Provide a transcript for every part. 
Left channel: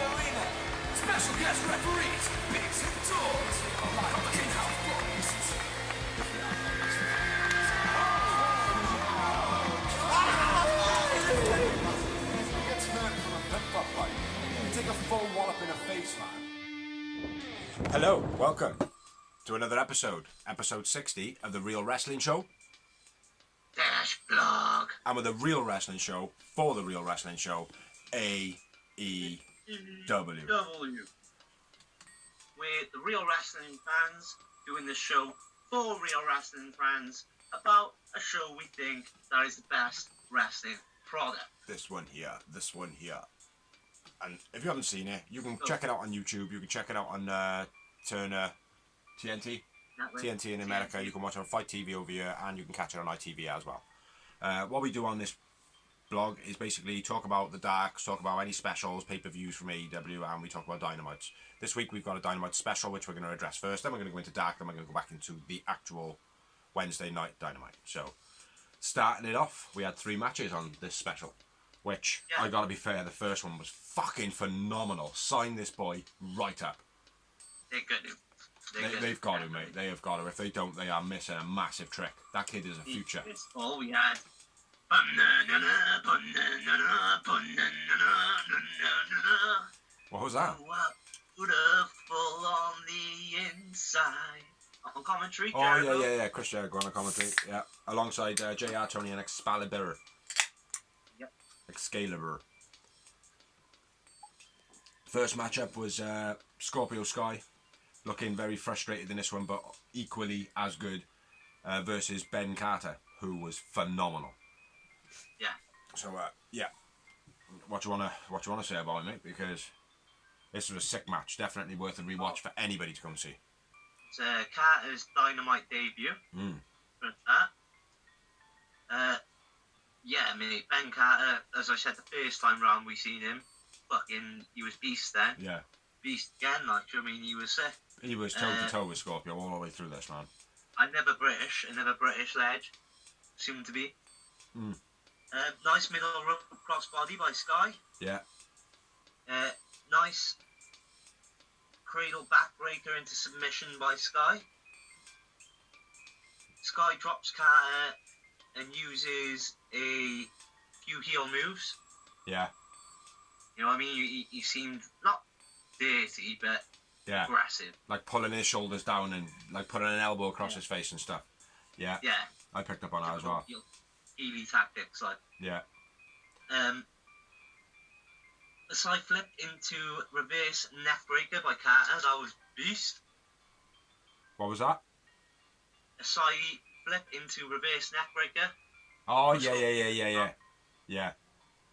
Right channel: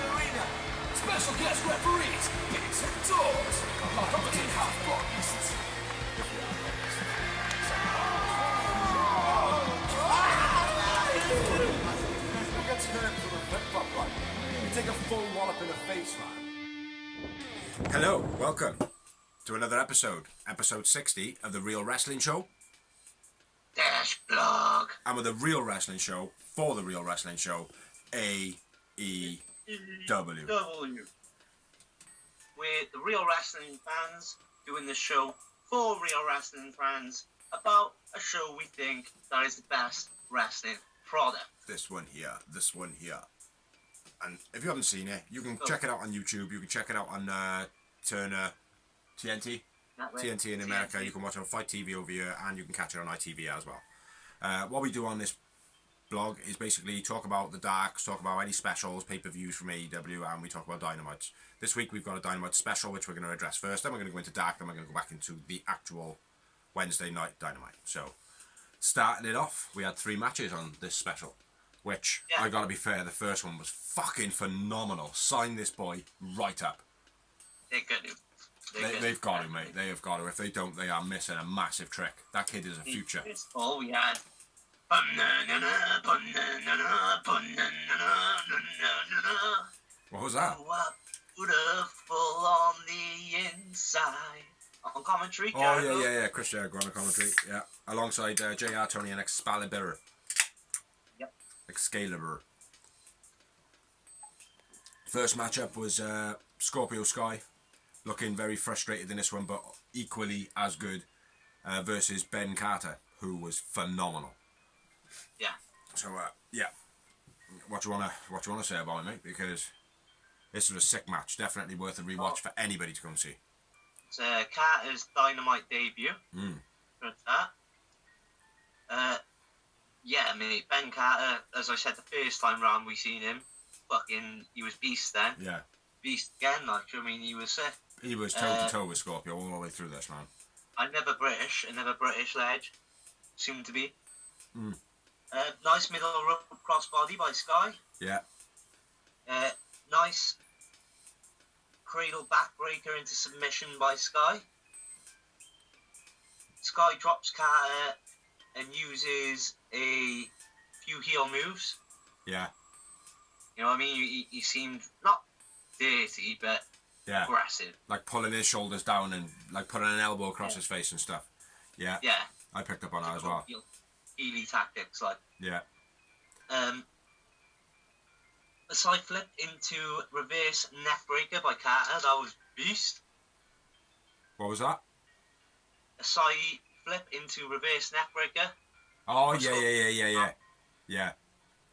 Arena. Special guest referees, bigs and dogs. Commentate half bodies. He gets hurt from a pep-up fight. You take a full wallop in the face, man. Hello, welcome to another episode 60 of the Real Wrestling Show. Dash blog. And with the Real Wrestling Show, for the Real Wrestling Show, AEW. We're the Real Wrestling fans doing the show for Real Wrestling fans about a show we think that is the best wrestling product. This one here. And if you haven't seen it, you can check it out on YouTube. You can check it out on Turner TNT. TNT in America. TNT. You can watch it on Fight TV over here, and you can catch it on ITV as well. What we do on this blog is basically talk about the darks, talk about any specials, pay-per-views from AEW, and we talk about Dynamites. This week we've got a Dynamite Special, which we're going to address first. Then we're going to go into dark, then we're going to go back into the actual Wednesday night Dynamite. So, starting it off, we had 3 matches on this special, which, I gotta be fair, the first one was fucking phenomenal. Sign this boy right up. They're good. They've got to, mate. They have got to. If they don't, they are missing a massive trick. That kid is a future. That's all we had. What was that? You are beautiful on the inside. On commentary, Oh, yeah. Chris Jericho on the commentary. Yeah. Alongside JR, Tony, and Excalibur. Yep. Excalibur. First matchup was Scorpio Sky. Looking very frustrated in this one, but equally as good versus Ben Carter, who was phenomenal. Yeah. So yeah, what you wanna say about it, mate? Because this was a sick match, definitely worth a rewatch for anybody to come see. It's Carter's Dynamite debut. For that. Yeah, I mean, Ben Carter, as I said the first time round we seen him, he was beast then. Yeah. Beast again, like, I mean, he was sick. He was toe to toe with Scorpio all the way through this, man. Another British ledge, soon to be. Nice middle rope crossbody by Sky. Yeah. Nice cradle backbreaker into submission by Sky. Sky drops Carter and uses a few heel moves. Yeah. You know what I mean? He seemed not dirty, but aggressive. Like pulling his shoulders down and like putting an elbow across his face and stuff. Yeah. Yeah. I picked up on that as well. Heely tactics, like. Yeah. A side flip into reverse neck breaker by Carter. That was beast. What was that? A side flip into reverse neck breaker. Oh, yeah. Yeah.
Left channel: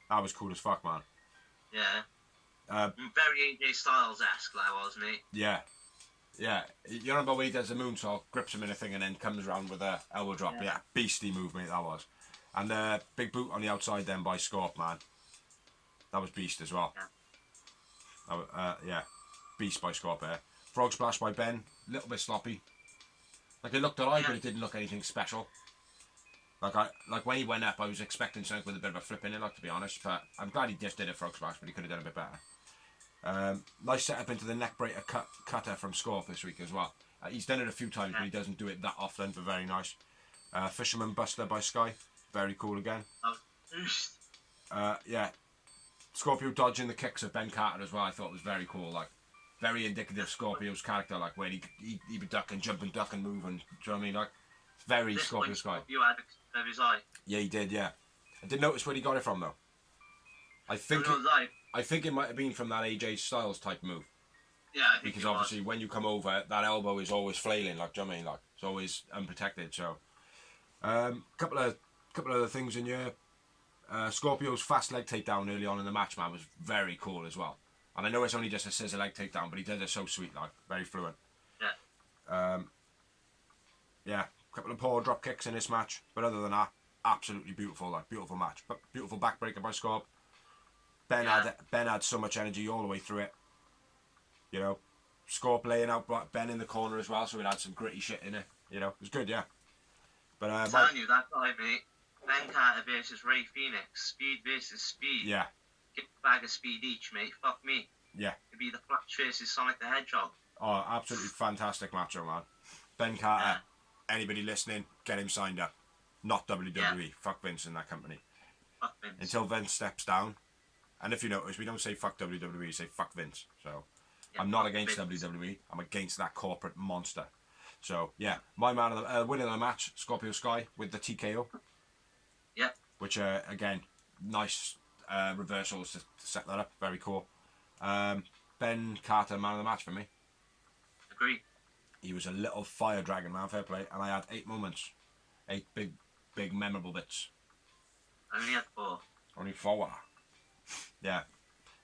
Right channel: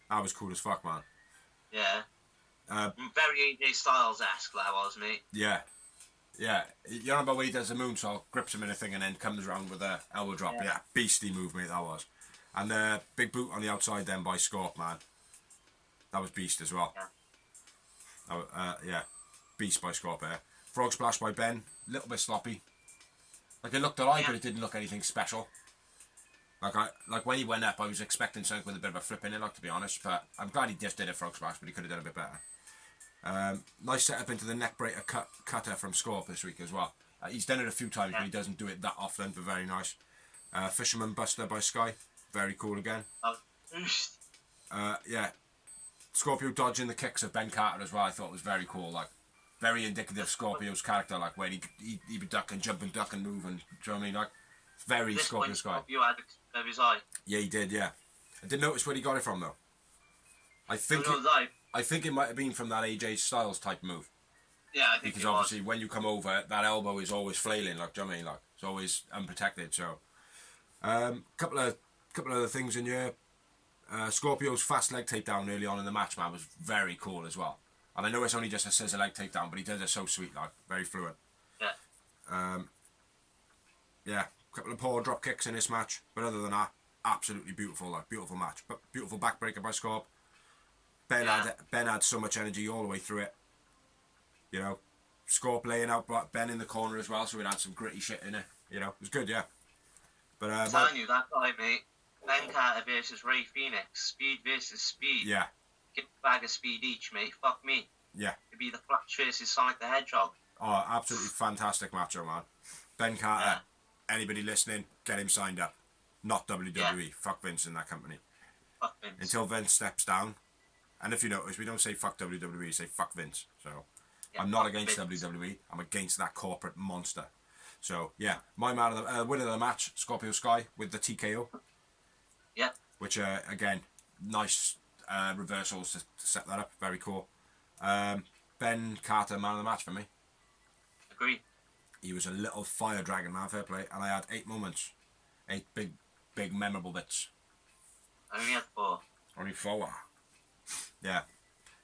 That was cool as fuck, man. Yeah. Very AJ Styles-esque, that was, mate. Yeah. Yeah. You remember when he does the moonsault, grips him in a thing, and then comes around with a elbow drop? Yeah. Beastie move, mate, that was. And big boot on the outside then by Scorp, man. That was beast as well. Yeah. Beast by Scorp there. Frog splash by Ben. A little bit sloppy. Like, it looked alright, but it didn't look anything special. Like when he went up, I was expecting something with a bit of a flip in it, like, to be honest. But I'm glad he just did a frog splash, but he could have done a bit better. Nice setup into the neck breaker cutter from Scorp this week as well. He's done it a few times, but he doesn't do it that often, but very nice. Fisherman Buster by Sky. Very cool again. Yeah. Scorpio dodging the kicks of Ben Carter as well, I thought was very cool. Like, very indicative of Scorpio's character, like where he would duck and jump and duck and move, and do you know what I mean? Like, very Scorpio Sky. You had of his eye. Yeah, he did. Yeah, I did notice where he got it from though. I think it might have been from that AJ Styles type move. Yeah, I think because obviously when you come over, that elbow is always flailing, like, do you know what I mean? Like, it's always unprotected. So, couple of other things in here. Scorpio's fast leg takedown early on in the match, man, was very cool as well. And I know it's only just a scissor leg takedown, but he does it so sweet, like, very fluent. Yeah. Yeah, a couple of poor drop kicks in this match, but other than that, absolutely beautiful, like, beautiful match. But beautiful backbreaker by Scorp. Ben had so much energy all the way through it. You know, Scorp laying out Ben in the corner as well, so it had some gritty shit in it. You know, it was good, yeah. But I'm telling you, that guy, mate, Ben Carter versus Ray Phoenix. Speed versus speed. Yeah. Get a bag of speed each, mate. Fuck me. Yeah. It'd be the Flash versus Sonic the Hedgehog. Oh, absolutely fantastic matchup, man. Ben Carter, anybody listening, get him signed up. Not WWE. Yeah. Fuck Vince and that company. Fuck Vince. Until Vince steps down. And if you notice, we don't say fuck WWE, we say fuck Vince. So, Yeah, I'm not fuck against Vince. WWE. I'm against that corporate monster. So, yeah. My man of the winner of the match, Scorpio Sky, with the TKO. Yeah. Which, again, nice reversals to set that up. Very cool. Ben Carter, man of the match for me. Agree. He was a little fire dragon, man, fair play. And I had 8 moments. 8 big memorable bits. I only had 4. Only 4. Yeah.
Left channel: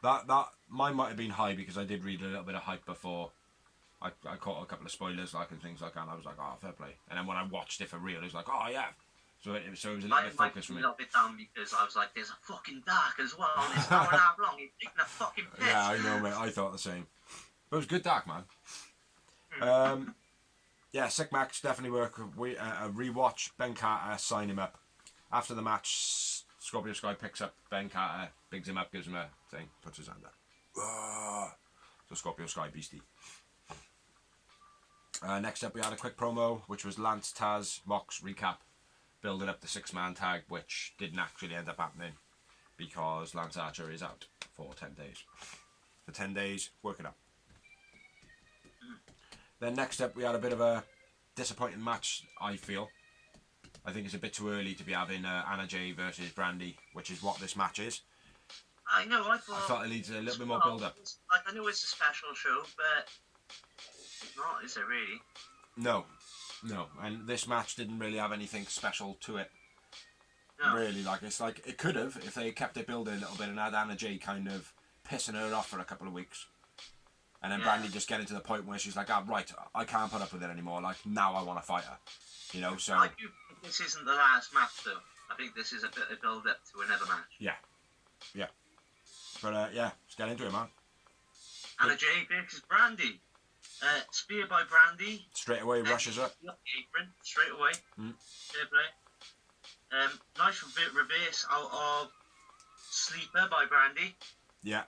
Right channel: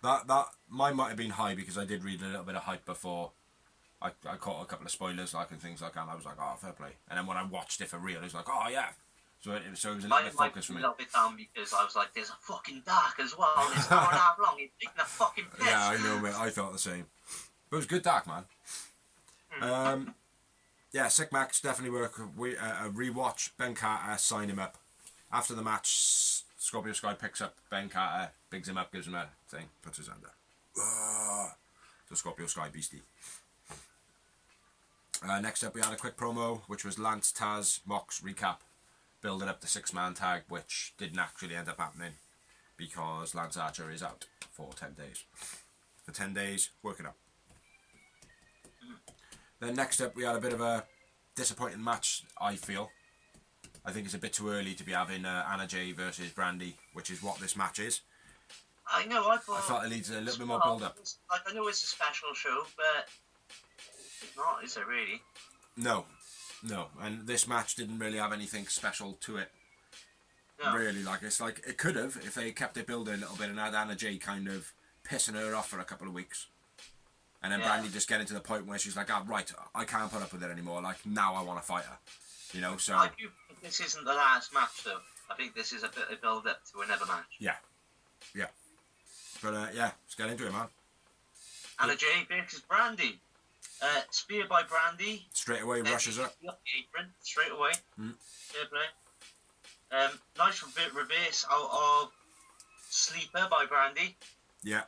That mine might have been high because I did read a little bit of hype before. I caught a couple of spoilers like and things like that, and I was like, oh, fair play. And then when I watched it for real, it was like, oh yeah. So it was a little bit focused for me. A little bit down because I was like, there's a fucking dark as well. It's an hour and a half long. He's taking a fucking piss. Yeah, I know, mate. I thought the same. But it was good dark, man. Yeah, sick match, definitely work. A rewatch, Ben Carter, sign him up. After the match, Scorpio Sky picks up Ben Carter, bigs him up, gives him a thing, puts his hand up. So Scorpio Sky, beastie. Next up, we had a quick promo, which was Lance, Taz, Mox recap, building up the 6-man tag, which didn't actually end up happening because Lance Archer is out for 10 days. For 10 days, working up. Then next up, we had a bit of a disappointing match, I feel. I think it's a bit too early to be having Anna Jay versus Brandy, which is what this match is. I know, I thought it needs a little bit more build-up. Like, I know it's a special show, but it's not, is it really? No. And this match didn't really have anything special to it. No. Really, it's like, it could have, if they kept it building a little bit and had Anna Jay kind of pissing her off for a couple of weeks. And then Brandy just getting to the point where she's like, right, I can't put up with it anymore. Like, now I want to fight her. You know, so... I do think this isn't the last match, though. I think this is a bit of build-up to another match. Yeah. But, let's get into it, man. Anna Jay versus Brandy. Spear by Brandy. Straight away, rushes her. Up the apron, straight away. Fair play. Nice reverse out of Sleeper by Brandy. Yeah.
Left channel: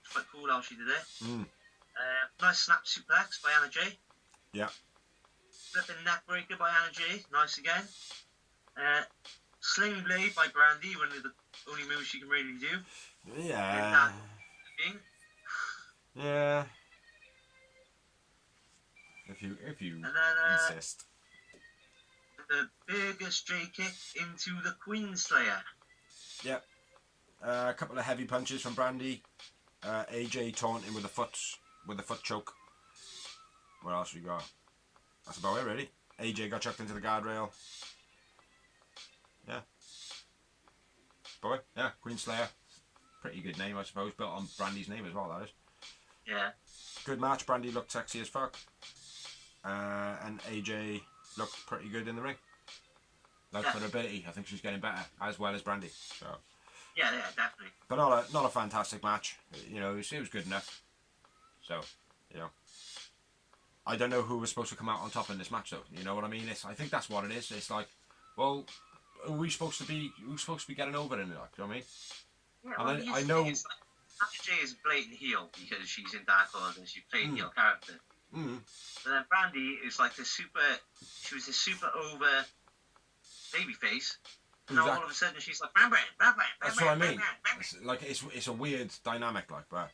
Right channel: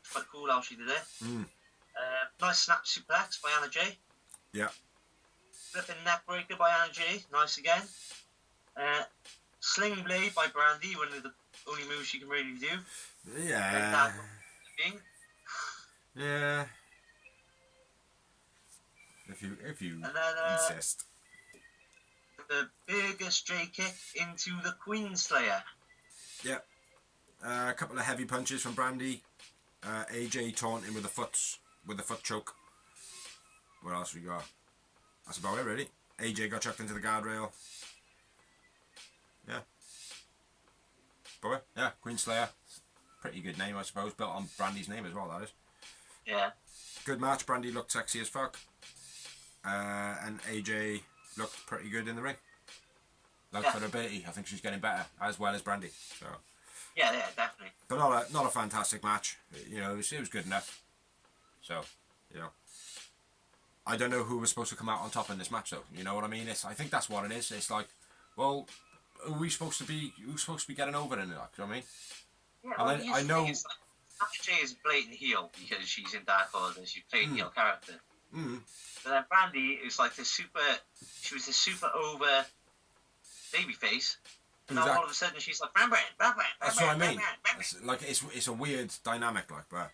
It's quite cool how she did it. Nice snap suplex by Anna Jay. Yeah. Flipping neck breaker by Anna Jay. Nice again. Sling blade by Brandy. One of the only moves she can really do. Yeah. Yeah. If you and then, insist. The biggest J kick into the Queen Slayer. Yeah. A couple of heavy punches from Brandy. AJ taunting with the foot choke. What else we got? That's about it, really. AJ got chucked into the guardrail. Yeah. Boy, yeah, Queen Slayer. Pretty good name, I suppose. Built on Brandy's name as well, that is. Yeah. Good match. Brandy looked sexy as fuck. And AJ looked pretty good in the ring. Like for her ability, I think she's getting better, as well as Brandy. So. Yeah, definitely. But not a fantastic match. You know, it was good enough. So, you know. I don't know who was supposed to come out on top in this match, though. You know what I mean? I think that's what it is. It's like, well, who's supposed to be getting over in it? Like, you know what I mean? Yeah, and then I know. Anna Jay is blatant heel because she's in Dark Order. She's playing heel character. But then Brandy is like she was a super over babyface. And now all of a sudden she's like, Brand. That's what I mean. It's a weird dynamic, like, but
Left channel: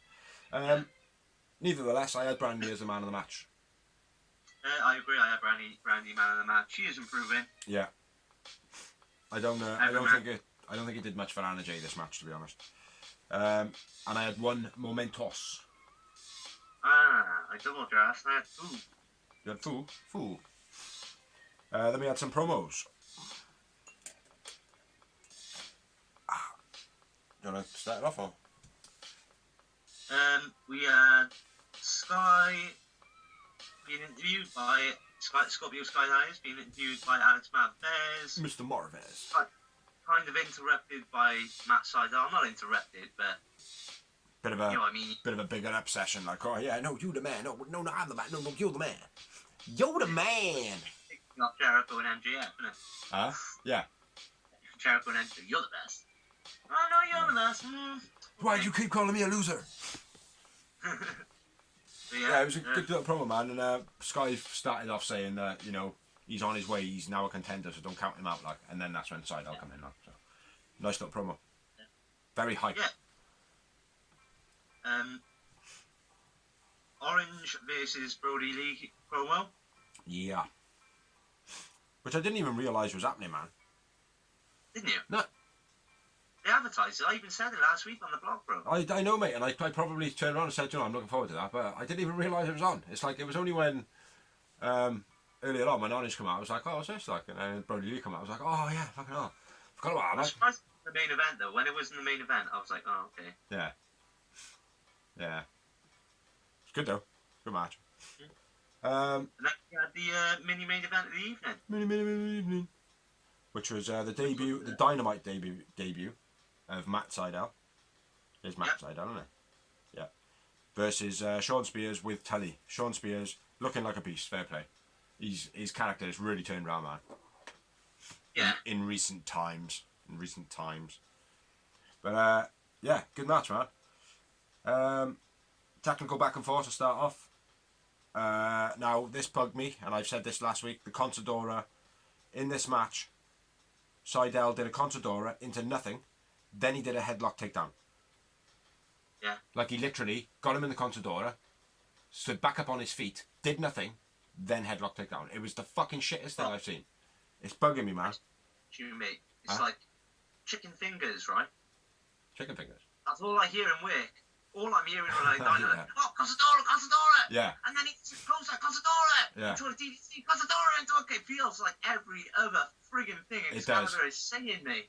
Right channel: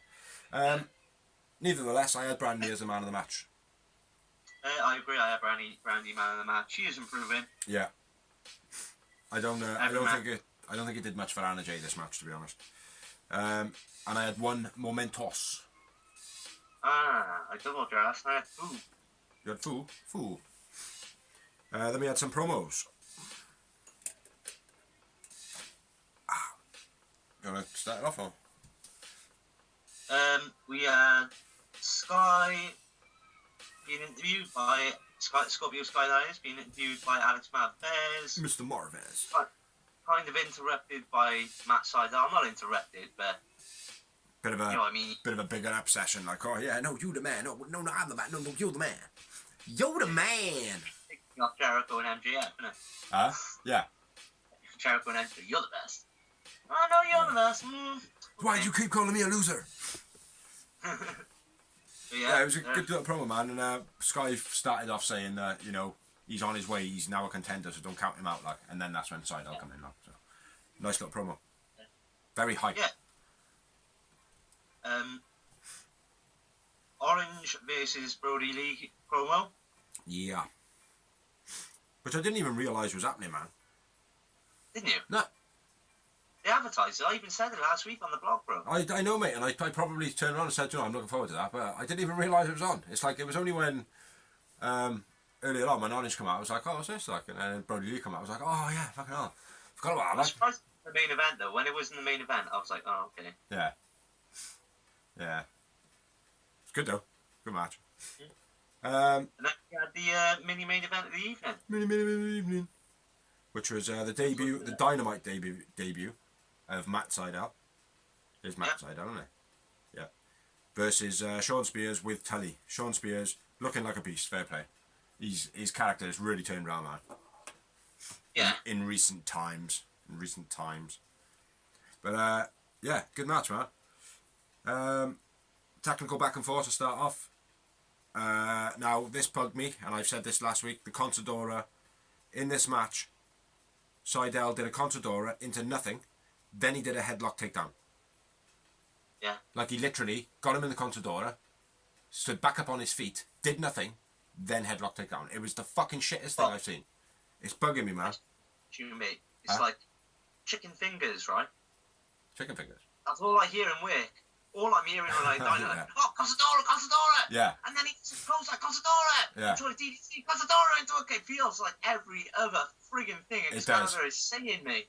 nevertheless, I had Brandy as the man of the match. I agree. I have Brandy man of the match. She is improving. Yeah. I don't think it did much for Anna Jay this match, to be honest. And I had one Momentos. I double draft. I had Foo. You had Foo. Then we had some promos. You want to start it off, or? We had Sky being interviewed by Scorpio Skyliners, being interviewed by Alex Marvez. Mr. Marvez. Kind of interrupted by Matt Sydal. Not interrupted, but bit of a, you know what I mean? Bit of a big obsession, like, oh yeah, no, you the man. No, I'm the man. No, you're the man. You're the man. Not Jericho and MJF, isn't it? Yeah. Jericho and Enter, you're the best. I know you're the best. Why do you keep calling me a loser? But Yeah, it was a good little promo, man. And Sky started off saying that, you know, he's on his way, he's now a contender, so don't count him out, like. And then that's when Seidel come in, like. So, nice little promo. Very hype. Yeah. Orange versus Brody Lee promo. Yeah. Which I didn't even realise was happening, man. Didn't you? No. They advertised it. I even said it last week on the blog, bro. I know, mate, and I probably turned around and said, you know, I'm looking forward to that, but I didn't even realise it was on. It's like, it was only when, earlier on, when Orange came out, I was like, oh, what's this like? And then Brody Lee came out, I was like, oh, yeah, fucking hell. Forgot about that, I was like. surprised at the main event, though. When it was in the main event, I was like, oh, okay. Yeah. Yeah. It's good, though. Good match. And then we had the mini-main event of the evening. Mini evening. Which was the debut, the Dynamite debut of Matt Seidel. There's Matt Seidel, isn't it? Yeah. Versus Sean Spears with Tully. Sean Spears looking like a beast. Fair play. His character has really turned around, man. Yeah. In recent times. But yeah, good match, man. Technical back and forth to start off. Now this bugged me, and I've said this last week. The Contadora in this match, Seidel did a Contadora into nothing, then he did a headlock takedown. Yeah. Like he literally got him in the Contadora, stood back up on his feet, did nothing, then headlock takedown. It was the fucking shittest thing I've seen. It's bugging me, man. Mate, it's like chicken fingers, right? Chicken fingers. That's all I hear in work. All I'm hearing when I die, Yeah. like, oh, Contadora! Yeah. And then he goes like, Contadora! Yeah. Into a DDT, Contadora into a... It feels like every other friggin' thing It does. Excalibur is saying me.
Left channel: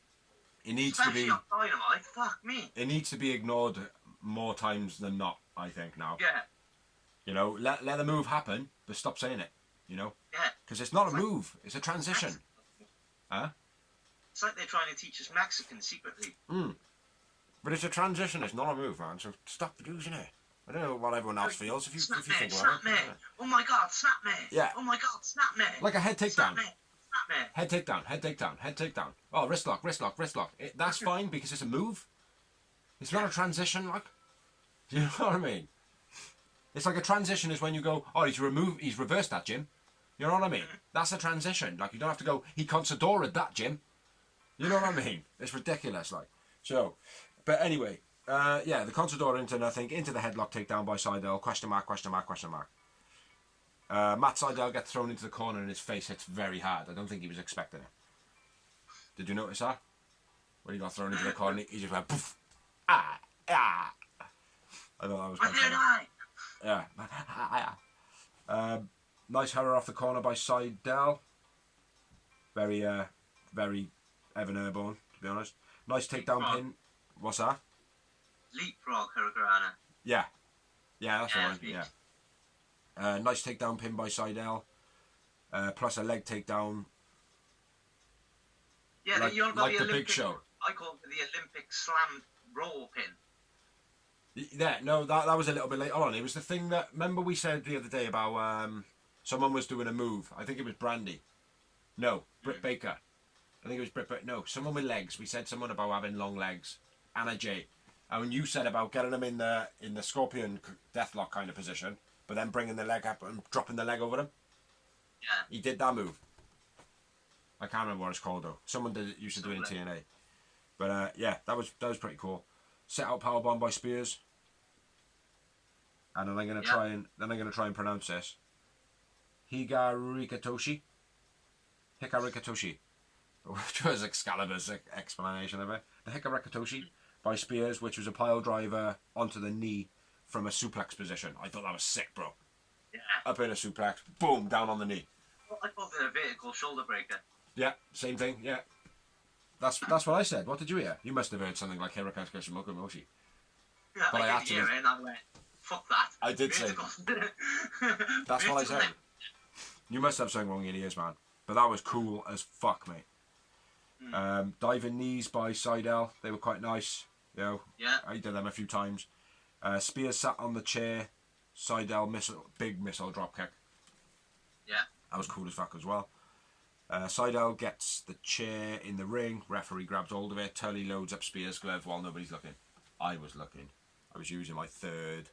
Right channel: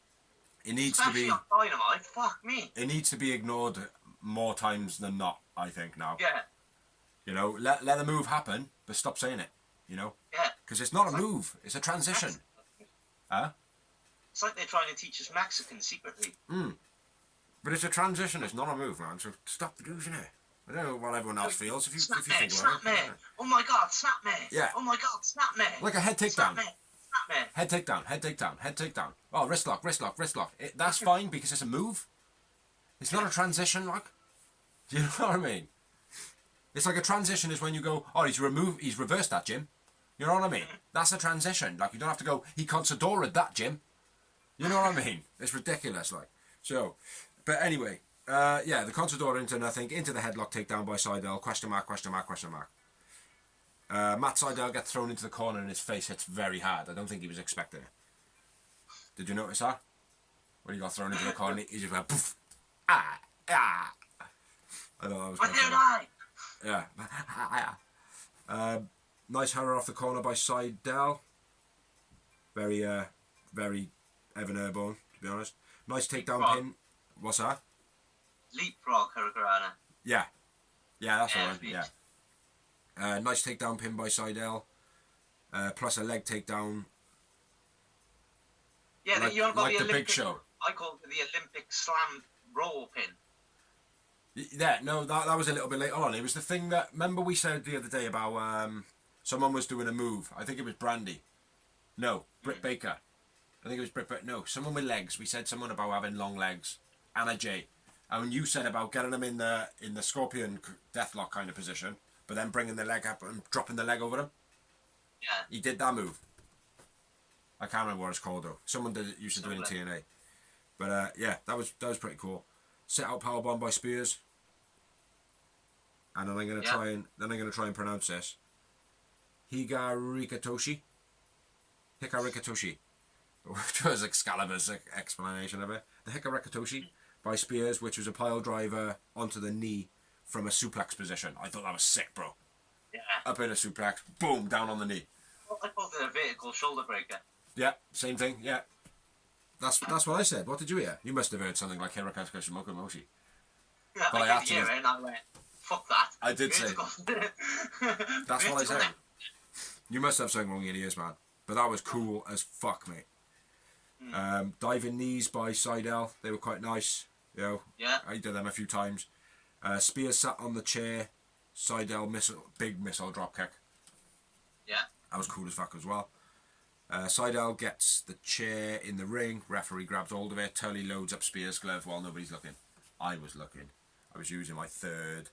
It needs Especially to be. on Dynamite, fuck me. It needs to be ignored more times than not, I think, now. Yeah. You know, let the move happen, but stop saying it, you know? Yeah. Because it's not a move, it's a transition. Huh? It's like they're trying to teach us Mexican secretly. But it's a transition, it's not a move, man, so stop using it. I don't know what everyone else feels if you Snap me, think snap about me. it. Oh my god, snap me. Yeah. Oh my god, snap me. Like a head Snap takedown. me. Snap me. Head takedown, head takedown, head takedown. Oh, wrist lock, wrist lock, wrist lock. That's fine because it's a move. It's not a transition, like. Do you know what I mean? It's like a transition is when you go, oh, he's reversed that, Jim. You know what I mean? That's a transition. Like, you don't have to go, he Consadora'd that, Jim. You know what I mean? It's ridiculous, like. So, but anyway, yeah, the Contadora into nothing, into the headlock takedown by Seidel, question mark. Matt Seidel gets thrown into the corner and his face hits very hard. I don't think he was expecting it. Did you notice that? When he got thrown into the corner, he just went poof. Ah. I thought that was quite funny. Yeah. Nice hurler off the corner by Seidel. Very Evan Airborne, to be honest. Nice takedown pin. What's that? Leapfrog Hurricanrana. Yeah, that's the one. Yeah. Nice takedown pin by Seidel. Plus a leg takedown. Yeah, like got the Olympic, Big Show. I call it the Olympic slam roll pin. Yeah, no, that was a little bit later on. It was the thing that, remember we said the other day about someone was doing a move. I think it was Brandy. No, Britt Baker. I think it was Britt Baker. No, someone with legs. We said someone about having long legs. Anna Jay. And you said about getting them in the Scorpion Deathlock kind of position, but then bringing the leg up and dropping the leg over them. Yeah. He did that move. I can't remember what it's called though. Someone used to do it in TNA. But yeah, that was pretty cool. Set out powerbomb by Spears. And then I'm gonna try and pronounce this. Hikaru Rikatoshi. Which was Excalibur's explanation of it. The Hikaru by Spears, which was a pile driver onto the knee from a suplex position. I thought that was sick, bro. Yeah. Up in a suplex, boom, down on the knee. I called it a vertical shoulder breaker. Yeah, same thing, yeah. That's what I said. What did you hear? You must have heard something like Hirokazu Mokomoshi. Yeah, But I did actually... hear it and I went, fuck that. I did say... That's what I said. You must have something wrong in your ears, man. But that was cool as fuck, mate. Diving knees by Seidel. They were quite nice. You know, yeah. I did them a few times. Spears sat on the chair. Seidel big missile drop kick. Yeah. That was cool as fuck as well. Seidel gets the chair in the ring. Referee grabs hold of it. Tully loads up Spears' glove while nobody's looking. I was looking. I was using my third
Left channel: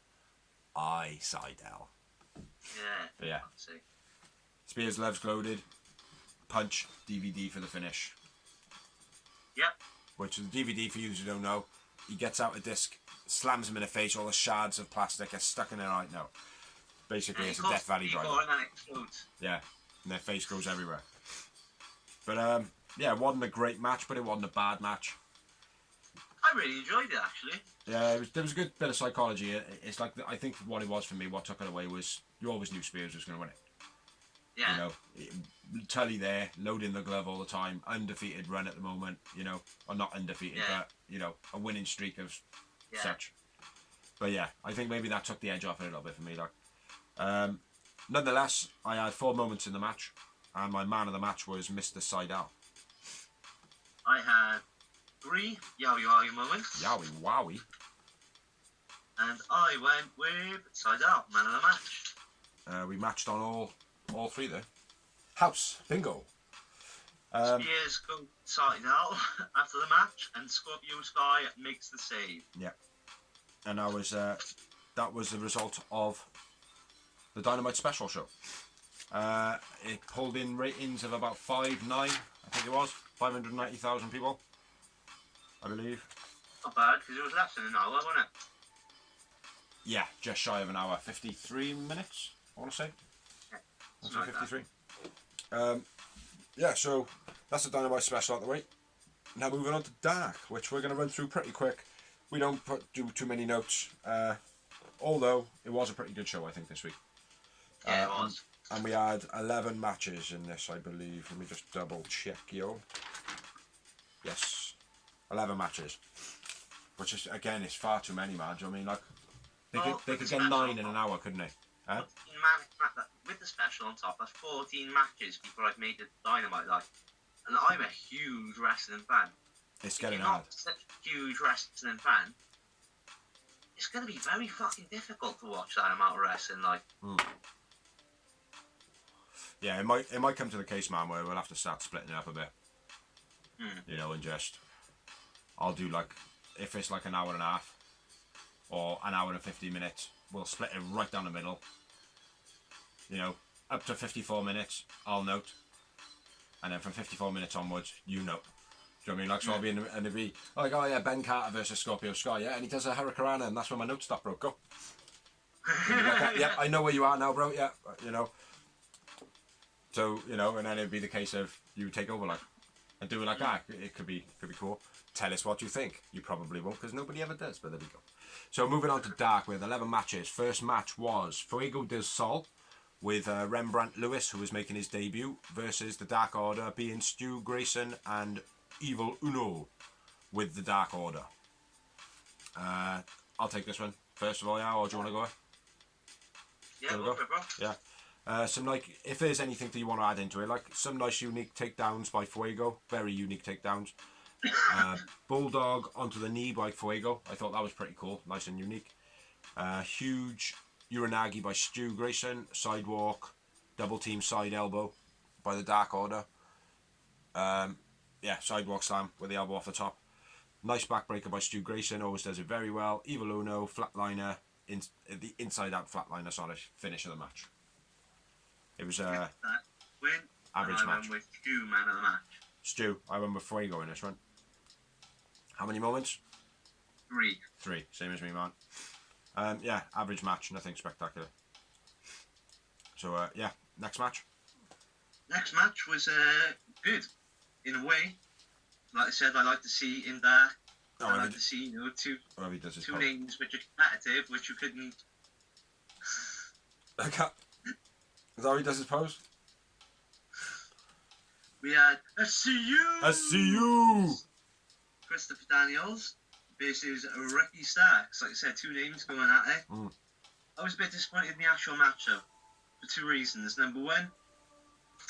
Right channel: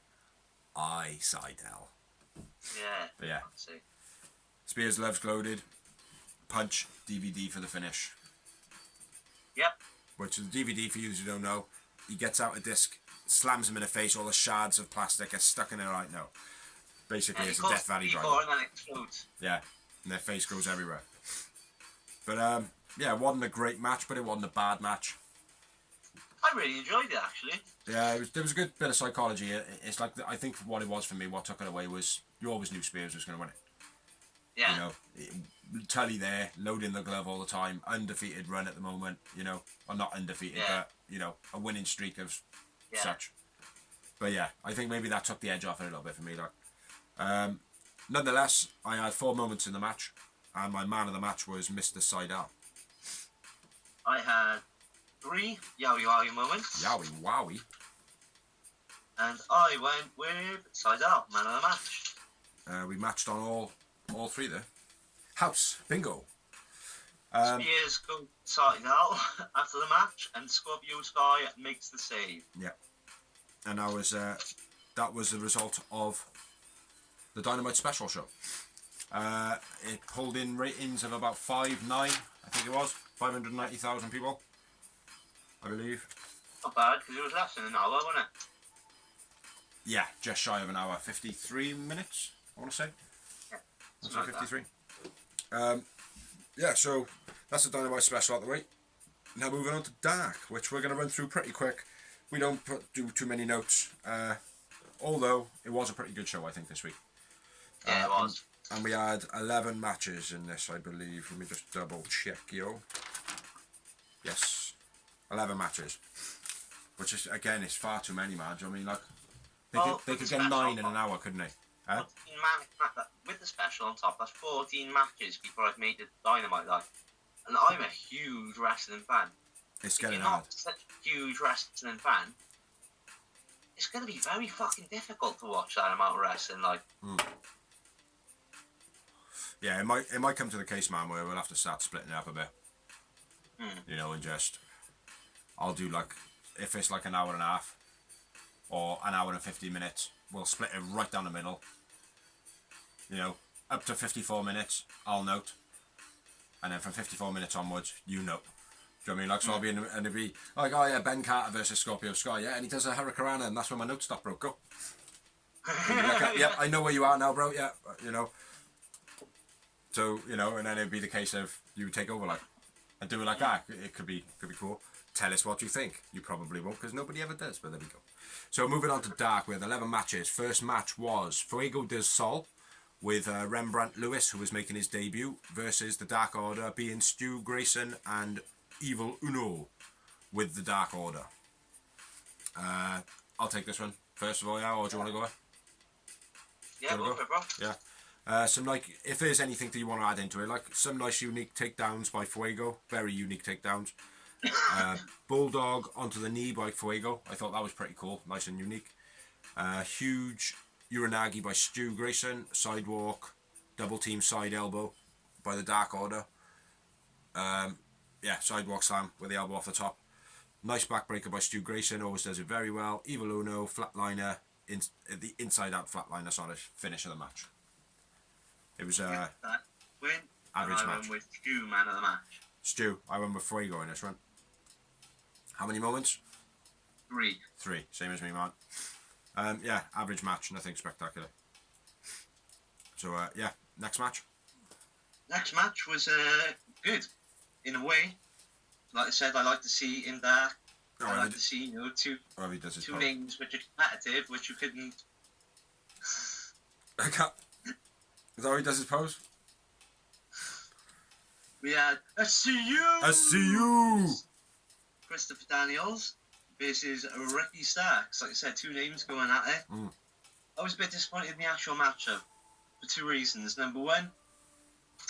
eye, Seidel. Yeah. But yeah. Spears' gloves loaded. Punch. DVD for the finish. Yep. Which is the DVD, for you who don't know. He gets out a disc, slams him in the face. All the shards of plastic get stuck in their eye. No. Basically, it's a Death Valley driver. And then it explodes. Yeah. And their face goes everywhere. But, yeah, it wasn't a great match, but it wasn't a bad match. I really enjoyed it, actually. Yeah, there was a good bit of psychology. It's like, I think what it was for me, what took it away was, you always knew Spears was going to win it. Yeah. You know, Tully there, loading the glove all the time, undefeated run at the moment, you know, or not undefeated, but, you know, a winning streak of such. But yeah, I think maybe that took the edge off it a little bit for me. Like, nonetheless, I had 4 moments in the match, and my man of the match was Mr. Seidel. I had 3 yowie wowie moments. Yowie wowie. And I went with Seidel, man of the match. We matched on all 3 there. House bingo. Spears goes Seidel after the match, and Scorpio Sky makes the save. Yeah, and that was the result of the Dynamite Special show. It pulled in ratings of about 5.9, I think it was 590,000 people, I believe. Not bad, because it was less than an hour, wasn't it? Yeah, just shy of an hour, 53 minutes, I want to say. Yeah, I'll say 53. Yeah, so that's the Dynamite Special out the way. Now moving on to Dark, which we're going to run through pretty quick. We don't do too many notes, although it was a pretty good show, I think, this week. Yeah, it was. And we had 11 matches in this, I believe. Let me just double check, yo. Yes, 11 matches. Which is, again, it's far too many, man. Do you know what I mean? Like, they could get 9 in an hour, couldn't they? Huh? With the special on top, that's 14 matches before I've made the Dynamite life. And I'm a huge wrestling fan. It's getting If you're hard. not such a huge wrestling fan, it's going to be very fucking difficult to watch that amount of wrestling. Like, yeah, it might come to the case, man, where we'll have to start splitting it up a bit. You know, and just I'll do like, if it's like an hour and a half or an hour and 50 minutes, we'll split it right down the middle. You know, up to 54 minutes, I'll note, and then from 54 minutes onwards, you note. Do you know what I mean? Like, so I'll be in, and it'll be like, oh yeah, Ben Carter versus Scorpio Sky, yeah, and he does a Hurricane, and that's when my notes stop, bro. Go. Like, yep, I know where you are now, bro. Yeah, you know. So, you know, and then it'd be the case of you take over, like, and do it like that. It could be cool. Tell us what you think. You probably won't, because nobody ever does, but there we go. So moving on to Dark with 11 matches. First match was Fuego del Sol with Rembrandt Lewis, who was making his debut, versus the Dark Order, being Stu Grayson and Evil Uno with the Dark Order. I'll take this one first of all, yeah, or do you want to go? yeah, go for it, bro. Yeah. Some, like, if there's anything that you want to add into it, like some nice unique takedowns by Fuego, very unique takedowns. Bulldog onto the knee by Fuego, I thought that was pretty cool, nice and unique. Huge Uranagi by Stu Grayson, sidewalk, double team side elbow by the Dark Order. Yeah, sidewalk slam with the elbow off the top. Nice backbreaker by Stu Grayson, always does it very well. Evil Uno, flatliner, the inside out flatliner sort of finish of the match. It was Win, average and I match. went with Stu, man of the match. Stu, I went with Fuego in this one. How many moments? 3. 3, same as me, man. Yeah, average match, nothing spectacular. So, yeah, next match. Next match was good, in a way. Like I said, I like to see in Dark. I like to see, you know, two names which are competitive, which you couldn't. Is that how he does his pose? We had I see you. Christopher Daniels versus Ricky Starks. Like I said, 2 names going at it. I was a bit disappointed in the actual matchup for 2 reasons. Number 1,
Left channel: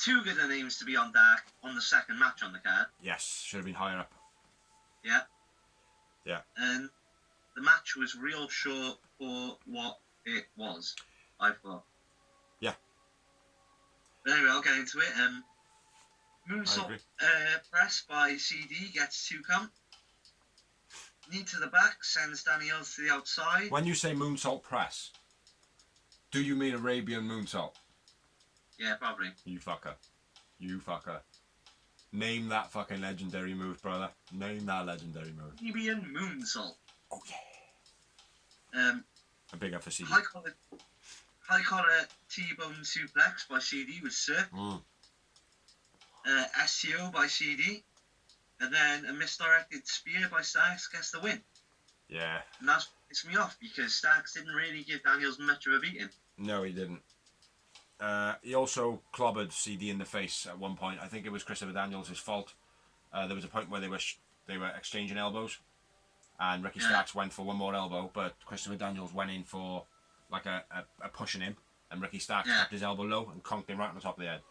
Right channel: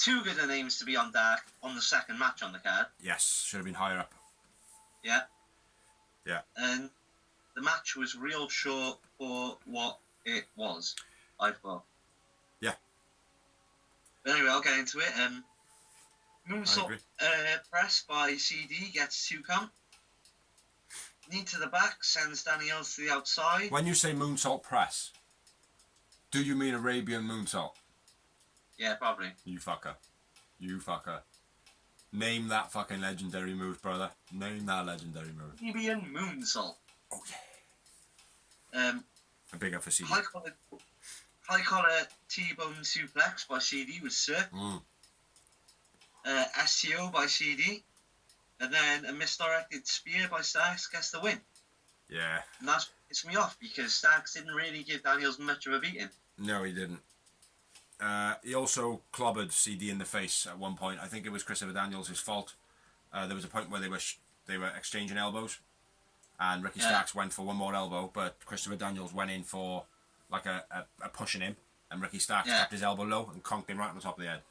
too good of names to be on Dark on the second match on the card. Yes, should have been higher up. Yeah. Yeah. And the match was real short for what it was, I thought. Yeah. But anyway, I'll get into it. Moonsault press by CD gets 2 count. Knee to the back sends Daniels to the outside. When you say moonsault press, do you mean Arabian moonsault? Yeah, probably. You fucker. You fucker. Name that fucking legendary move, brother. Name that legendary move. Arabian moonsault. Oh, yeah. A big up for CD. High collar T-bone suplex by CD with Sir. STO by CD. And then a misdirected spear by Starks gets the win. Yeah. And that's what pissed me off because Starks didn't really give Daniels much of a beating. No, he didn't. He also clobbered CD in the face at one point. I think it was Christopher Daniels' fault. There was a point where they were exchanging elbows, and Ricky Starks went for one more elbow, but Christopher Daniels went in for like a pushing him, and Ricky Starks kept his elbow low and conked him right on the top of the head.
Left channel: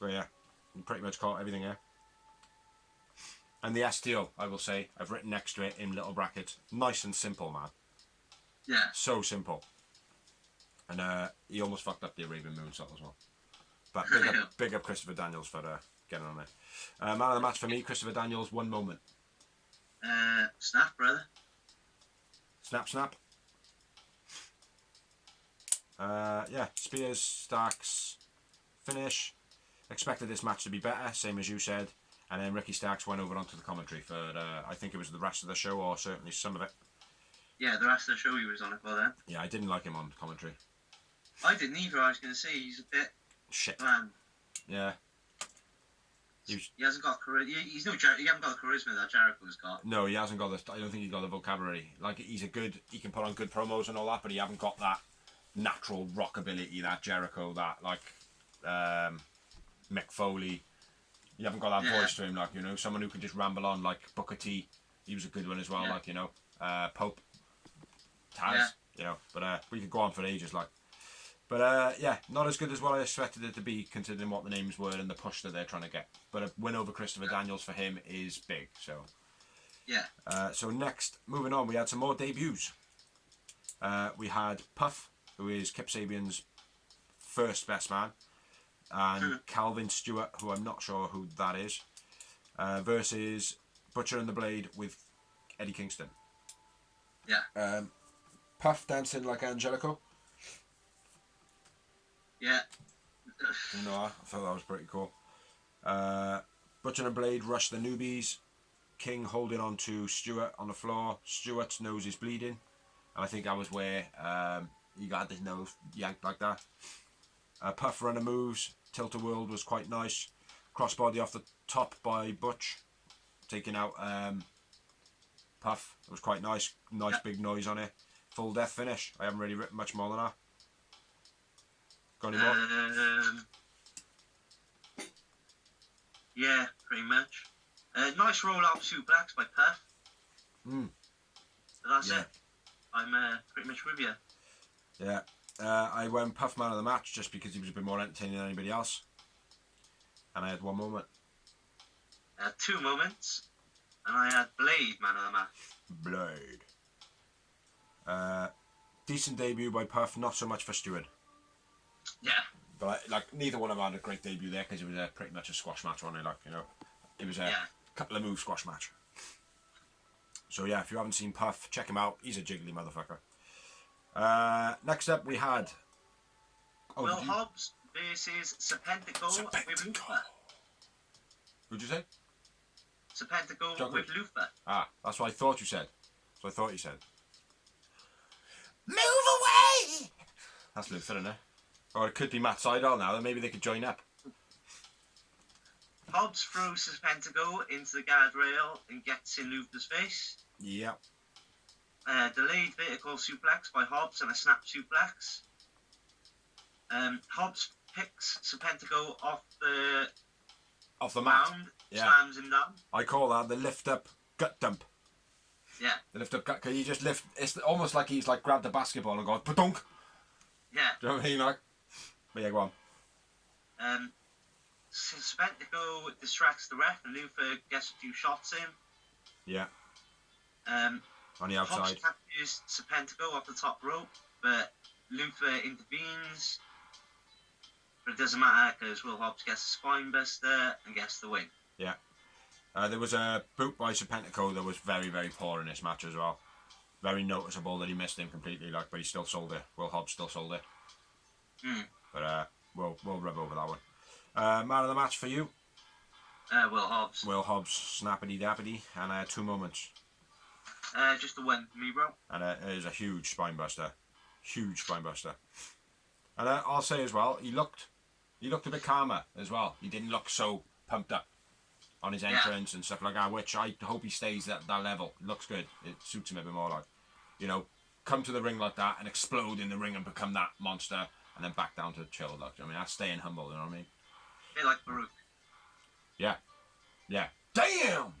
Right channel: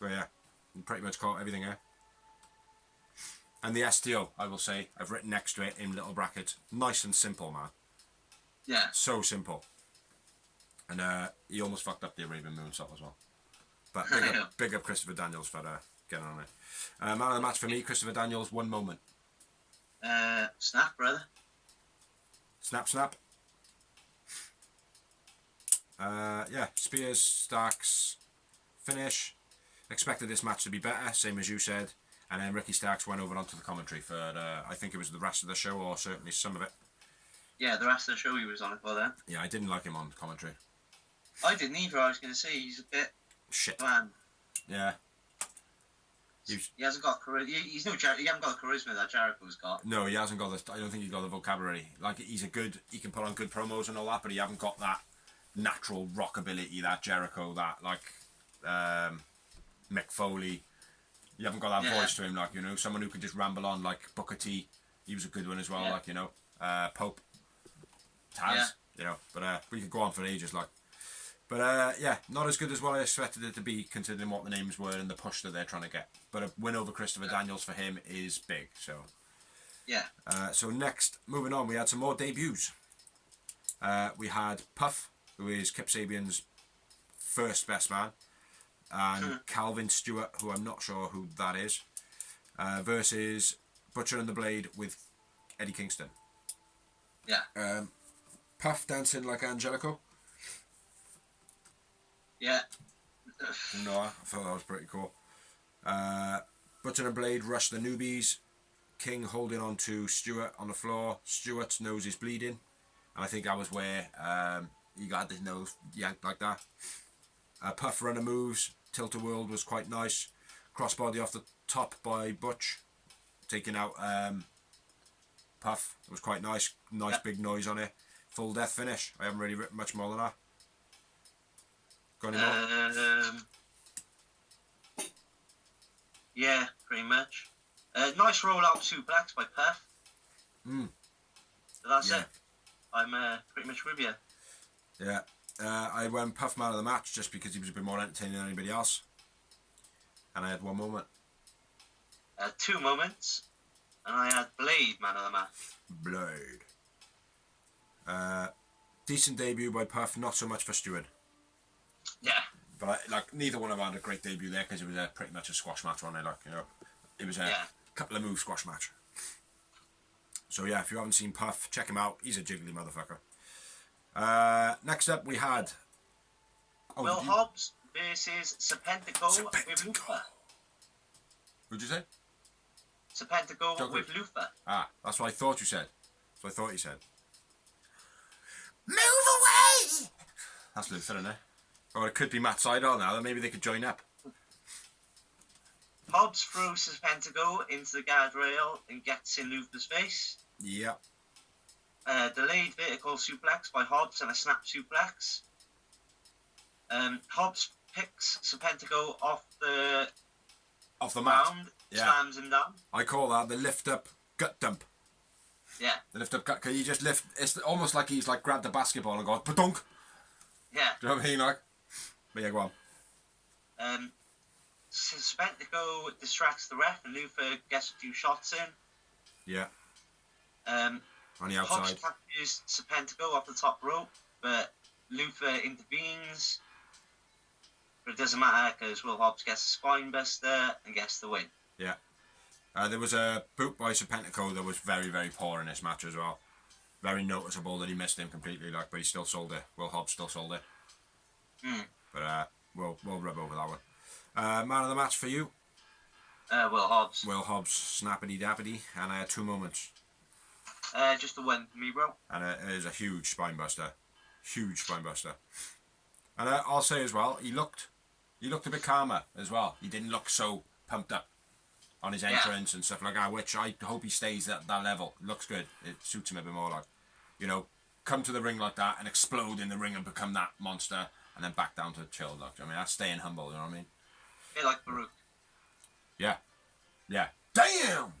But yeah, he pretty much caught everything here. And the STO, I will say, I've written next to it in little brackets. Nice and simple, man. Yeah. So simple. And he almost fucked up the Arabian moonsault as well. But big up Christopher Daniels for getting on it. Man of the match for me, Christopher Daniels, 1 moment. Snap, brother. Snap, snap. Yeah, Spears, Starks, finish. Expected this match to be better, same as you said. And then Ricky Starks went over onto the commentary for, I think it was the rest of the show, or certainly some of it. Yeah, the rest of the show he was on it for then. Yeah, I didn't like him on commentary. I didn't either. I was going to say he's a bit shit. Man. Yeah. He hasn't got charisma. He haven't got the charisma that Jericho's got. No, he hasn't got the. I don't think he's got the vocabulary. Like he can put on good promos and all that, but he haven't got that natural rockability that Jericho, that like Mick Foley. You haven't got that voice to him, like, you know, someone who can just ramble on, like Booker T. He was a good one as well, like, you know, Pope, Taz, you know, but we could go on for ages, like. But yeah, not as good as what I expected it to be, considering what the names were and the push that they're trying to get. But a win over Christopher Daniels for him is big, so. Yeah. So next, moving on, we had some more debuts. We had Puff, who is Kip Sabian's first best man, and Calvin Stewart, who I'm not sure who that is, versus Butcher and the Blade with Eddie Kingston. Yeah. Puff dancing like Angelico. Yeah. No, I thought that was pretty cool. Butcher and Blade rush the newbies. King holding on to Stewart on the floor. Stewart's nose is bleeding, and I think that was where he got his nose yanked like that. Puff runner moves. Tilt-a-whirl was quite nice. Crossbody off the top by Butch, taking out Puff. It was quite nice. Nice big noise on it. Full death finish. I haven't really written much more than that. Got any more? Yeah, pretty much. Nice roll-up suplex by Puff. But that's it. I'm pretty much with you. Yeah. I went Puff man of the match just because he was a bit more entertaining than anybody else. And I had 1 moment. I had 2 moments. And I had Blade man of the match. Blade. Decent debut by Puff, not so much for Stewart. Yeah. But like neither one of them had a great debut there because it was pretty much a squash match, wasn't it? Like, you know, it was a couple of move squash match. So yeah, if you haven't seen Puff, check him out. He's a jiggly motherfucker. Next up we had Will Hobbs versus Serpentico with Luther. What'd you say? Serpentico with Luther. Ah, that's what I thought you said. That's what I thought you said. Move away! That's Luther, isn't it? Or it could be Matt Sydal now, then maybe they could join up. Hobbs throws Serpentico into the guardrail and gets in Luther's face. Yep. Delayed vertical suplex by Hobbs and a snap suplex. Hobbs picks Serpentico off the mat. Ground, slams him down. I call that the lift up gut dump. Yeah. The lift up gut. Can you just lift? It's almost like he's like grabbed the basketball and gone pa-dunk. Yeah. Do you know what I mean? Like, but yeah, go on. Serpentico distracts the ref and Luther gets a few shots in. Yeah. On the outside. Hobbs captures Serpentico off the top rope, but Luther intervenes. But it doesn't matter because Will Hobbs gets a spine buster and gets the win. Yeah. There was a boot by Serpentico that was very, very poor in this match as well. Very noticeable that he missed him completely, like, but he still sold it. Will Hobbs still sold it. But we'll rub over that one. Man of the match for you? Will Hobbs. Will Hobbs, snappity dappity, and 2 moments. Just a win for me, bro. And it is a huge spine buster. Huge spine buster. And I'll say as well, he looked a bit calmer as well. He didn't look so pumped up on his entrance and stuff like that, which I hope he stays at that level. It looks good. It suits him a bit more, like, you know, come to the ring like that and explode in the ring and become that monster and then back down to chill. Like, I mean, that's staying humble, you know what I mean? A bit like Baruch. Yeah. Yeah. Damn!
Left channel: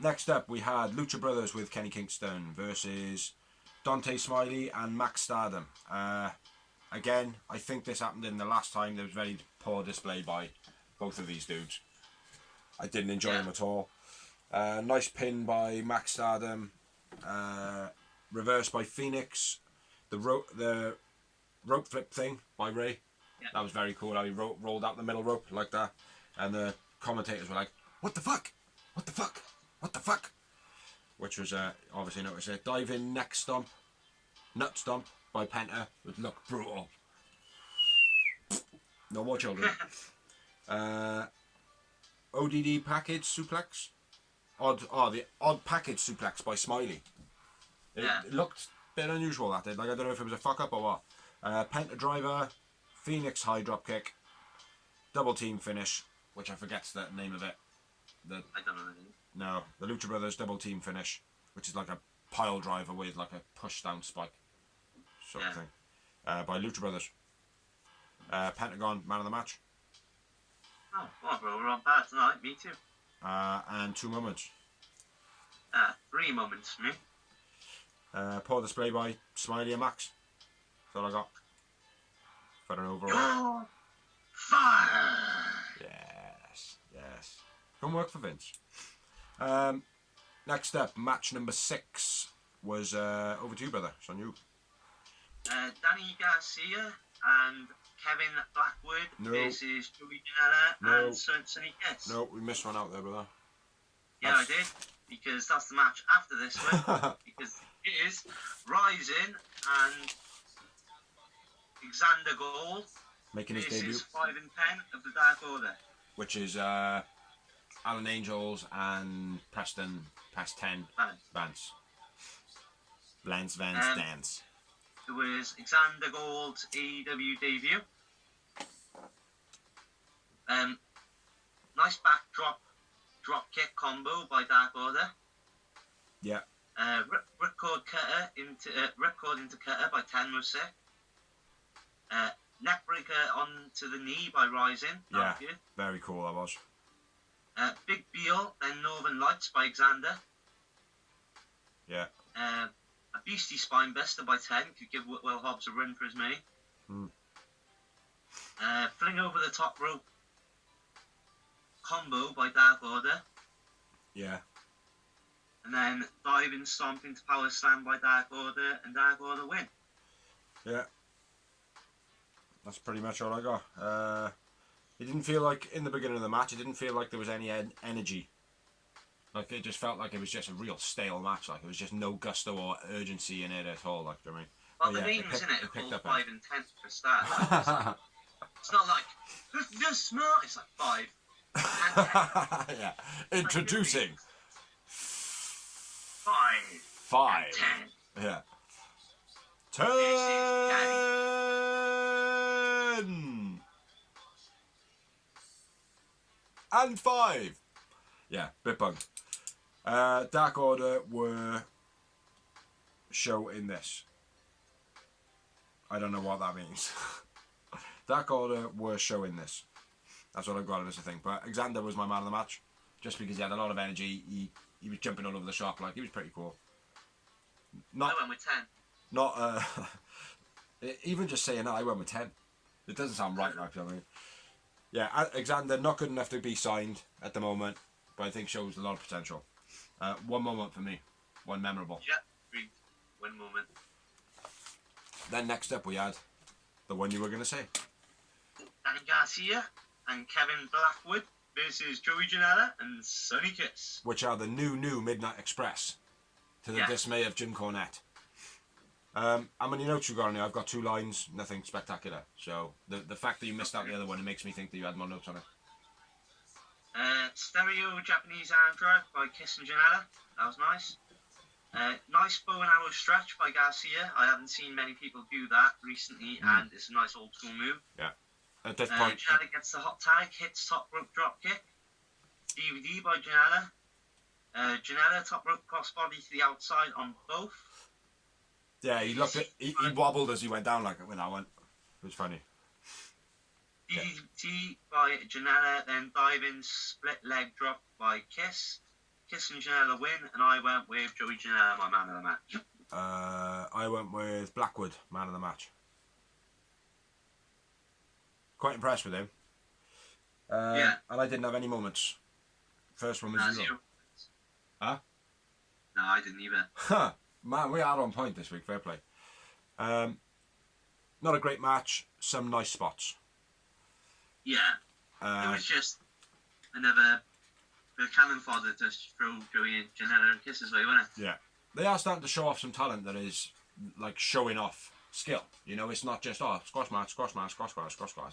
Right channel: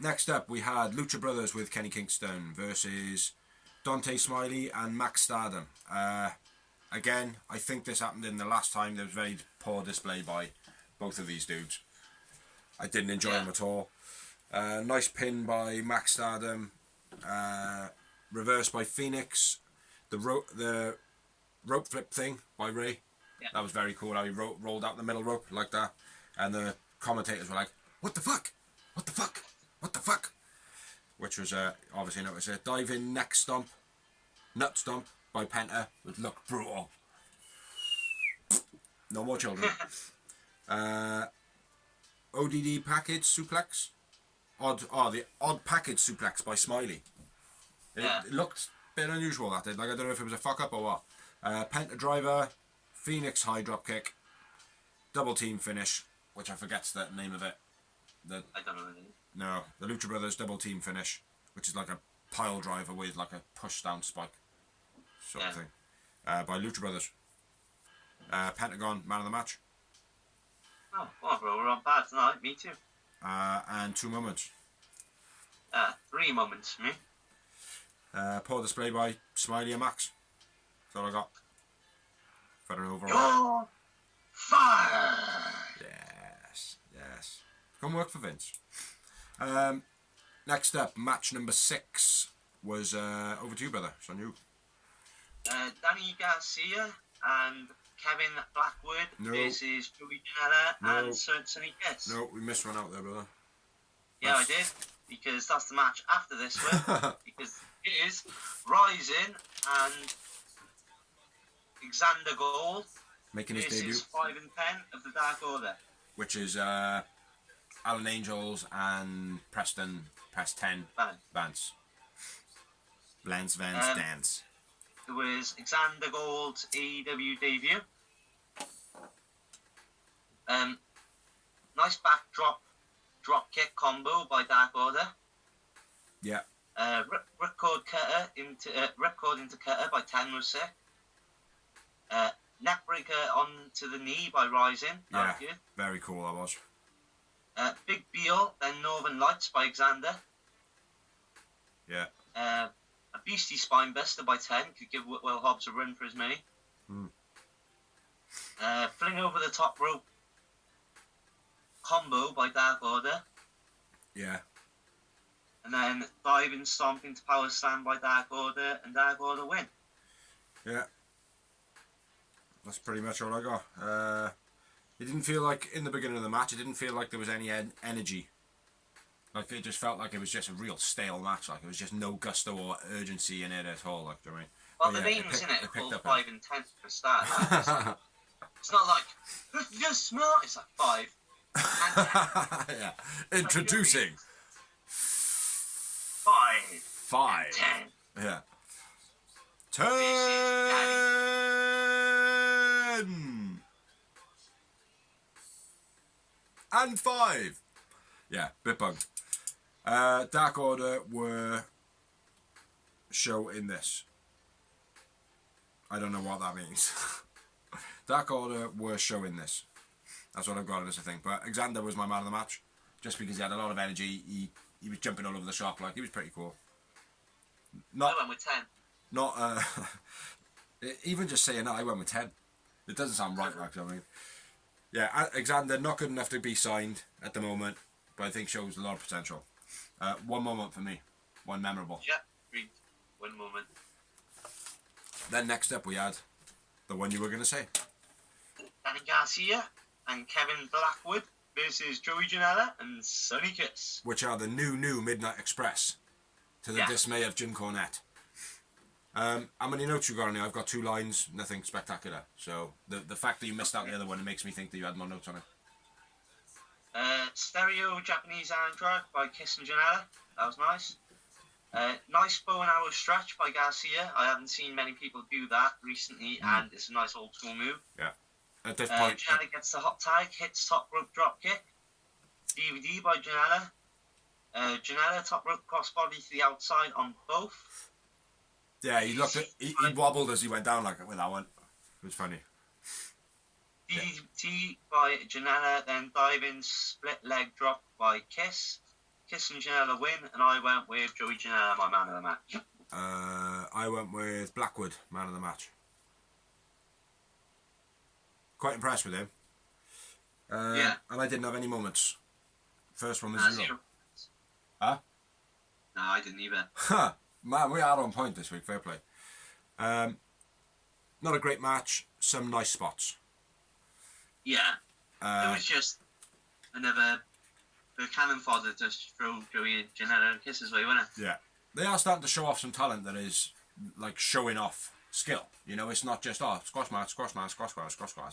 Next up, we had Lucha Brothers with Kenny Kingston versus Dante Smiley and Max Stardom. Again, I think this happened in the last time. There was very poor display by both of these dudes. I didn't enjoy them at all. Nice pin by Max Stardom. Reversed by Phoenix. The rope flip thing by Ray. Yeah. That was very cool. How he rolled out the middle rope like that. And the commentators were like, "What the fuck? What the fuck? What the fuck?" Which was obviously noticed it. Diving neck stomp. Nut stomp by Penta. It looked brutal. No more children. ODD package suplex. The odd package suplex by Smiley. It looked a bit unusual, that did. Like, I don't know if it was a fuck up or what. Penta driver, Phoenix high drop kick, double team finish, which I forget's the name of it. I don't know the name. No, the Lucha Brothers double team finish, which is like a pile driver with like a push down spike sort of thing. By Lucha Brothers. Pentagon, man of the match. Oh, well, bro, we're on par tonight. Me too. And 2 moments. 3 moments for me. Poor display by Smiley and Max. That's all I got. For an overall. You're fire! Yes. Come work for Vince. Next up, match number 6 was over to you, brother. It's on you. Danny Garcia and Kevin Blackwood versus Joey Janela and Sonny Kiss. No, we missed one out there, brother. Yeah, I did. Because that's the match after this one. Because it is Rising and Xander Gold making his debut. 5 and 10 of the Dark Order. Which is Alan Angels and Preston past 10 Vance. Lance Vance Dance. There was Xander Gold's AEW debut. Nice backdrop drop kick combo by Dark Order. Yeah. Ripcord into cutter by 10 was sick. Neckbreaker onto the knee by Rising. Yeah, very cool that was. Big Beal, then Northern Lights by Xander. Yeah. A Beastie Spine Buster by 10. Could give Will Hobbs a run for his money. Fling over the top rope combo by Dark Order. Yeah. And then diving stomp into Power Slam by Dark Order, and Dark Order win. Yeah. That's pretty much all I got. It didn't feel like, in the beginning of the match, it didn't feel like there was any energy. Like, it just felt like it was just a real stale match. Like, it was just no gusto or urgency in it at all. Like, I mean, well, the names in it are called 5 and 10 for start. It's not like, who's just smart? It's like 5. Yeah. Introducing 5 and 10. Yeah. 10 and 5. Yeah, bit bugged. Dark Order were show in this. I don't know what that means. Dark Order were showing this. That's what I've got in this thing. But Xander was my man of the match, just because he had a lot of energy. He was jumping all over the shop. Like, he was pretty cool. I went with 10. Not even just saying that, I went with 10. It doesn't sound right, like, I mean. Yeah, Xander not good enough to be signed at the moment, but I think shows a lot of potential. 1 moment for me, one memorable. Yeah, 1 moment. Then next up we had the one you were going to say. Danny Garcia and Kevin Blackwood versus Joey Janela and Sonny Kiss. Which are the new Midnight Express, to the dismay of Jim Cornette. How many notes you got on here? I've got 2 lines, nothing spectacular. So the fact that you missed out the other one, it makes me think that you had more notes on it. Stereo Japanese arm drag by Kiss and Janela. That was nice. Nice bow and arrow stretch by Garcia. I haven't seen many people do that recently, and it's a nice old school move. Yeah. At this point, Janela gets the hot tag, hits top rope drop kick. DVD by Janela. Janela top rope crossbody to the outside on both. yeah, he looked at he wobbled as he went down like it with that one. It was funny. DDT by Janela, then diving split leg drop by Kiss. Kiss and Janela win, and I went with Joey Janela, my man of the match. I went with Blackwood, man of the match. Quite impressed with him. And I didn't have any moments. First one was 0. Huh? No, I didn't either. Huh. Man, we are on point this week. Fair play. Not a great match. Some nice spots. Yeah. It was just another cannon fodder to throw Joey and Janela and Kiss' way, wasn't it? Yeah. They are starting to show off some talent that is like showing off skill. You know, it's not just squash match.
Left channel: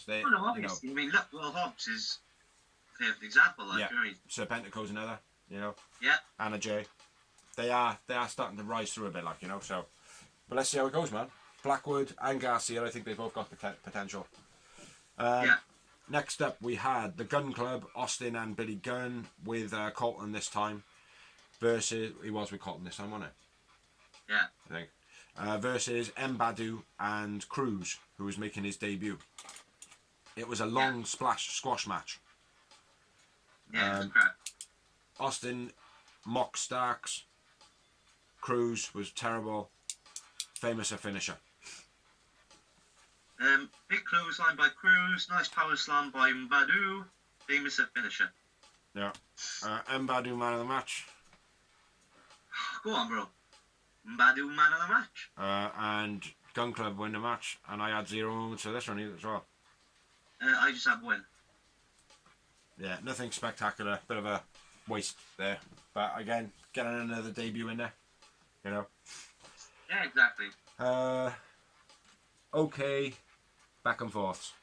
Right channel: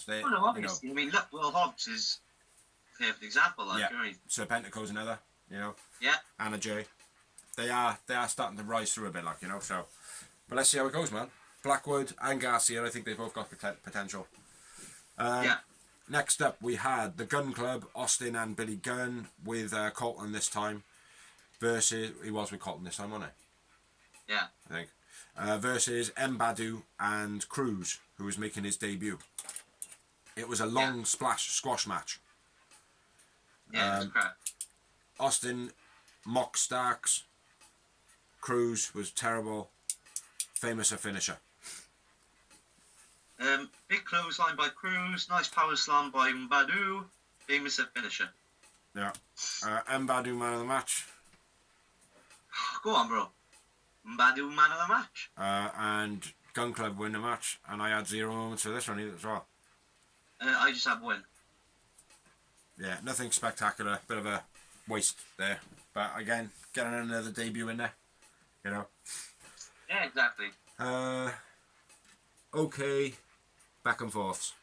They, Well, no, obviously. I mean, look, Will Hobbs is a perfect example. Like, Serpentico's another. You know. Yeah. Anna Jay. They are starting to rise through a bit, like, you know. So, but let's see how it goes, man. Blackwood and Garcia, I think they both got potential. Next up, we had the Gun Club, Austin and Billy Gunn with Colton this time. Versus, he was with Colton this time, wasn't he? Yeah. I think. Versus M. Badu and Cruz, who was making his debut. It was a long squash match. Yeah, it was crap. Austin mocked Starks. Cruz was terrible. Famous a finisher. Big clothesline by Cruz. Nice power slam by Mbadu. Famous a finisher. Yeah. Mbadu man of the match. Go on, bro. Mbadu man of the match. And Gun Club win the match. And I had 0 moments for this one either as well. I just have win. Yeah, nothing spectacular. Bit of a waste there. But again, getting another debut in there. You know. Yeah, exactly. Okay. Back and forths.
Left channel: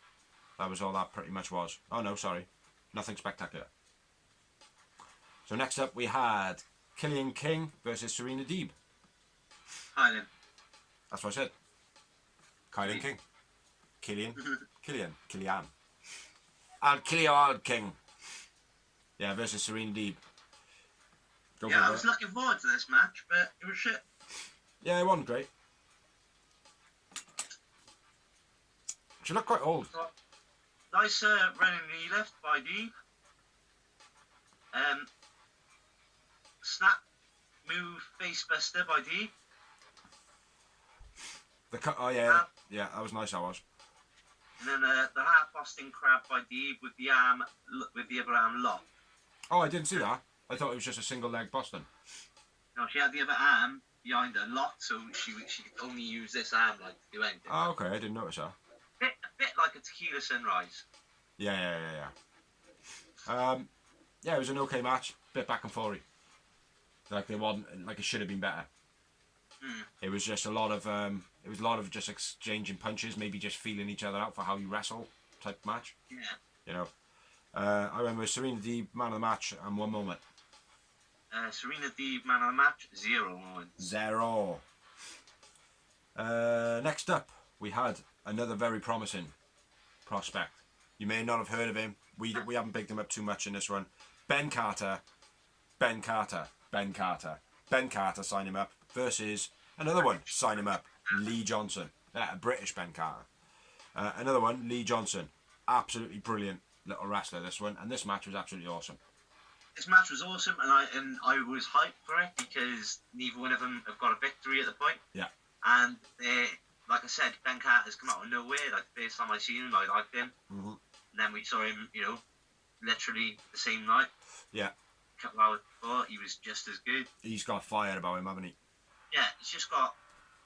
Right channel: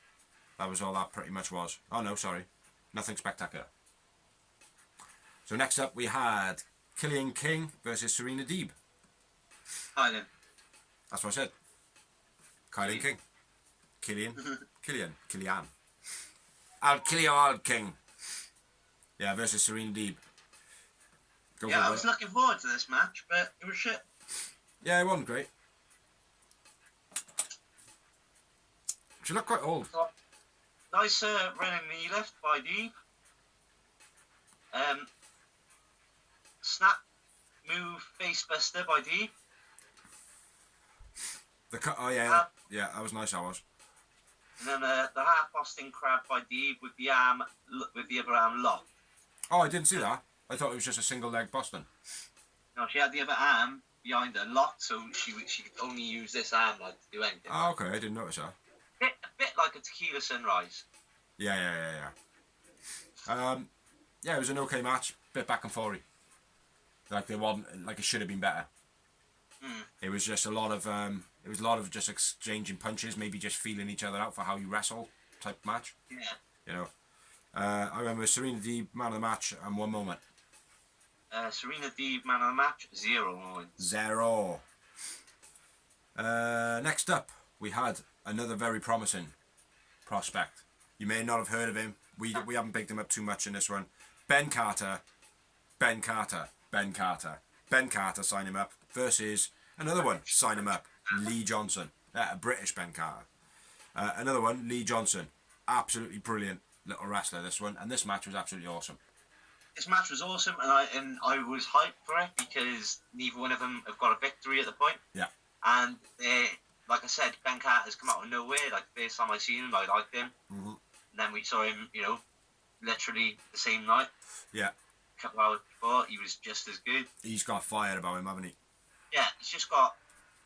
That was all that pretty much was. Oh no, sorry. Nothing spectacular. So next up we had Killian King versus Serena Deeb. Hi then. That's what I said. Killian King. Killian. I'll kill you all, King. Yeah, versus Serena Deeb. I was looking forward to this match, but it was shit. Yeah, it wasn't great. She looked quite old. Nice running knee lift by Deeb. Snap move face buster by Deeb. Yeah, that was nice. That was. And then the half Austin crab by Deeb with the other arm locked. Oh, I didn't see that. I thought it was just a single leg Boston. No, she had the other arm behind her locked, so she could only use this arm like to do anything. Oh, okay, I didn't notice that. A bit like a tequila sunrise. Yeah. Yeah, it was an okay match. Bit back and forth. Like they wasn't like it should have been better. It was just a lot of just exchanging punches, maybe just feeling each other out for how you wrestle type match. Yeah. You know. I remember Serena Deeb, man of the match, and 1 moment. Serena Deeb, man of the match, 0 moments. 0. Next up, we had another very promising prospect. You may not have heard of him. We haven't picked him up too much in this one. Ben Carter, sign him up, versus another one, sign him up, Lee Johnson. A British Ben Carter. Another one, Lee Johnson. Absolutely brilliant little wrestler, this one. And this match was absolutely awesome. This match was awesome, and I was hyped for it because neither one of them have got a victory at the point. Yeah. And like I said, Ben Carter's come out of nowhere. Like the first time I seen him, I liked him. Mm-hmm. And then we saw him, literally the same night. Yeah. A couple hours before, he was just as good. He's got fired about him, haven't he? Yeah, he's just got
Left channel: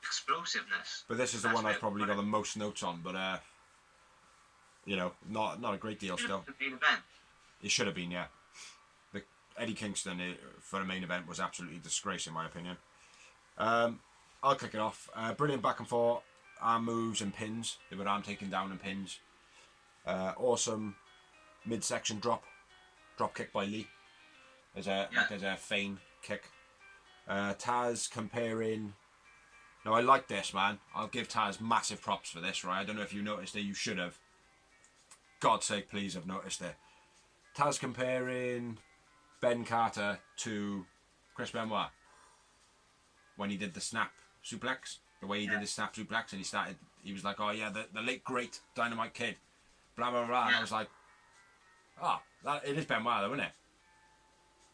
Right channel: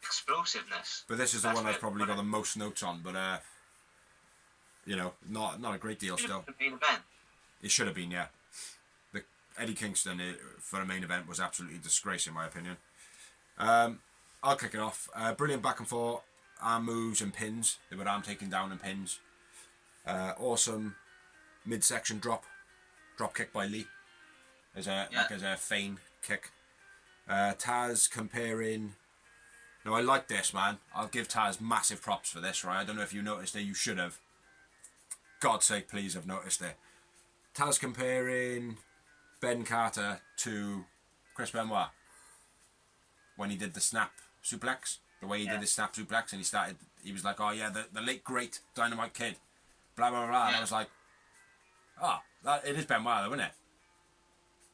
explosiveness. But this is the one I've probably got the most notes on. But not a great deal still. The main event. It should have been, yeah. The Eddie Kingston for a main event was absolutely a disgrace in my opinion. I'll kick it off. Brilliant back and forth, arm moves and pins. They were arm taking down and pins. Awesome midsection drop kick by Lee as a feign kick. Taz comparing. Now I like this, man. I'll give Taz massive props for this, right? I don't know if you noticed it. You should have. God's sake, please have noticed it. Taz comparing Ben Carter to Chris Benoit when he did the snap suplex. The way he did his snap suplex, and he was like, "Oh yeah, the late great Dynamite Kid." Blah blah blah. And I was like, it is Benoit though, isn't it?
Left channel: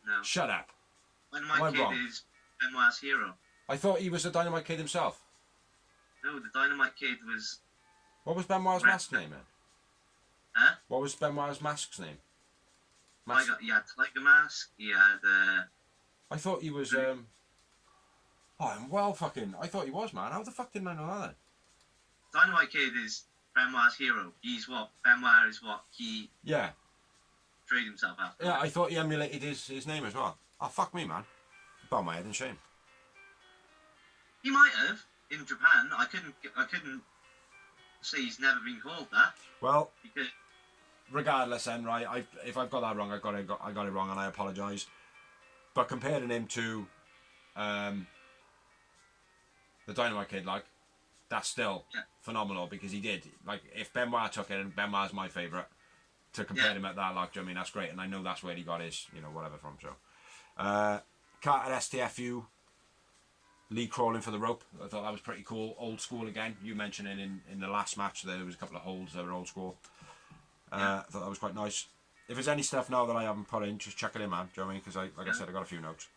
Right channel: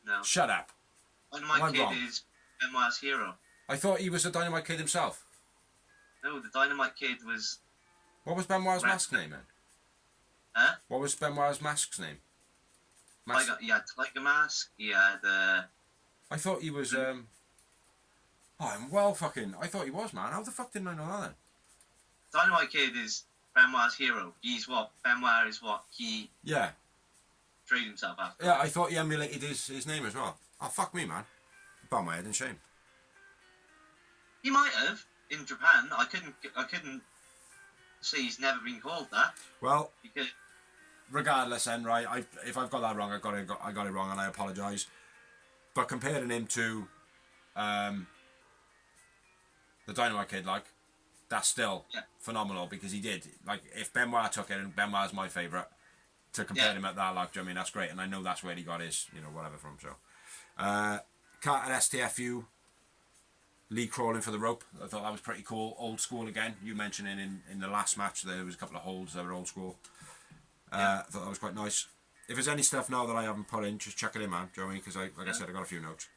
No. Shut up. Dynamite Kid is Benoit's hero. I thought he was the Dynamite Kid himself. No, the Dynamite Kid was... What was Benoit's mask's name then? Huh? What was Benoit's mask's name? He had Tiger Mask, he had... I thought he was... I thought he was, man. How the fuck didn't I know that then? Dynamite Kid is Benoit's hero. Benoit is what he... Yeah. Trained himself after. Yeah, I thought he emulated his name as well. Oh, fuck me, man. Bow my head in shame. He might have in Japan. I couldn't say he's never been called that. Well, because regardless, then, right? If I've got that wrong, I got it wrong, and I apologise. But comparing him to the Dynamite Kid, like, that's still phenomenal because he did. Like, if Benoit took it, and Benoit's my favourite, to compare him at that, like, I mean, that's great, and I know that's where he got his, whatever from. So, Carter STFU. Lee crawling for the rope. I thought that was pretty cool. Old school again. You mentioning in the last match there was a couple of holds that were old school. I thought that was quite nice. If there's any stuff now that I haven't put in, just check it in, man. Do you know what I mean? Because like I said, I got a few notes.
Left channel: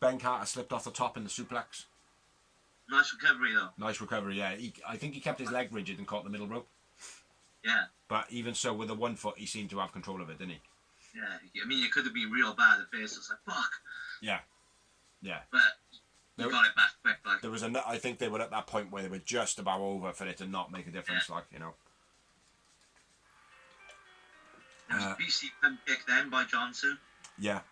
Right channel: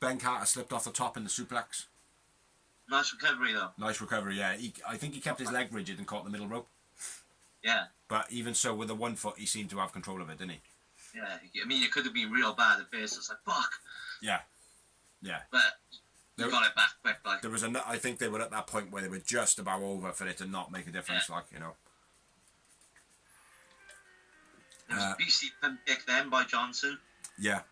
Ben Carter slipped off the top in the suplex. Nice recovery though. Nice recovery, yeah. I think he kept his leg rigid and caught the middle rope. Yeah. But even so, with the 1 foot, he seemed to have control of it, didn't he? Yeah. I mean, it could have been real bad at first. It's like, fuck. Yeah. Yeah. But you got it back quick, like. There was I think they were at that point where they were just about over for it to not make a difference, Yeah. like. There was a beastly pump kick then by Johnson. Yeah.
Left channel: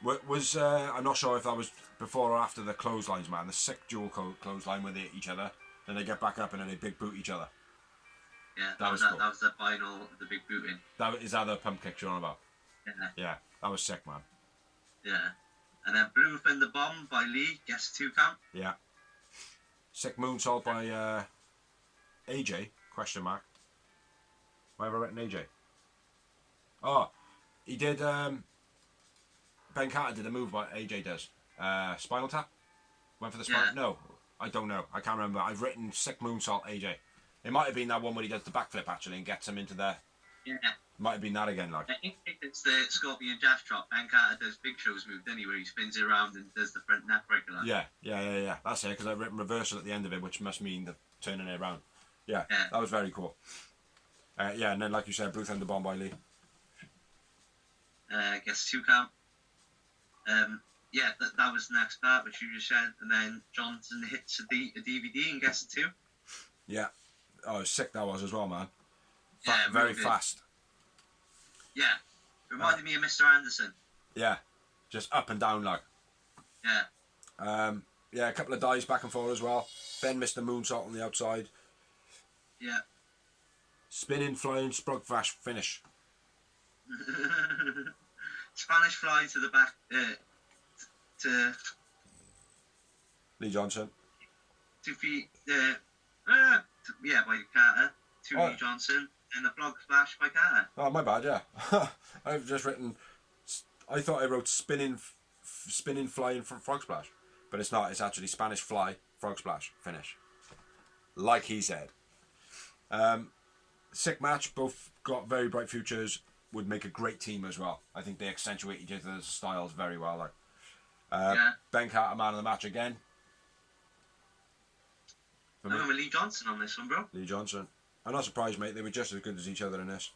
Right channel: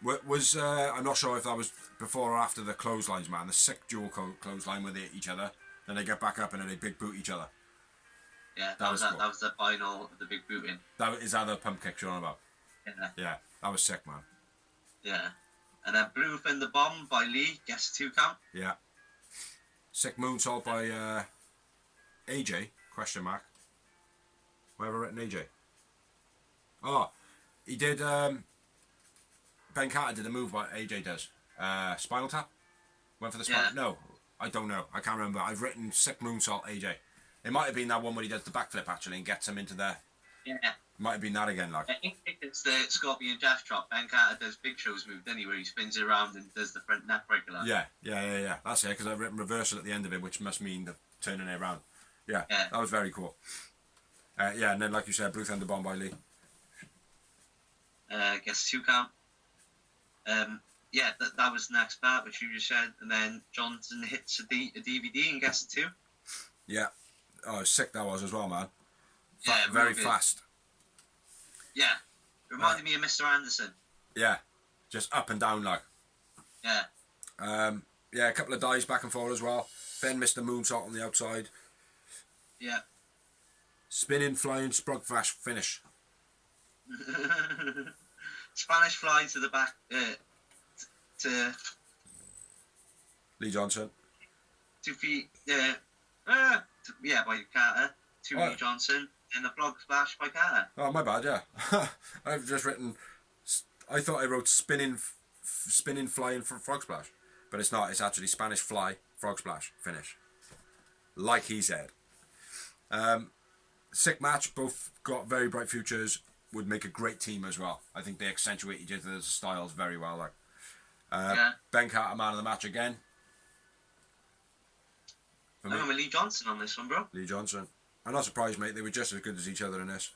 Was I'm not sure if that was before or after the clotheslines, man. The sick dual clothesline where they hit each other, then they get back up and then they big boot each other. Yeah, that was the final, the big booting. Is that the pump kick you're on about? Yeah. Yeah, that was sick, man. Yeah. And then Blue Fin the Bomb by Lee, gets 2 count. Yeah. Sick moonsault by AJ, question mark. Why have I written AJ? Oh, he did, Ben Carter did a move what AJ does. Spinal tap? Went for the spinal? Yeah. No, I don't know. I can't remember. I've written sick moonsault AJ. It might have been that one where he does the backflip actually and gets him into the... Yeah. Might have been that again, like. I think it's the Scorpion Death Drop. Ben Carter does Big Show's move, then where he spins it around and does the front neck breaker. Yeah. That's it, because I've written reversal at the end of it, which must mean the turning it around. Yeah, that was very cool. And then, like you said, Blue Thunder Bomb by Lee. Gets 2 count. That was the next part, which you just said. And then Johnson hits a DVD and gets a 2. Yeah. Oh, sick that was as well, man. Very fast. Yeah. Reminded me of Mr. Anderson. Yeah. Just up and down, like. Yeah. A couple of dives back and forth as well. Ben missed the moonsault on the outside. Yeah. Spinning, flying, sprug flash finish. Spanish fly to the back. To Lee Johnson. 2 feet. By Carter. Lee Johnson. And the frog splash by Carter. Oh, my bad, yeah. I've just written... I thought I wrote spinning, flying for frog splash. But it's not. It's actually Spanish fly, frog splash, finish. Like he said. Sick match. Both got very bright futures. Would make a great team as well. I think they accentuate each other's styles very well. Like, Ben Carter, man of the match again. I'm with Lee Johnson on this one, bro. Lee Johnson. I'm not surprised, mate. They were just as good as each other in this.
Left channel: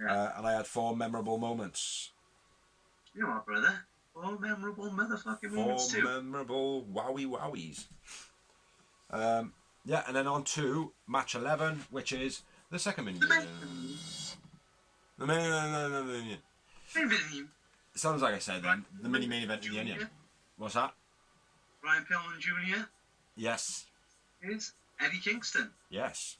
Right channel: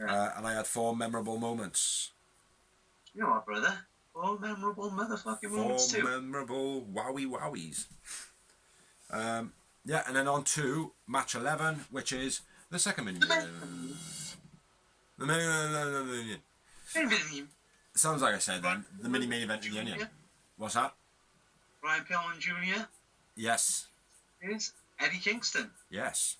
Yeah. And I had 4 memorable moments. You know what, brother? 4 memorable motherfucking moments too. 4 memorable wowies. Yeah, and then on to match 11, which is the second mini. The mini. Sounds like I said then. The mini main event of the Onion. What's that? Brian Pillman Jr. Yes. is Eddie Kingston. Yes.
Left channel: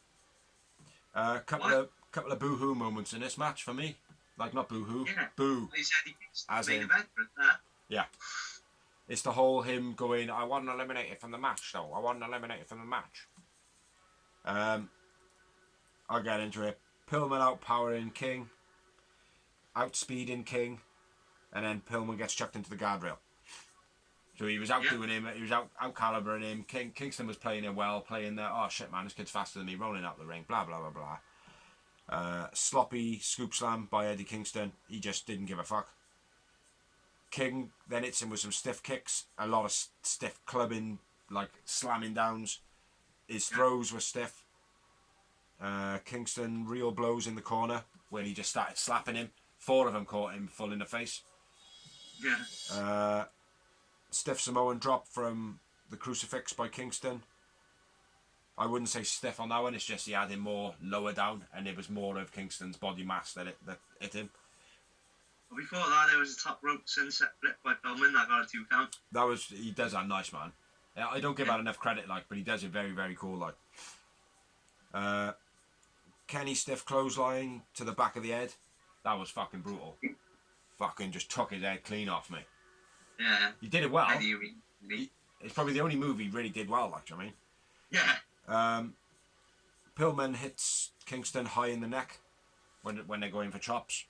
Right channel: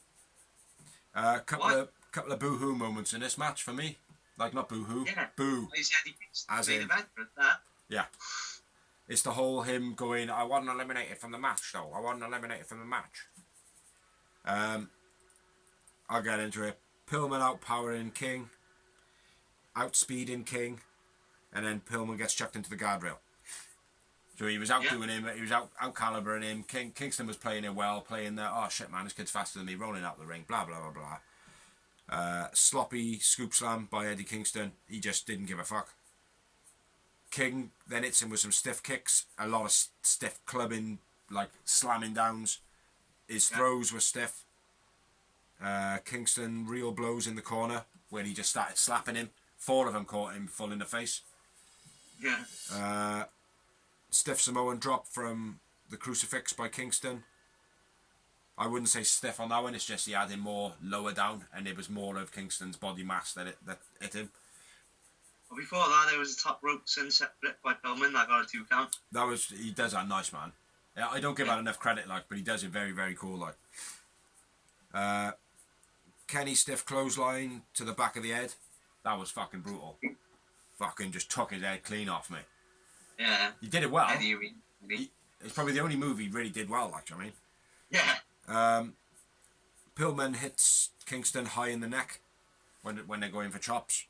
Couple of boo-hoo moments in this match for me. Like, not boo-hoo. Yeah. Boo. He's Eddie Kingston. As Main in- event for that. Yeah. It's the whole him going, I wasn't eliminated from the match, though. I wasn't eliminated from the match. I'll get into it. Pillman outpowering King. Outspeeding King. And then Pillman gets chucked into the guardrail. So he was outdoing him. He was out-calibering him. Kingston was playing it well. Playing there. Oh, shit, man. This kid's faster than me. Rolling out the ring. Blah, blah, blah, blah. Sloppy scoop slam by Eddie Kingston. He just didn't give a fuck. King then hits him with some stiff kicks, a lot of stiff clubbing, like slamming downs. His throws were stiff. Kingston real blows in the corner when he just started slapping him. 4 of them caught him full in the face. Yeah. Stiff Samoan drop from the crucifix by Kingston. I wouldn't say stiff on that one, it's just he had him more lower down and it was more of Kingston's body mass that hit him. But before that, there was a top rope sunset flip by Pillman that got a 2 count. He does that nice, man. Yeah, I don't give that enough credit, like, but he does it very, very cool, like. Kenny stiff clothesline to the back of the head. That was fucking brutal. Fucking just took his head clean off me. Yeah. He did it well. Eddie. It's probably the only move he really did well, like, I mean. Yeah. Pillman hits Kingston high in the neck when they're going for chops.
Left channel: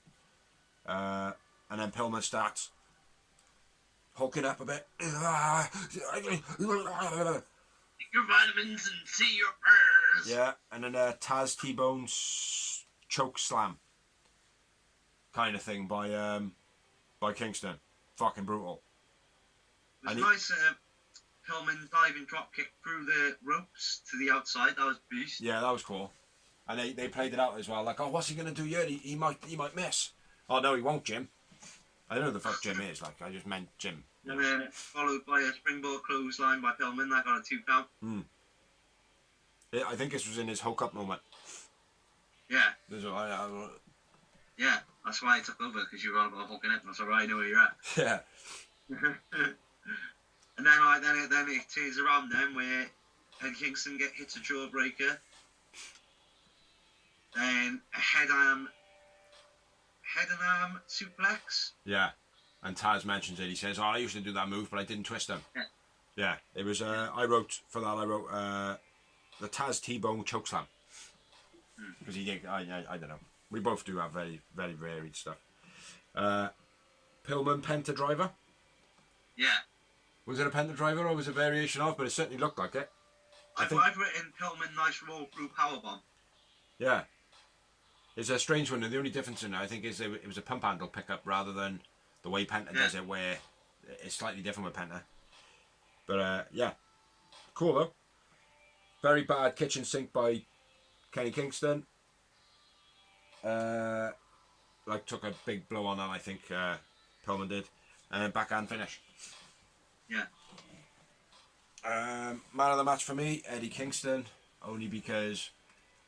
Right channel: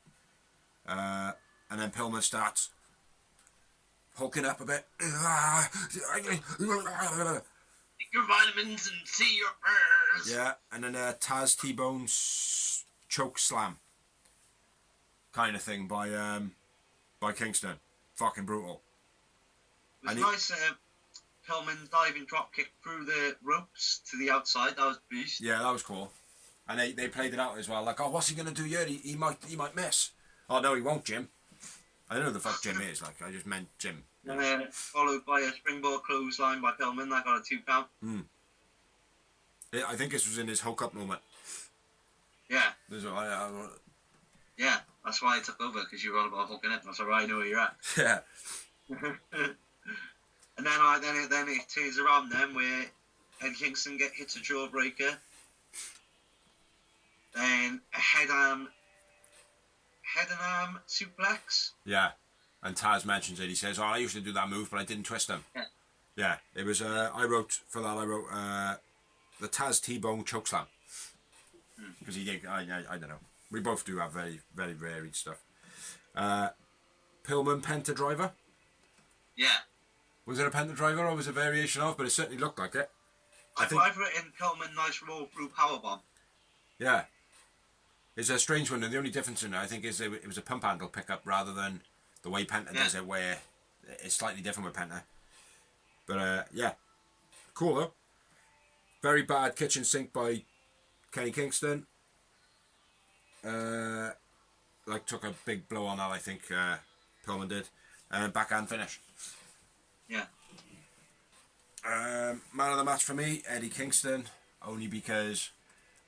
And then Pillman starts hulking up a bit. Take your vitamins and see your prayers. Yeah, and then Taz T-Bone choke slam kind of thing by Kingston. Fucking brutal. It was nice. Pillman diving drop kick through the ropes to the outside. That was beast. Yeah, that was cool. And they played it out as well. Like, oh, what's he gonna do here? He might miss. Oh no, he won't, Jim. I don't know who the fuck Jim is. Like, I just meant Jim. And then followed by a springboard clothesline by Pillman that got a 2 count. I think this was in his Hulk up moment. Yeah. I Yeah. That's why I took over, because you were on about hooking it. That's why I know where you're at. yeah. And then it turns around then where Eddie Kingston hits a jawbreaker. Then a head and arm suplex. Yeah. And Taz mentions it. He says, "Oh, I used to do that move, but I didn't twist him." Yeah. It was. I wrote the Taz T-Bone chokeslam because he did. I don't know. We both do have very, very varied stuff. Pillman Penta Driver. Yeah. Was it a Penta Driver or was it a variation of? But it certainly looked like it. I've written Pillman nice roll through powerbomb. Yeah. It's a strange one, and the only difference in it, I think, is it was a pump handle pickup rather than the way Penta does it, where it's slightly different with Penta. But, yeah. Cool, though. Very bad kitchen sink by Kenny Kingston. Took a big blow on that, I think, Pillman did. And backhand finish. Yeah. Man of the match for me, Eddie Kingston, only because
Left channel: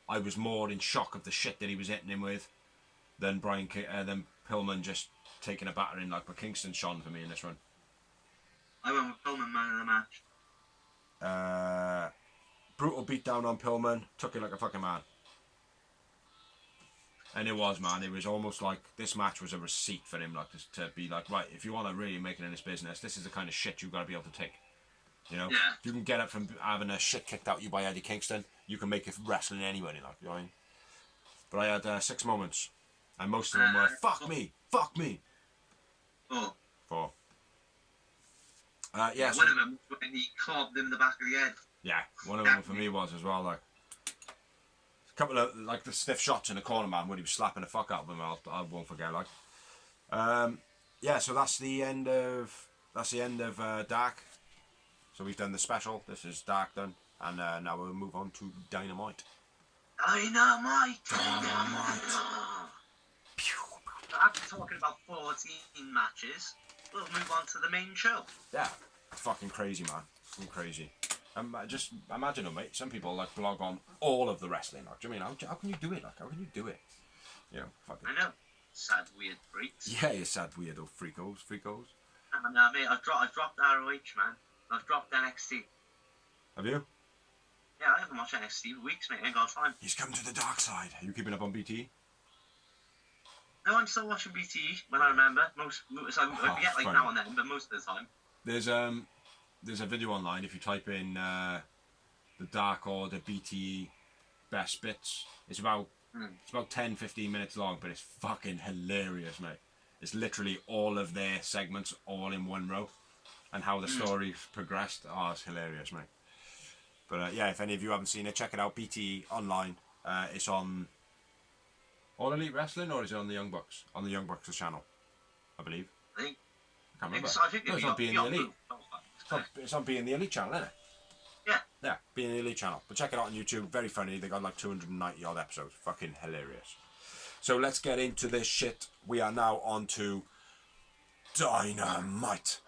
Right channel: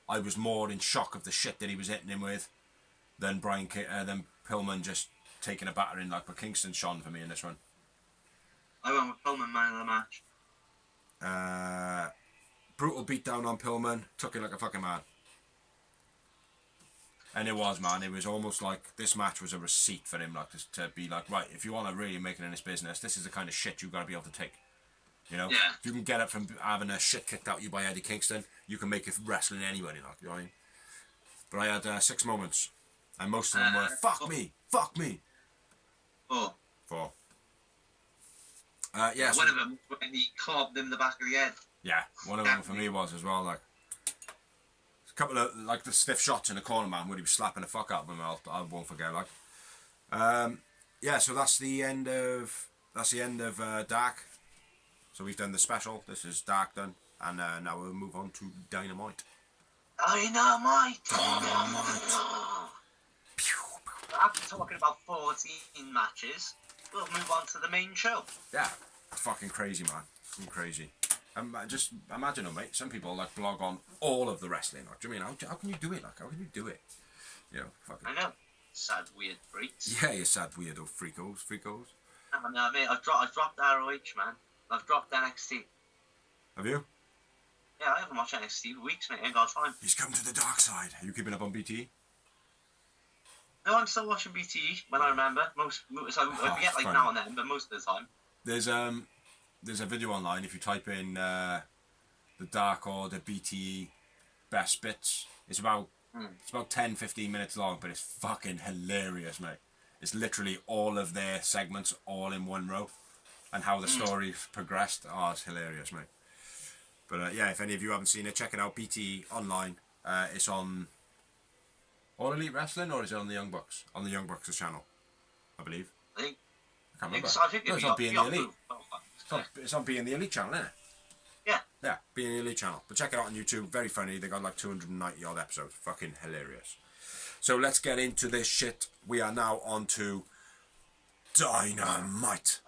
I was more in shock of the shit that he was hitting him with than than Pillman just taking a battering like. But Kingston shone for me in this one. I went with Pillman man of the match. Brutal beatdown on Pillman, took it like a fucking man. And it was, man. It was almost like this match was a receipt for him, like to be like, right, if you want to really make it in this business, this is the kind of shit you've got to be able to take. You know, if you can get up from having a shit kicked out you by Eddie Kingston, you can make it wrestling anybody, like, you know what I mean? But I had 6 moments, and most of them were fuck me. 4. Yeah. One of them when he clubbed him in the back of the head. Yeah, one of them for me was as well, like. A couple of like the stiff shots in the corner, man, where he was slapping the fuck out of him. I won't forget, like. Yeah, so that's the end of Dark. So we've done the special. This is Dark done, and now we'll move on to Dynamite. After talking about 14 matches, we'll move on to the main show. Yeah, it's fucking crazy, man. Fucking crazy. Just imagine it, mate. Some people like blog on all of the wrestling. Like, do you mean how can you do it? Like, how can you do it? You know, fucking. I know. Sad, weird freaks. Yeah, you sad weirdo freakos. No, mate, I've dropped ROH, man. I've dropped NXT. Have you? Yeah, I haven't watched NXT for weeks, mate. I ain't got time. He's come to the dark side. Are you keeping up on BT? No, I'm still watching BTE when I remember. I forget like now and then, but most of the time. There's a video online. If you type in the Dark Order BTE best bits, it's about 10-15 minutes long, but it's fucking hilarious, mate. It's literally all of their segments all in one row, and how the story progressed. Oh, it's hilarious, mate. But yeah, if any of you haven't seen it, check it out. BTE online. It's on All Elite Wrestling, or is it on the Young Bucks? On the Young Bucks' channel, I believe. I think. I can't remember. I think No, it's on Being the Elite. It's on Being the Elite channel, isn't it? Yeah. Yeah, Being the Elite channel. But check it out on YouTube. Very funny. They got like 290 odd episodes. Fucking hilarious. So let's get into this shit. We are now on to Dynamite.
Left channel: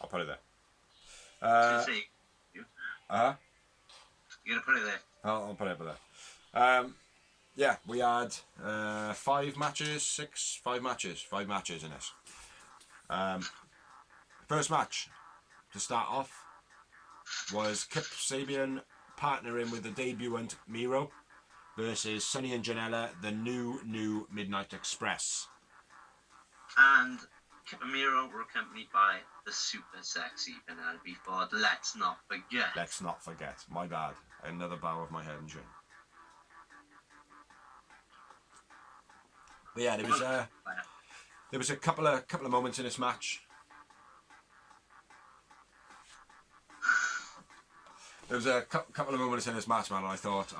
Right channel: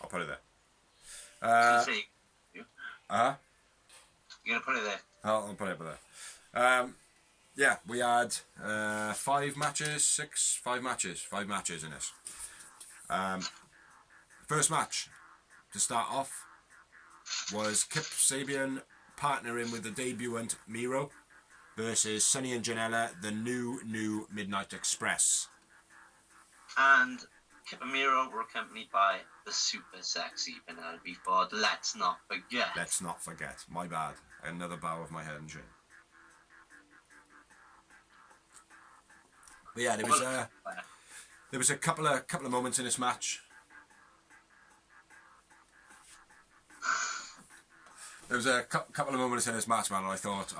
I'll put it there. You're gonna put it there. I'll put it there. Yeah, we had 5 matches in this. First match to start off was Kip Sabian partnering with the debutant Miro versus Sonny and Janela, the new Midnight Express. And Kip and Miro were accompanied by the super sexy Penelope Ford. Let's not forget. My bad. Another bow of my head and chin. But yeah, there was a couple of moments in this match. There was a couple of moments in this match, man, and I thought,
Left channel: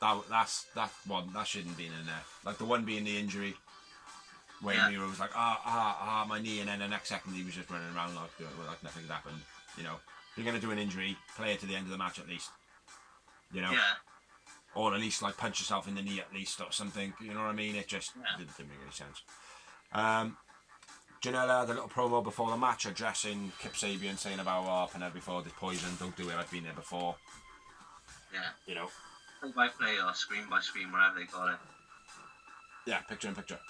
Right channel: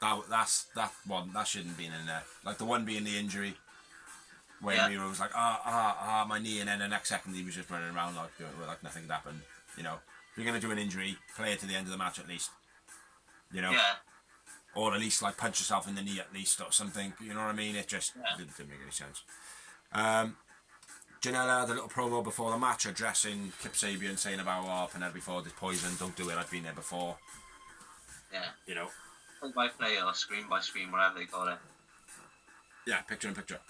that shouldn't have been in there. Like the one being the injury, where Miro was like, my knee, and then the next second he was just running around like nothing had happened. You know, if you're gonna do an injury, play it to the end of the match at least. You know. Yeah. Or at least like punch yourself in the knee at least or something. You know what I mean? It just didn't make any sense. Janela had a little promo before the match addressing Kip Sabian, saying about Penelope Ford is poison, don't do it, I've been there before. Yeah. You know. Play by play or screen by screen, whatever they call it. Yeah, picture in picture.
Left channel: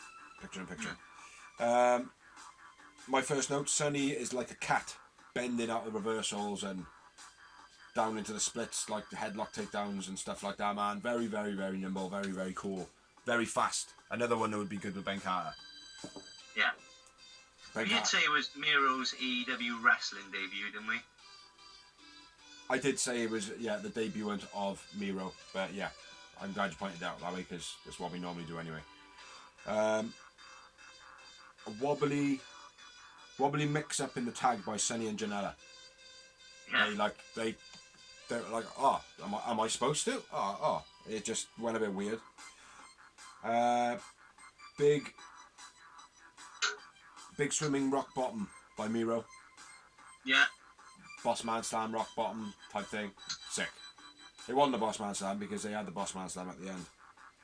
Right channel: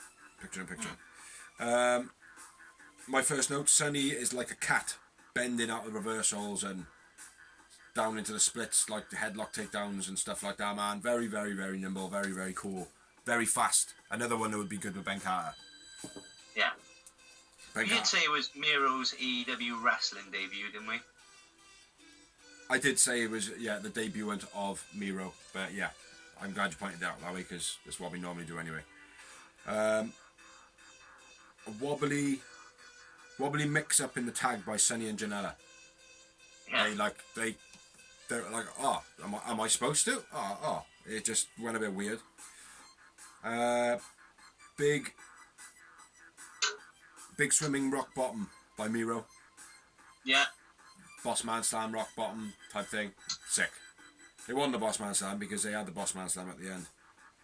My first note, Sonny is like a cat, bending out of reversals and down into the splits, like the headlock takedowns and stuff like that, man. Very, very, very nimble, very, very cool. Very fast. Another one that would be good with Ben Carter. Yeah. We did say it was Miro's AEW wrestling debut, didn't we? I did say it was, the debutant of Miro. But yeah, I'm glad you pointed it out that way, because that's what we normally do anyway. A wobbly mix-up in the tag by Sonny and Janela. Yeah. They're like, am I supposed to? It just went a bit weird. Big swimming rock bottom by Miro. Yeah. Boss man slam, rock bottom type thing. Sick. They won the boss man slam because they had the boss man slam at the end.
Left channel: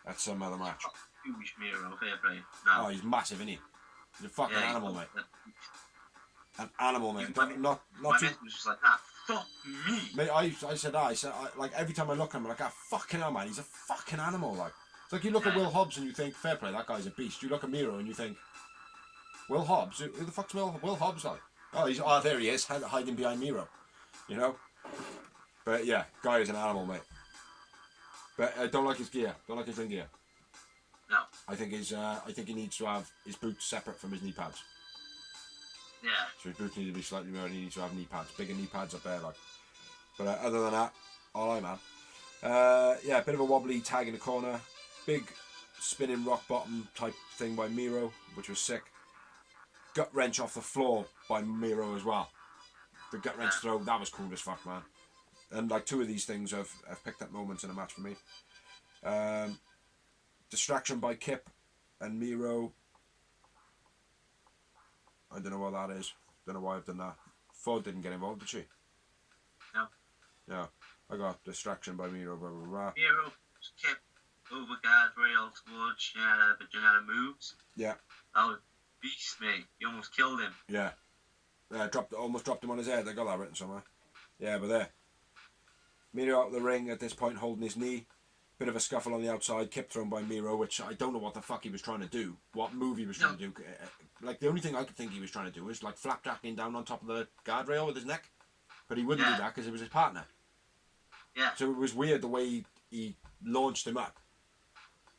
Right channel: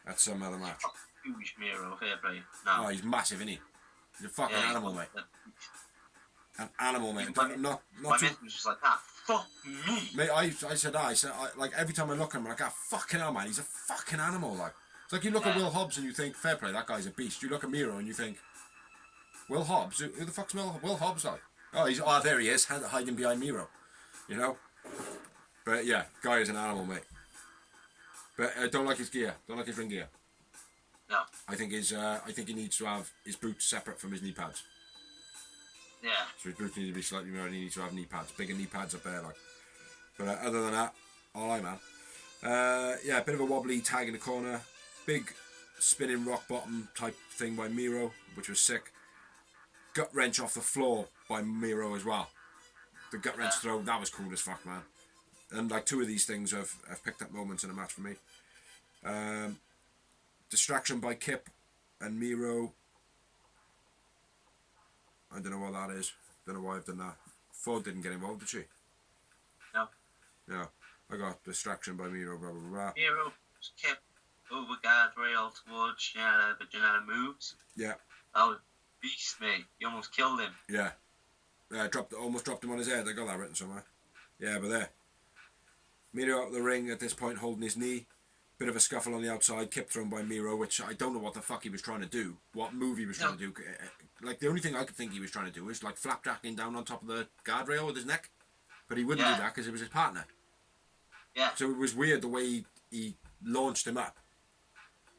At some other match. Huge Miro, fair play. No. Oh, he's massive, isn't he? He's a fucking animal, mate. An animal, mate. My mate was just like, fuck me. Mate, I said like every time I look at him, I'm like, fucking hell, man, he's a fucking animal, like. It's like you look at Will Hobbs and you think, fair play, that guy's a beast. You look at Miro and you think, Will Hobbs? Who the fuck's Will Hobbs like? There he is, hiding behind Miro. You know? But yeah, guy is an animal, mate. But I don't like his gear. Don't like his ring gear. No. I think he needs to have his boots separate from his knee pads. Yeah. So his boots need to be slightly more, and he needs to have knee pads, bigger knee pads up there, like. But other than that, all right, man. A bit of a wobbly tag in the corner, big spinning rock bottom type thing by Miro, which was sick. Gut wrench off the floor by Miro as well. The gut wrench throw, that was cool as fuck, man. And like 2 of these things have picked up moments in a match for me. Distraction by Kip and Miro. I don't know what that is. Don't know why I've done that. Ford didn't get involved, did she? No. Yeah. I got distraction by Miro, blah, blah, blah. Miro Kip over guardrail towards Janela, but Janela moves. Yeah. That was beast, mate. You almost killed him. Yeah. almost dropped him on his head. I got that written somewhere. Yeah, but there. Miro out of the ring at this point, holding his knee. Bit of a scuffle on the outside, kip thrown by Miro, which I don't know what the fuck he was trying to do. What move he was trying to do. Like, the only thing I could think he was trying to do was, like, flapjacking down on top of the guardrail with his neck. But he wouldn't do that because it was his partner. Yeah. So it was weird the way he launched him up.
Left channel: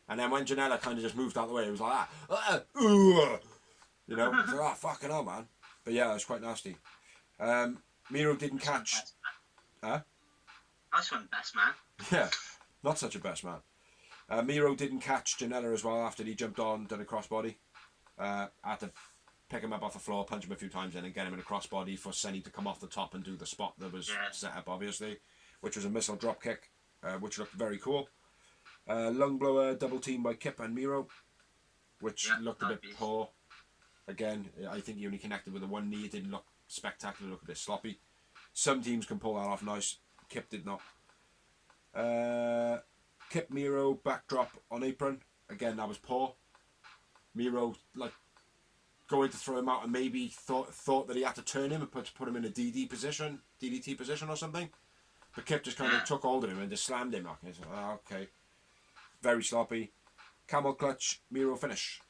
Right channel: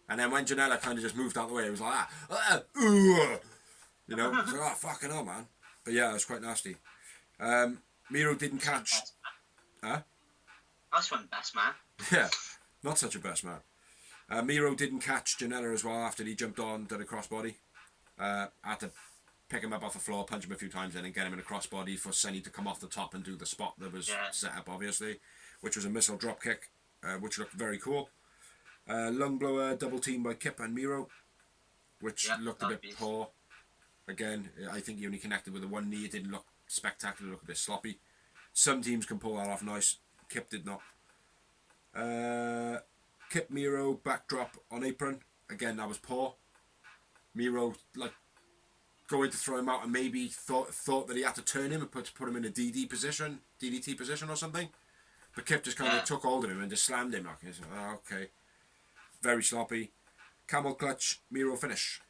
And then when Janela kind of just moved out of the way, it was like that. You know? It's like, oh, fucking hell, man. But yeah, it was quite nasty. Miro didn't catch... Huh? Nice one, best man. Yeah, not such a best man. Miro didn't catch Janela as well after he jumped on, did a crossbody. Had to pick him up off the floor, punch him a few times, and then get him in a crossbody for Senny to come off the top and do the spot that was set up, obviously, which was a missile drop kick, which looked very cool. Lung blower double team by Kip and Miro, which looked a bit poor. Again, I think he only connected with the one knee. It didn't look spectacular, it looked a bit sloppy. Some teams can pull that off nice. Kip did not. Kip Miro backdrop on apron. Again, that was poor. Miro like going to throw him out and maybe thought that he had to turn him and put him in a DDT position or something. But Kip just kind of took hold of him and just slammed him. Like, oh, okay. Very sloppy. Camel clutch, Miro finish.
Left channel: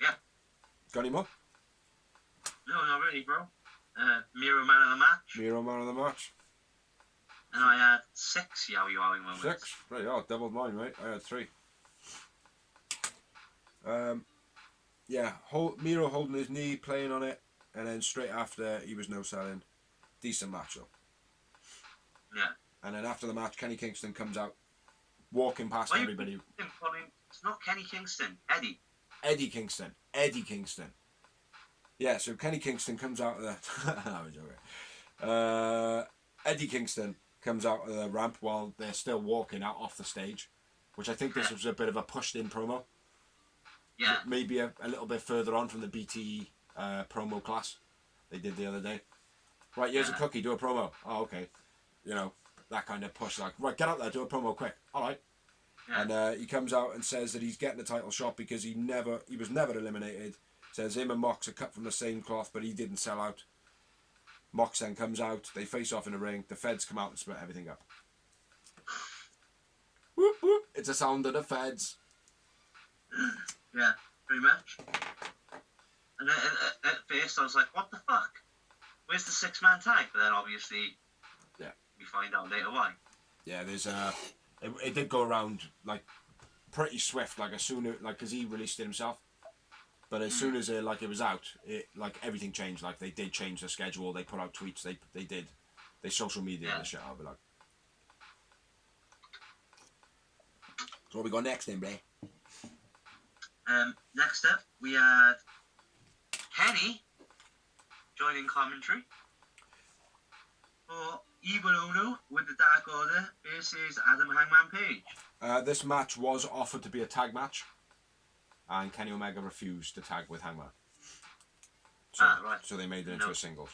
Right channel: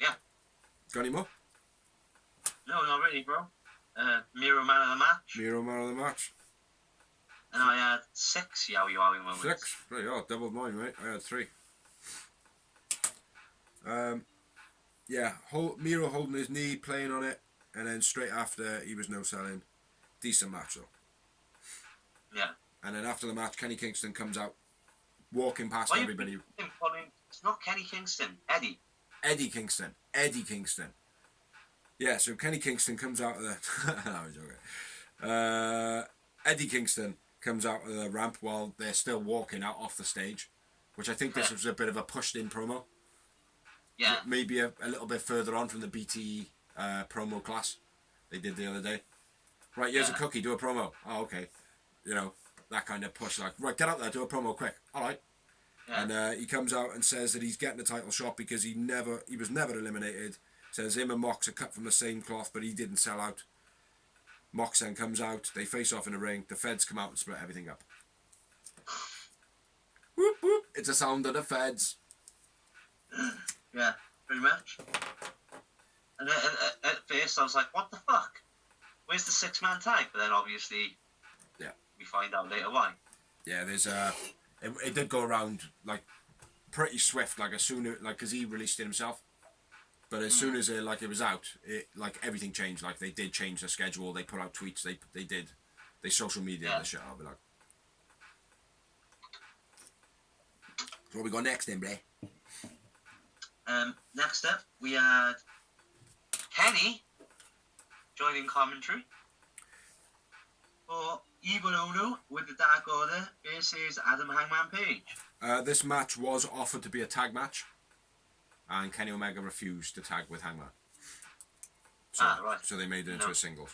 Yeah. Got any more? No, not really, bro. Miro man of the match. Miro man of the match. And I had 6 Yowie Wowie moments. 6? Right, oh, doubled mine, mate. I had 3. Yeah, Miro holding his knee, playing on it, and then straight after, he was no-selling. Decent match, though. Yeah. And then after the match, Kenny Kingston comes out, walking past everybody. It's not Kenny Kingston, Eddie. Eddie Kingston. Yeah, so Kenny Kingston comes out of the... I was joking. Eddie Kingston comes out of the ramp while they're still walking out off the stage, which I think this was a bit of a pushed-in promo. Yeah. Maybe a little bit further on from the BTE promo class they did the other day. Right, here's a cookie, do a promo. Oh, okay. You know, that kind of push, like, right, get out there, do a promo quick. All right. Yeah. And he comes out and says that he's getting a title shot because he was never eliminated. Says him and Mox are cut from the same cloth, but he didn't sell out. Mox then comes out, they face off in the ring, the feds come out and split everything up. Whoop whoop, it's a sound of the feds. Yeah, pretty much. And at first I was like, what the fuck? Where's the 6-man tag? But then obviously, we find out later why. Yeah, there's it did go around like pretty swift, like as soon as because he released it himself. But as soon as it was out, everything changed. Like they did change the schedule. They put out tweets. They social media the shit out of it. Like. So what we got next then, Bray? Next up, we had Kenny joining commentary for Evil Uno with the Dark Order versus Adam Hangman Page. This match was offered to be a tag match. And Kenny Omega refused to tag with Hangman. So they made it into a singles.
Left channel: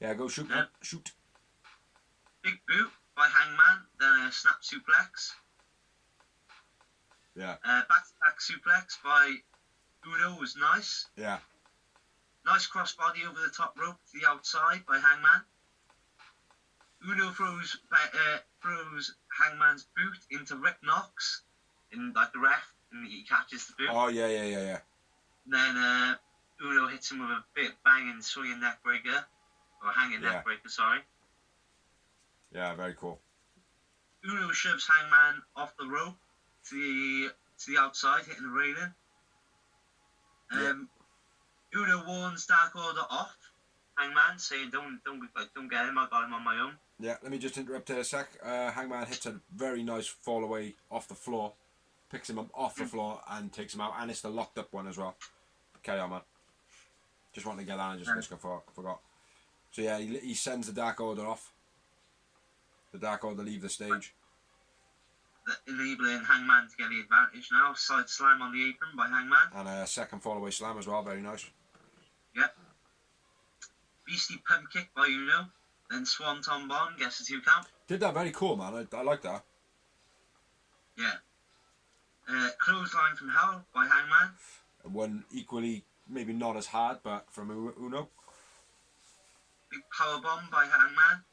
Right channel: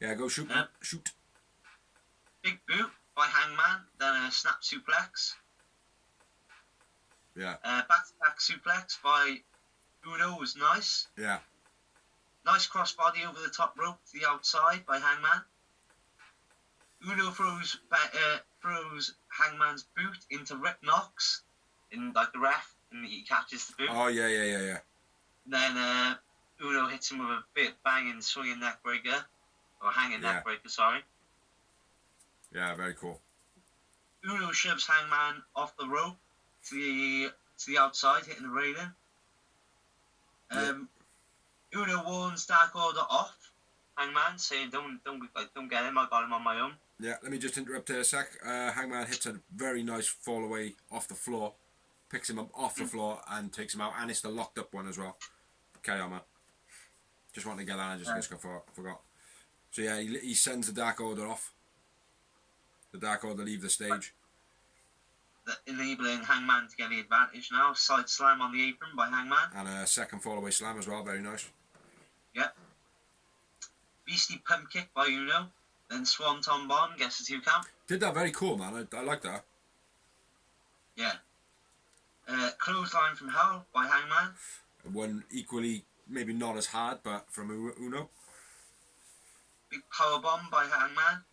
Yeah, go shoot, man. Shoot. Big boot by Hangman, then a snap suplex. Yeah. Back-to-back suplex by Uno was nice. Yeah. Nice crossbody over the top rope to the outside by Hangman. Uno throws Hangman's boot into Rick Knox. In like the ref, and he catches the boot. Oh yeah. And then Uno hits him with a bit banging, swinging neck breaker, or hanging neck breaker. Sorry. Yeah, very cool. Uno shoves Hangman off the rope to the outside, hitting the railing. Uno warns Dark Order off Hangman, saying don't get him. I got him on my own. Yeah, let me just interrupt there a sec. Hangman hits a very nice fall away off the floor. Picks him up off the floor and takes him out, and it's the locked up one as well. Carry on, man. Just wanted to get that, I just forgot. So yeah, he sends the Dark Order off. The Dark Order leave the stage. Enabling Hangman to get the advantage now. Side slam on the apron by Hangman. And a second fall away slam as well, very nice. Yep. Beastie pump kick by Uno. Then Swanton Bomb gets the 2 count. Did that very cool, man. I like that. Yeah. Clothesline from Hell by Hangman. One equally, maybe not as hard, but from Uno. Big powerbomb by Hangman.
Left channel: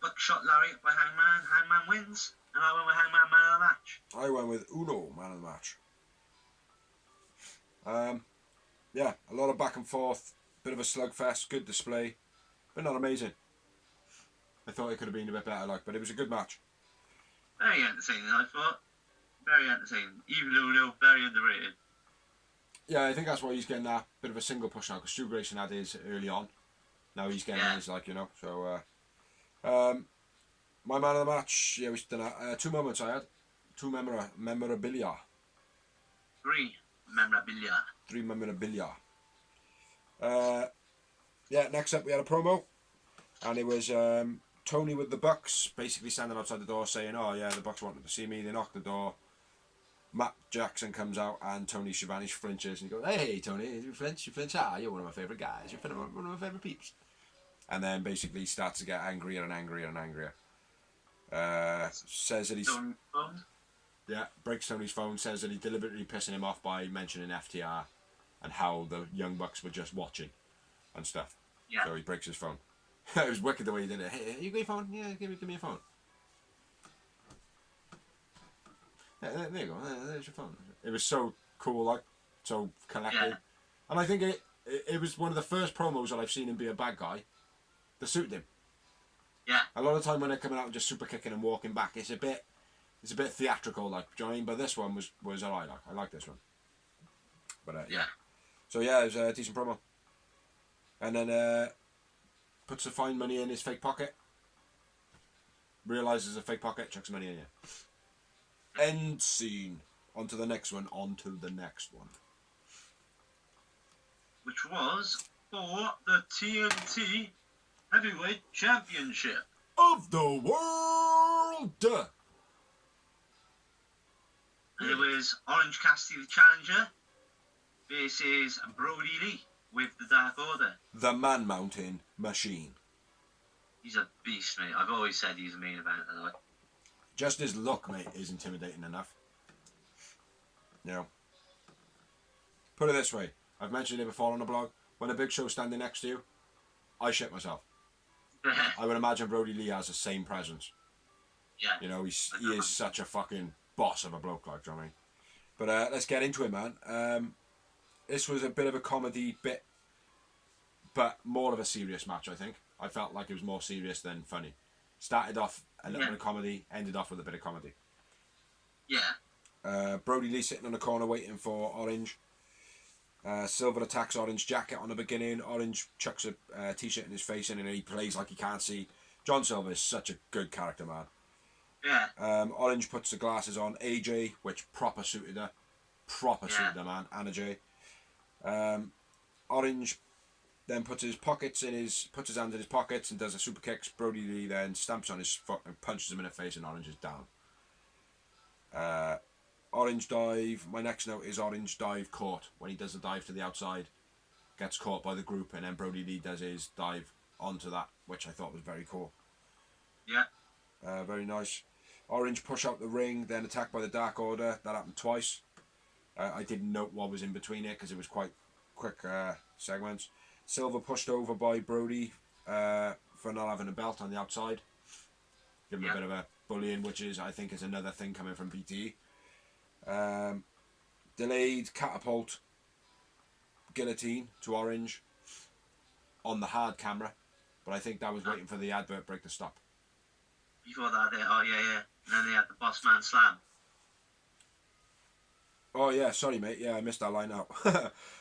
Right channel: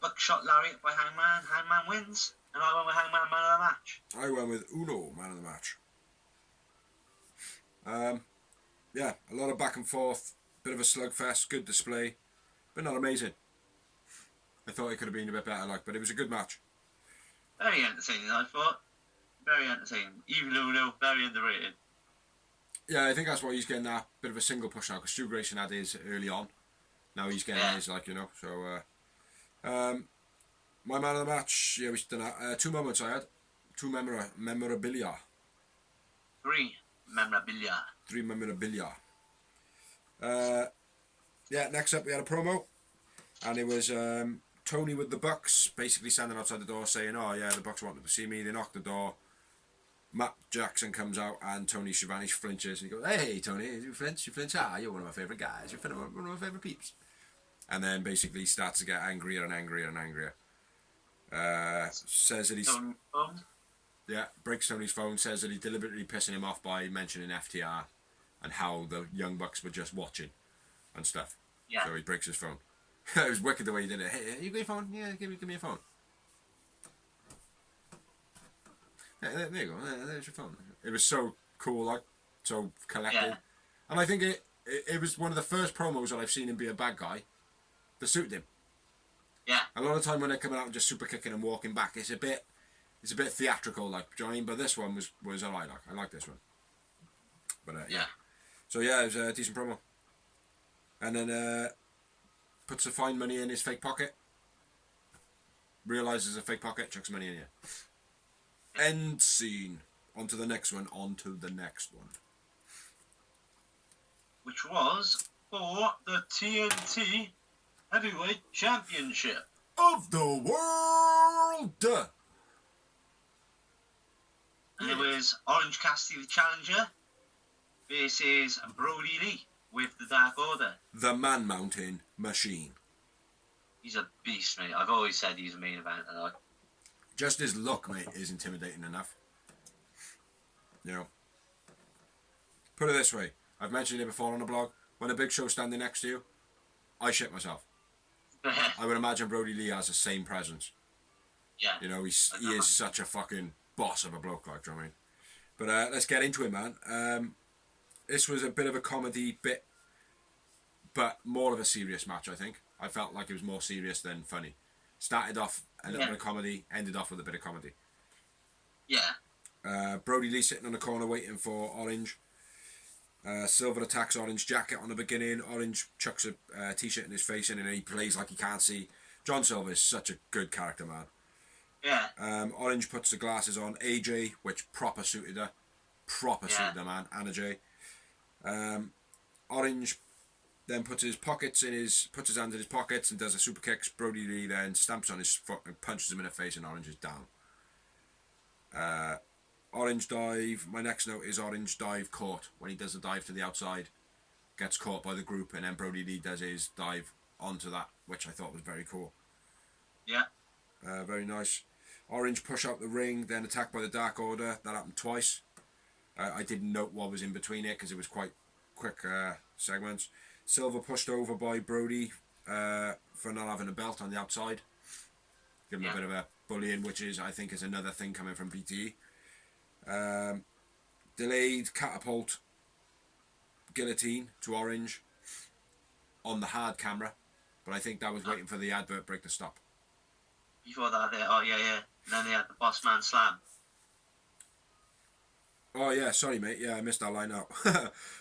Buckshot lariat by Hangman. Hangman wins. And I went with Hangman man of the match. I went with Uno man of the match. Yeah, a lot of back and forth, bit of a slugfest, good display, but not amazing. I thought it could have been a bit better, but it was a good match. Very entertaining, I thought. Very entertaining. Even Uno, very underrated. Yeah, I think that's why he's getting that bit of a single push now, because Stu Grayson had his early on. Now he's getting his, so... my man of the match, yeah, we done that. 2 moments I had. 2 memorabilia. 3 memorabilia. 3 memorabilia. Yeah, next up we had a promo. And it was Tony with the Bucks basically standing outside the door saying, oh yeah, the Bucks wanted to see me. They knocked the door. Matt Jackson comes out and Tony Schiavone flinches and he goes, hey Tony, you flinch? Ah, you're one of my favourite guys. You're one of my favourite peeps. And then basically starts to get angrier and angrier and angrier. Says that he's... Yeah, breaks Tony's phone, says that he's deliberately pissing him off by mentioning FTR and how the Young Bucks were just watching and stuff. Yeah. So he breaks his phone. It was wicked the way he did it. Hey, you got your phone? Yeah, give me a phone. Yeah, there you go. There's your phone. It was so cool, so collected. Yeah. And I think it was one of the first promos that I've seen him be a bad guy that suited him. Yeah. A lot of the time when they're coming out and just super kicking and walking back, it's a bit theatrical, do you know what I mean? But this one was alright, I like this one. But yeah. So yeah, it was a decent promo. And then puts the fine money in his fake pocket. Realises a fake pocket, chucks money in here. End scene. On to the next one. Which was for the TNT Heavyweight Championship of the world. And it was Orange Cassidy, the challenger, versus Brody Lee with the Dark Order. The Man Mountain Machine. He's a beast, mate. I've always said he's a main eventer. Just his look, mate, is intimidating enough. You know. Put it this way. I've mentioned it before on the blog. When a Big Show's standing next to you, I shit myself. I would imagine Brody Lee has the same presence. Yeah. You know, he is such a fucking boss of a bloke, do you know what I mean? But let's get into it, man. This was a bit of a comedy bit, but more of a serious match, I think. I felt like it was more serious than funny. Started off a little bit of comedy, ended off with a bit of comedy. Yeah. Brody Lee sitting on the corner waiting for Orange. Silver attacks Orange jacket on the beginning. Orange chucks a t-shirt in his face and he plays like he can't see. John Silver is such a good character, man. Yeah. Orange puts the glasses on. AJ, which proper suited her. Suited her, man. Anna J. Orange then puts his hands in his pockets and does a super kicks. Brody Lee then stamps on his foot and punches him in the face and Orange is down. Orange dive. My next note is Orange dive caught. When he does the dive to the outside, gets caught by the group, and then Brody Lee does his dive onto that, which I thought was very cool. Yeah. Very nice. Orange push out the ring, then attacked by the Dark Order. That happened twice. I didn't note what was in between it because it was quite quick segments. Silver pushed over by Brody for not having a belt on the outside. Give him a bit of a bullying, which I think is another thing coming from BTE. Delayed catapult guillotine to Orange on the hard camera, but I think that was waiting for the advert break to stop. Before that, and then they had the Boss Man Slam. Oh yeah, sorry mate, I missed that line out.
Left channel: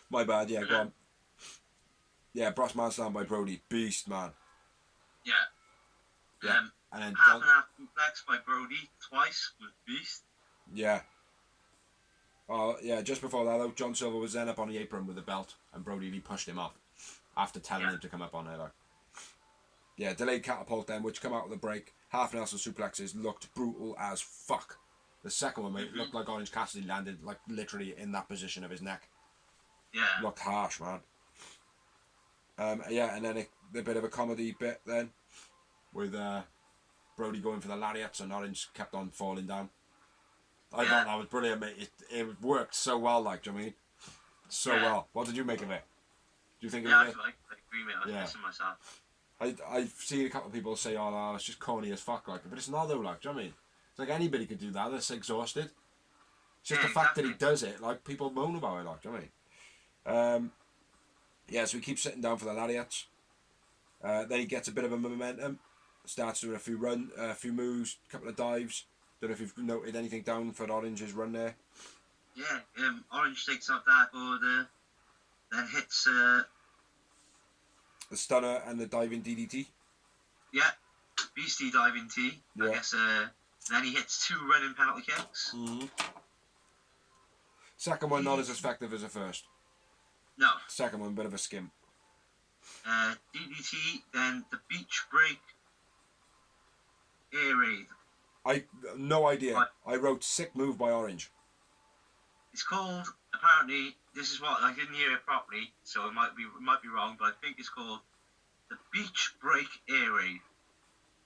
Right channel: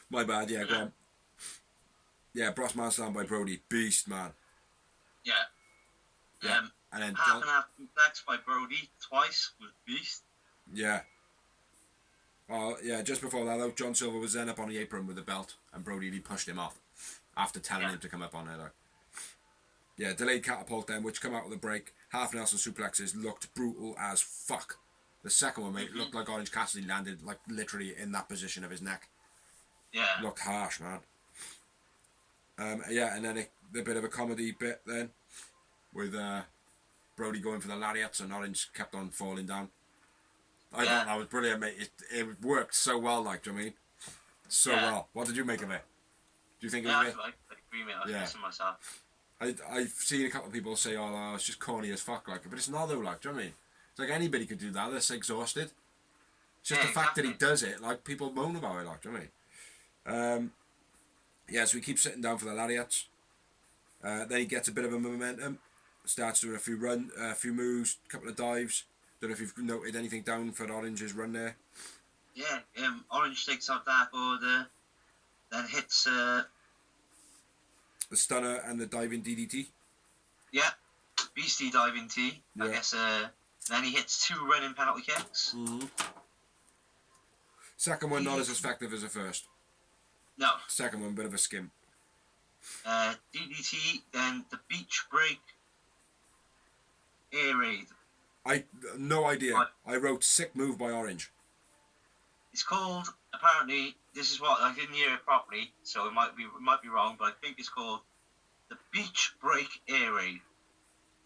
My bad, go on. Yeah, Boss Man Slam by Brody, beast man. Yeah. And then half and half complex by Brody twice with beast. Yeah. Oh yeah, just before that though, John Silver was then up on the apron with the belt and Brody Lee pushed him off after telling him to come up on there. Yeah, delayed catapult then, which come out with a break. Half Nelson suplexes looked brutal as fuck. The second one, mate, looked like Orange Cassidy landed like literally in that position of his neck. Yeah. Looked harsh, man. And then a bit of a comedy bit then with Brody going for the lariats and Orange kept on falling down. I thought that was brilliant, mate. It worked so well, like, do you know what I mean? So well. What did you make of it? Do you think it was I good? agree, mate. I was pissing myself. I've seen a couple of people say, oh, no, it's just corny as fuck, like, but it's not though, like, do you know what I mean? It's like anybody could do that, they're just exhausted. It's just the fact that he does it, like, people moan about it, like, do you know what I mean? So he keeps sitting down for the lariats. Then he gets a bit of a momentum, starts doing a few moves, a couple of dives. Don't know if you've noted anything down for Orange's run there. Yeah, Orange takes out Dark Order, then hits the stunner and the diving DDT. Yeah, beastie diving T. Yeah. I guess. Then he hits 2 running penalty kicks. Mm-hmm. Second one not as effective as the first. No. Second one, bit of a skim. DDT, then the beach break air raid. No idea. Right. I wrote sick move by Orange. It's called, apparently, this is what I didn't hear it properly, so it might be wrong, but I think it's called the beach break air raid.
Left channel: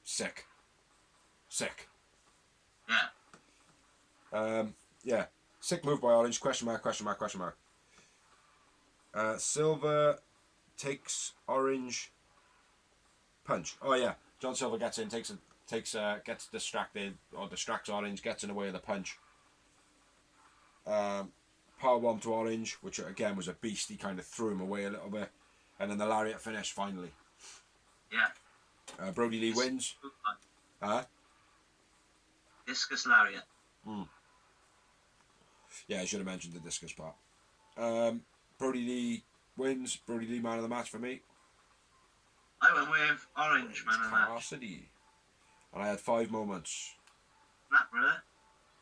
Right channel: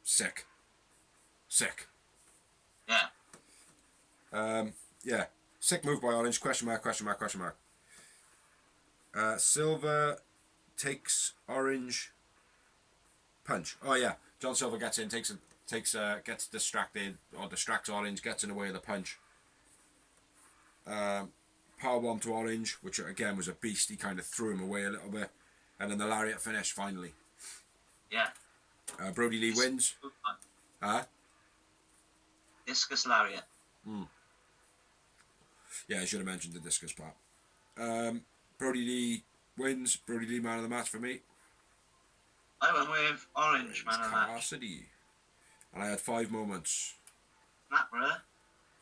Sick. Yeah. Yeah. Sick move by Orange. Question mark. Silver takes Orange. Punch. Oh yeah. John Silver gets in, gets distracted or distracts Orange, gets in the way of the punch. Powerbomb to Orange, which again was a beast. He kind of threw him away a little bit, and then the lariat finish finally. Yeah. Brody Lee wins. Discus lariat. Yeah, I should have mentioned the discus part. Brody Lee wins. Brody Lee man of the match for me. I went with Orange man of the match. Cassidy. And I had 5 moments. Matt, brother.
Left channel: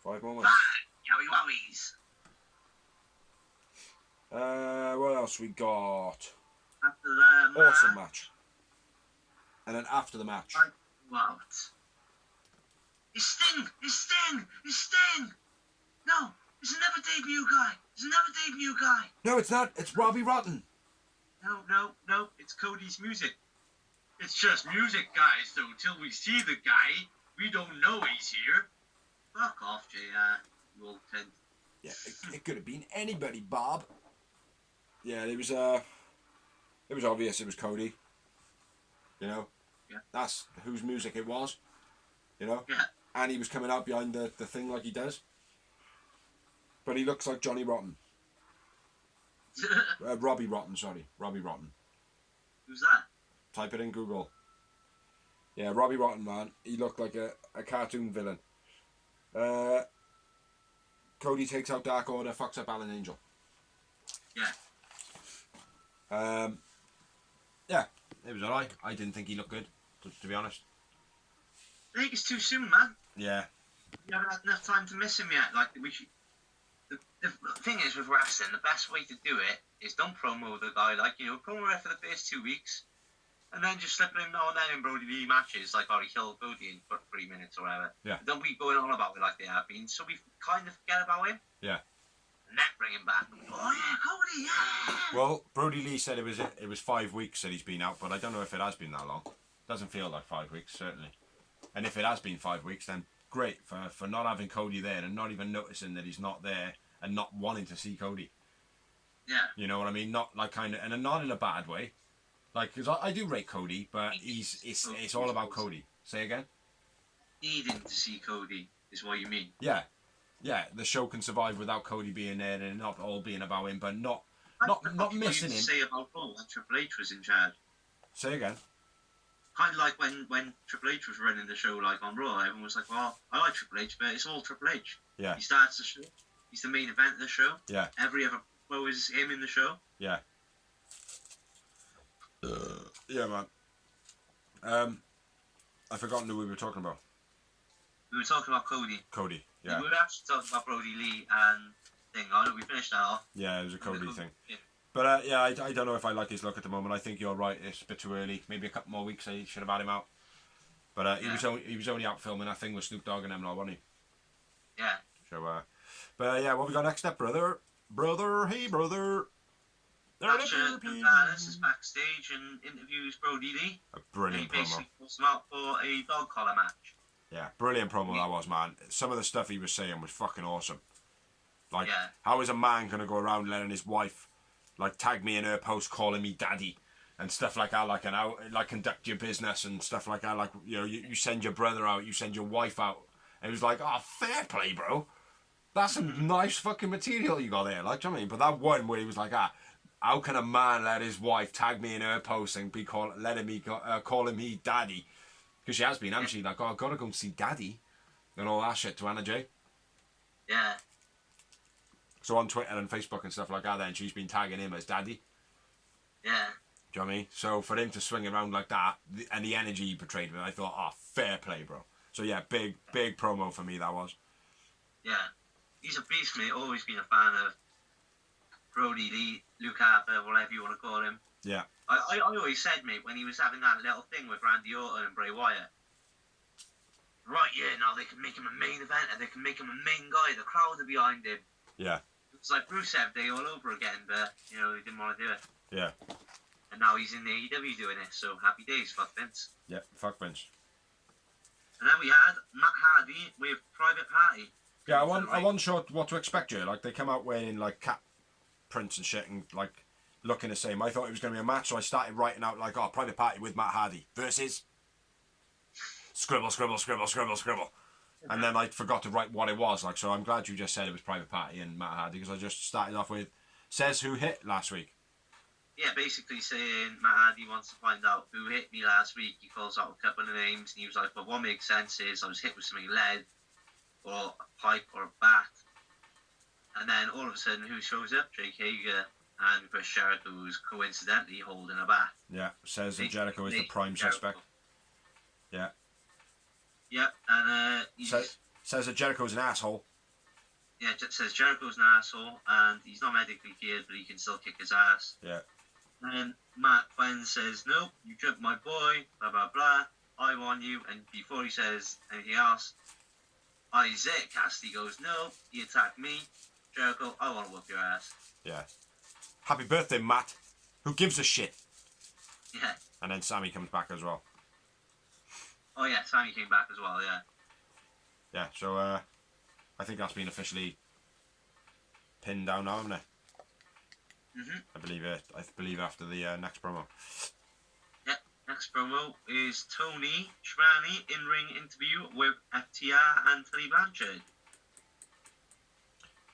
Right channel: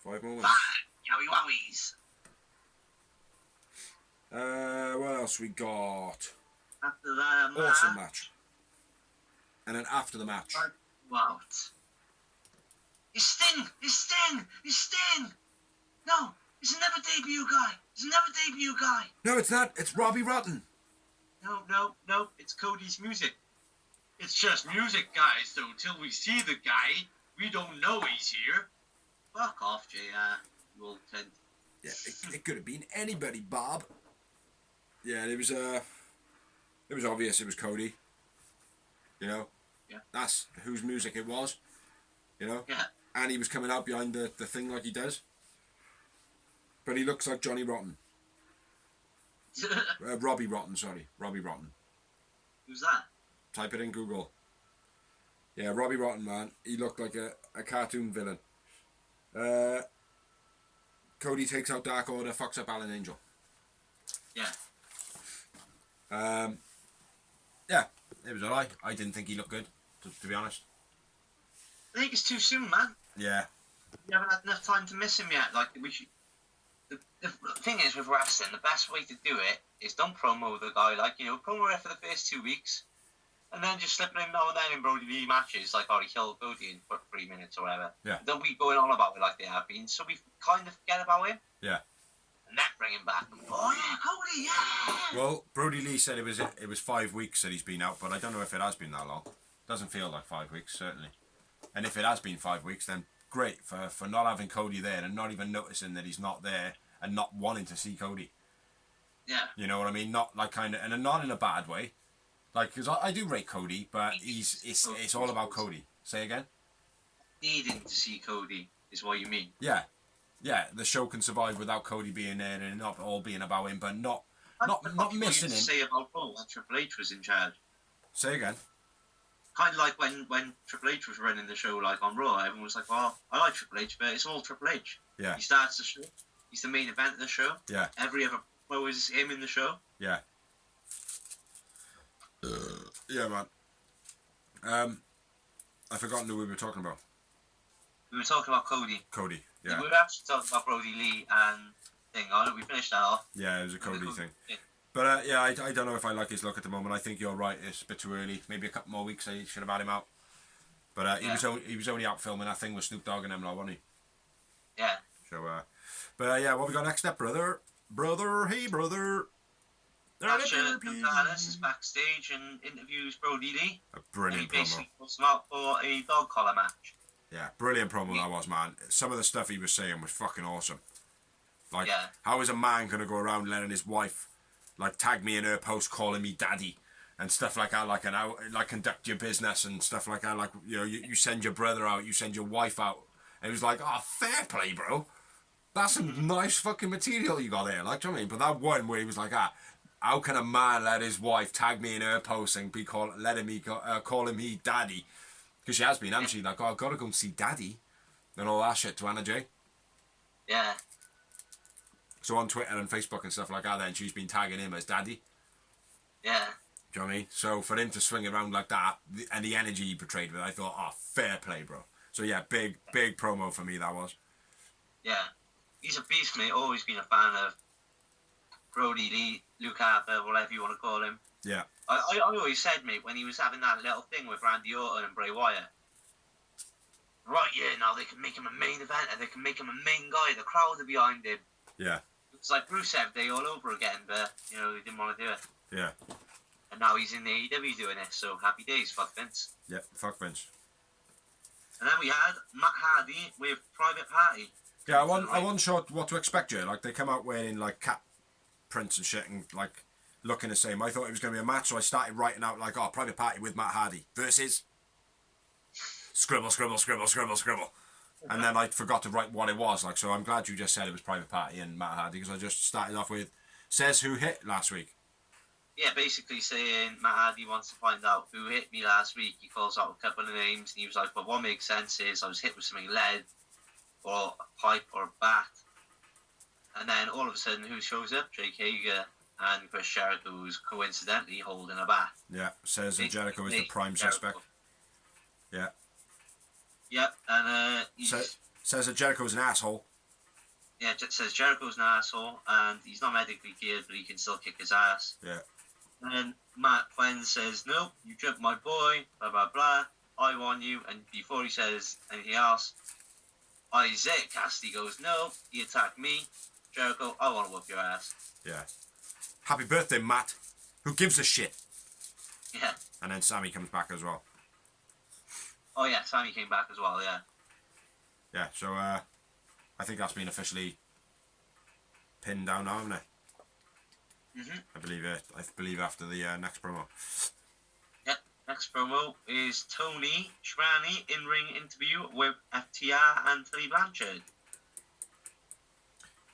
5 moments. Yowie wowies. What else we got? After the match. Awesome match. And then after the match. What? It's Sting! No! It's another debut guy! No, it's not. It's Robbie Rotten. No. It's Cody's music. It's just music, guys, so until we see the guy, we don't know he's here. Fuck off, JR. You old cunt. Yeah, it could have been anybody, Bob. Yeah, it was obvious it was Cody. You know? Yeah. That's whose music it was. You know? Yeah. And he was coming out behind the thing like he does. But he looks like Johnny Rotten. Robbie Rotten, sorry. Robbie Rotten. Who's that? Type it in Google. Yeah, Robbie Rotten, man. He looked like a cartoon villain. Cody takes out Dark Order, fucks up Alan Angel. Yeah. Yeah, it was alright. I didn't think he looked good, to be honest. I think it's too soon, man. Yeah. We haven't had enough time to miss him yet. Like, we should... The thing is with wrestling, the best way to do it is don't promo the guy, like, you know, promo it for the first 2 weeks, and then just slip him now and then in Brody Lee matches, like, oh, he killed Cody in for 3 minutes or whatever. Yeah. Don't be going on about it like they have been, so we kind of forget about him. Yeah. And then bring him back. Oh yeah, Cody, yeah! Well, Brody Lee said it was 5 weeks that he's been out, but I don't know if it has been that long. Doesn't feel like 5 weeks, certainly. And if it has been 5 weeks, then great for not having Cody there and not even noticing that he's not there and not wanting to see Cody. Yeah. You know what I mean? Not like kind of, and not in a bad way. Like, because I do rate Cody, but it's all about Cody. Say again? Needing to see Cody is what you mean. Yeah. Yeah, the show can survive without Cody being there and not all being about him, but not missing him. Say about Raw when Triple H was in charge. Say again? Kind of like when Triple H was running the show, like on Raw, everyone was like, "Oh, I like Triple H, but it's all Triple H." Yeah. He starts the show. He's the main event of the show. Yeah. Every other promo is him in the show. Yeah. Yeah, man. I've forgotten who we were talking about. We were talking about Cody. Cody, yeah. We were actually talking about Brody Lee and thing. I know we finished that off. Yeah, it was a Cody thing. Yeah. But yeah, I don't know if I like his look at the moment. I think you're right. It's a bit too early. Maybe a couple more weeks. I should have had him out. But he was only out filming that thing with Snoop Dogg and them, wasn't he? Yeah. So but yeah, what we got next up, brother? Hey, brother. Dallas is backstage and interviews Brody Lee. A brilliant and he promo. basically puts him out for a dog collar match. Yeah, brilliant promo that was, man. Some of the stuff he was saying was fucking awesome. Like, how is a man going to go around letting his wife, like, tag me in her post calling me daddy and stuff like that, like, conduct your business and stuff like that, like, you know, you send your brother out, you send your wife out. And it was like, oh, fair play, bro. That's some nice fucking material you got there, like, do you know what I mean? But that one where he was like, how can a man let his wife tag me in her post and be calling me daddy? Because she has been, hasn't she? Like, oh, I've got to go and see daddy and all that shit to Anna J. Yeah. So on Twitter and Facebook and stuff like that, then she's been tagging him as daddy. Yeah. Do you know what I mean? So for him to swing around like that and the energy he portrayed with it, I thought, oh, fair play, bro. So yeah, big promo for me, that was. Yeah. He's a beast, mate. Always been a fan of Brody Lee, Luke Harper, whatever you want to call him. Yeah. I always said, mate, when he was having that little thing with Randy Orton and Bray Wyatt, right, yeah, now they can make him a main event and they can make him a main guy. The crowd are behind him. Yeah. It's like Rusev Day all over again, but, you know, they didn't want to do it. Yeah. And now he's in the AEW doing it, so happy days, fuck Vince. Yeah, fuck Vince. And then we had Matt Hardy with Private Party. Yeah, I wasn't sure what to expect, Jay. Like, they come out wearing, like, cat prints and shit and, like, looking the same. I thought it was going to be a match, so I started writing out, like, oh, Private Party with Matt Hardy versus scribble. And then I forgot to write what it was, like, so I'm glad you just said it was Private Party and Matt Hardy, because I just started off with, says who hit last week. Yeah, basically saying Matt Hardy wants to find out who hit me last week. He calls out a couple of names, and he was like, well, what makes sense is I was hit with something lead, or a pipe, or a bat. And then all of a sudden, who shows up? Jake Hager and Chris Jericho, who's coincidentally holding a bat. Yeah, says that Jericho is the prime suspect. Yeah. Yep, and says that Jericho's an asshole. Yeah, says Jericho's an asshole, and he's not medically cleared, but he can still kick his ass. Yeah. And then Matt Quinn says, nope, you jumped my boy, blah, blah, blah. I want you. And before he says anything else, Isaiah Cassidy goes, no, he attacked me. Jericho, I want to whoop your ass. Yeah. Happy birthday, Matt. Who gives a shit? Yeah. And then Sammy comes back as well. Oh, yeah, Sammy came back as well, yeah. Yeah, so I think that's been officially pinned down now, hasn't it? Mm-hmm. I believe after the next promo. Yeah, next promo is Tony Schiavone in-ring interview with FTR and Tully Blanchard.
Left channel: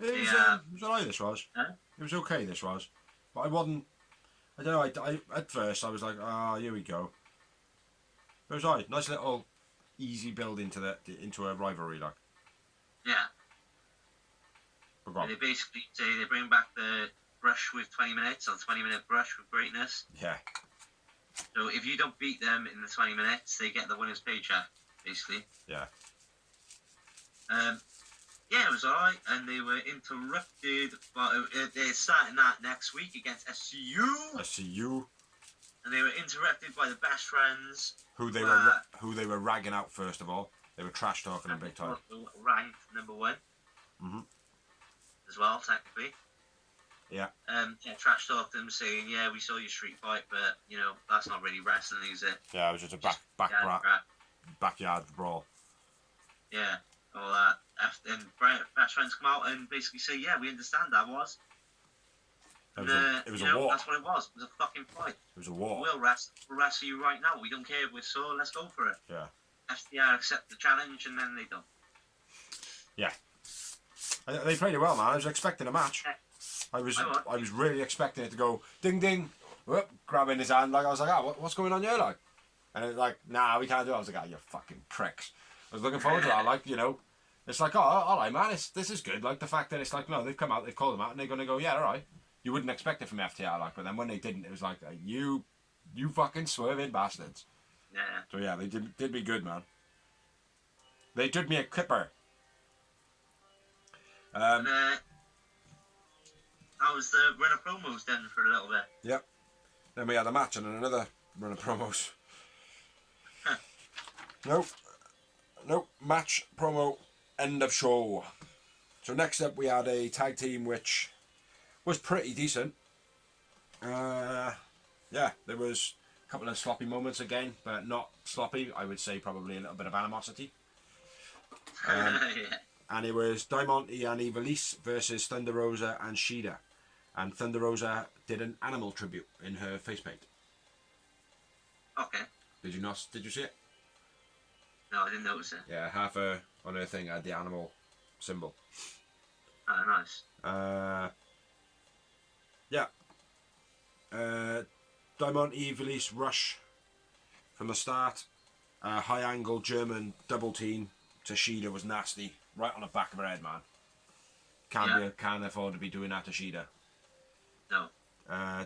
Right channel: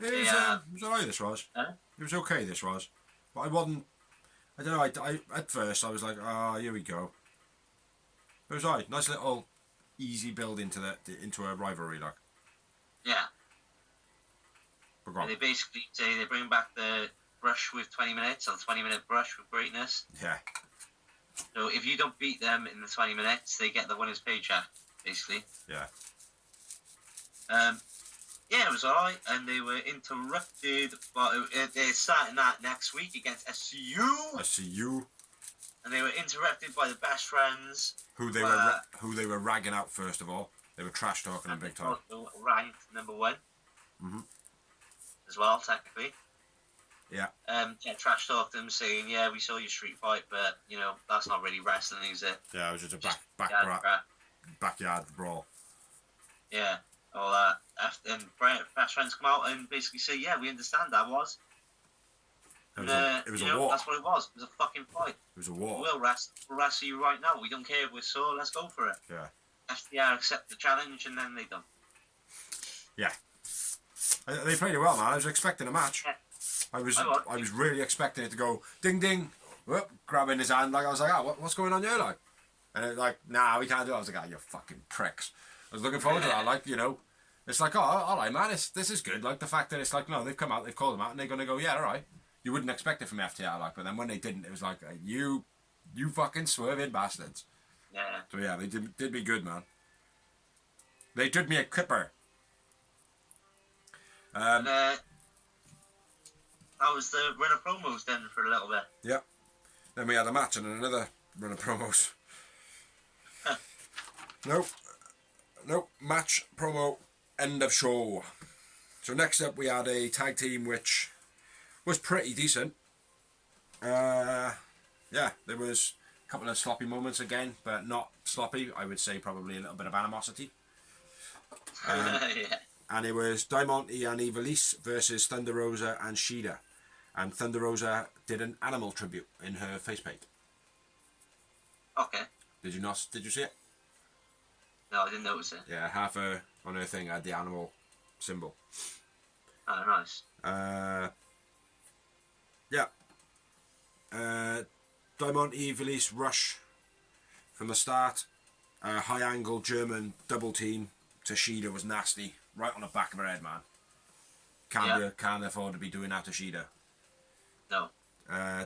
It was alright, this was. Huh? It was okay, this was. But I don't know, I at first I was like, here we go. It was alright, nice little easy build into a rivalry, like. Yeah. And they basically say they bring back the brush with 20 minutes, or the 20-minute brush with greatness. Yeah. So if you don't beat them in the 20 minutes, they get the winner's paycheck, basically. Yeah. Yeah, it was alright, and they were interrupted, but they're starting that next week against SCU. SCU. And they were interrupted by the best friends. Who they were ragging out first of all. They were trash talking them big time. Ranked number 1. Mm-hmm. As well, technically. Yeah. Trash talked them, saying, "Yeah, we saw your street fight, but you know that's not really wrestling, is it?" Yeah, it was just a backyard brawl. Yeah, all that. And best friends come out and basically say, "Yeah, we understand that was." It was a war. That's what it was. It was a fucking fight. It was a war. We'll wrestle you right now. We don't care if we're sore. Let's go for it. Yeah. FTR accept the challenge, and then they don't. Yeah. They played it well, man. I was expecting a match. Yeah. I was really expecting it to go ding ding, whoop, grabbing his hand. Like I was like, what's going on here, like? And it was like, nah, we can't do it. I was like, you fucking pricks. I was looking forward to that. Like, you know, it's like, oh, all right, man. This is good. Like the fact that it's like, no, they've come out, they've called them out, and they're gonna go, yeah, all right. You wouldn't expect it from FTR, like, but then when they didn't, it was like, you fucking swerving bastards. Yeah. So yeah, they did me good, man. They did me a clipper. That was the run of promos then for a little bit. Yeah. Then we had a match and then another run of promos. Nope. Match, promo, end of show. So next up we had a tag team which was pretty decent. Yeah, there was a couple of sloppy moments again, but not sloppy. I would say probably a little bit of animosity. Yeah. And it was Diamante and Ivelisse versus Thunder Rosa and Shida. And Thunder Rosa did an animal tribute in her face paint. Okay. Did you see it? No, I didn't notice it. Yeah, half her on her thing had the animal symbol. Oh, nice. Yeah. Diamante Ivelisse rush from the start. High angle German double team to Shida was nasty. Right on the back of her head, man. Can't afford to be doing that to Shida. No.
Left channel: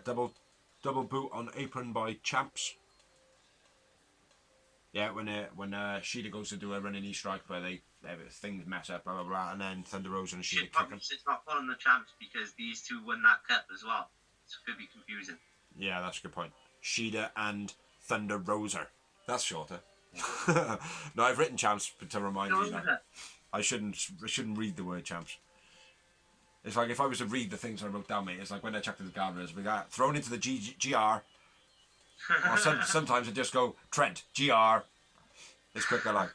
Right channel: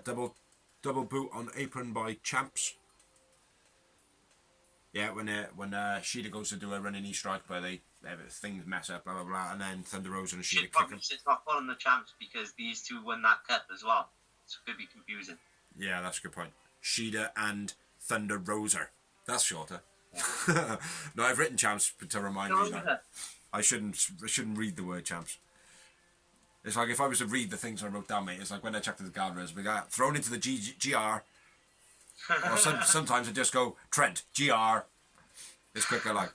Double boot on apron by Champs. Yeah, when Shida goes to do a running knee strike, but things mess up, blah blah blah, and then Thunder Rosa and Shida kick him. It's not calling the Champs because these two won that cup as well, so it could be confusing. Yeah, that's a good point. Shida and Thunder Rosa. That's shorter. No, I've written Champs to remind me that I shouldn't read the word Champs. It's like if I was to read the things I wrote down, mate. It's like when I checked the guardrails, we got thrown into the GR, or sometimes I just go Trent GR. It's quicker, like.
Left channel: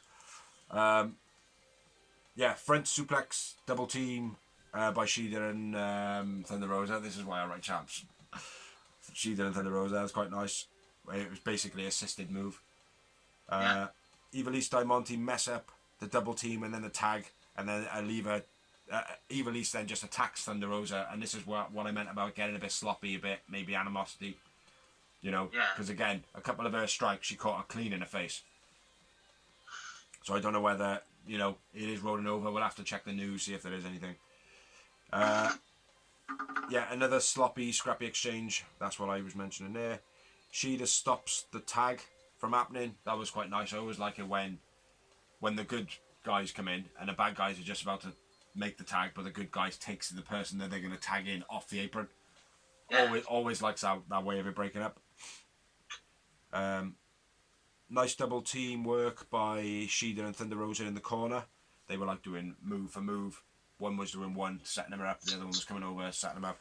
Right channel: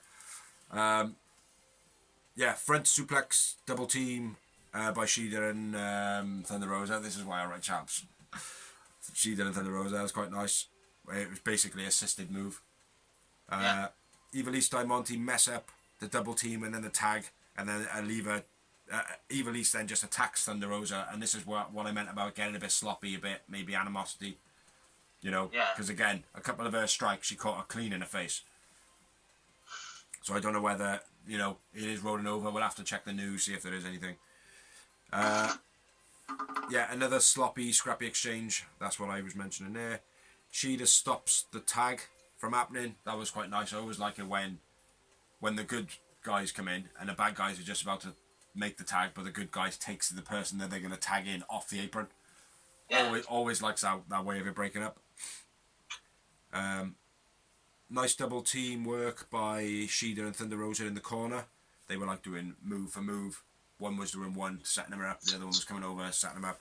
Yeah, front suplex double team by Shida and Thunder Rosa. This is why I write Champs. Shida and Thunder Rosa. That was quite nice. It was basically an assisted move. Ivelisse Diamante mess up the double team and then the tag, and then Ivelisse then just attacks Thunder Rosa, and this is what I meant about getting a bit sloppy, a bit maybe animosity, you know, because again, a couple of her strikes she caught her clean in the face. So I don't know whether, you know, it is rolling over. We'll have to check the news, see if there is anything. Yeah, another sloppy, scrappy exchange. That's what I was mentioning there. Shida stops the tag from happening. That was quite nice. I always like it when the good guys come in and the bad guys are just about to make the tag, but the good guys takes the person that they're going to tag in off the apron. Always likes that way of it breaking up. Nice double team work by Shida and Thunder Rosa in the corner. They were like doing move for move. One was doing one, setting them up. The other one was coming over, setting them up.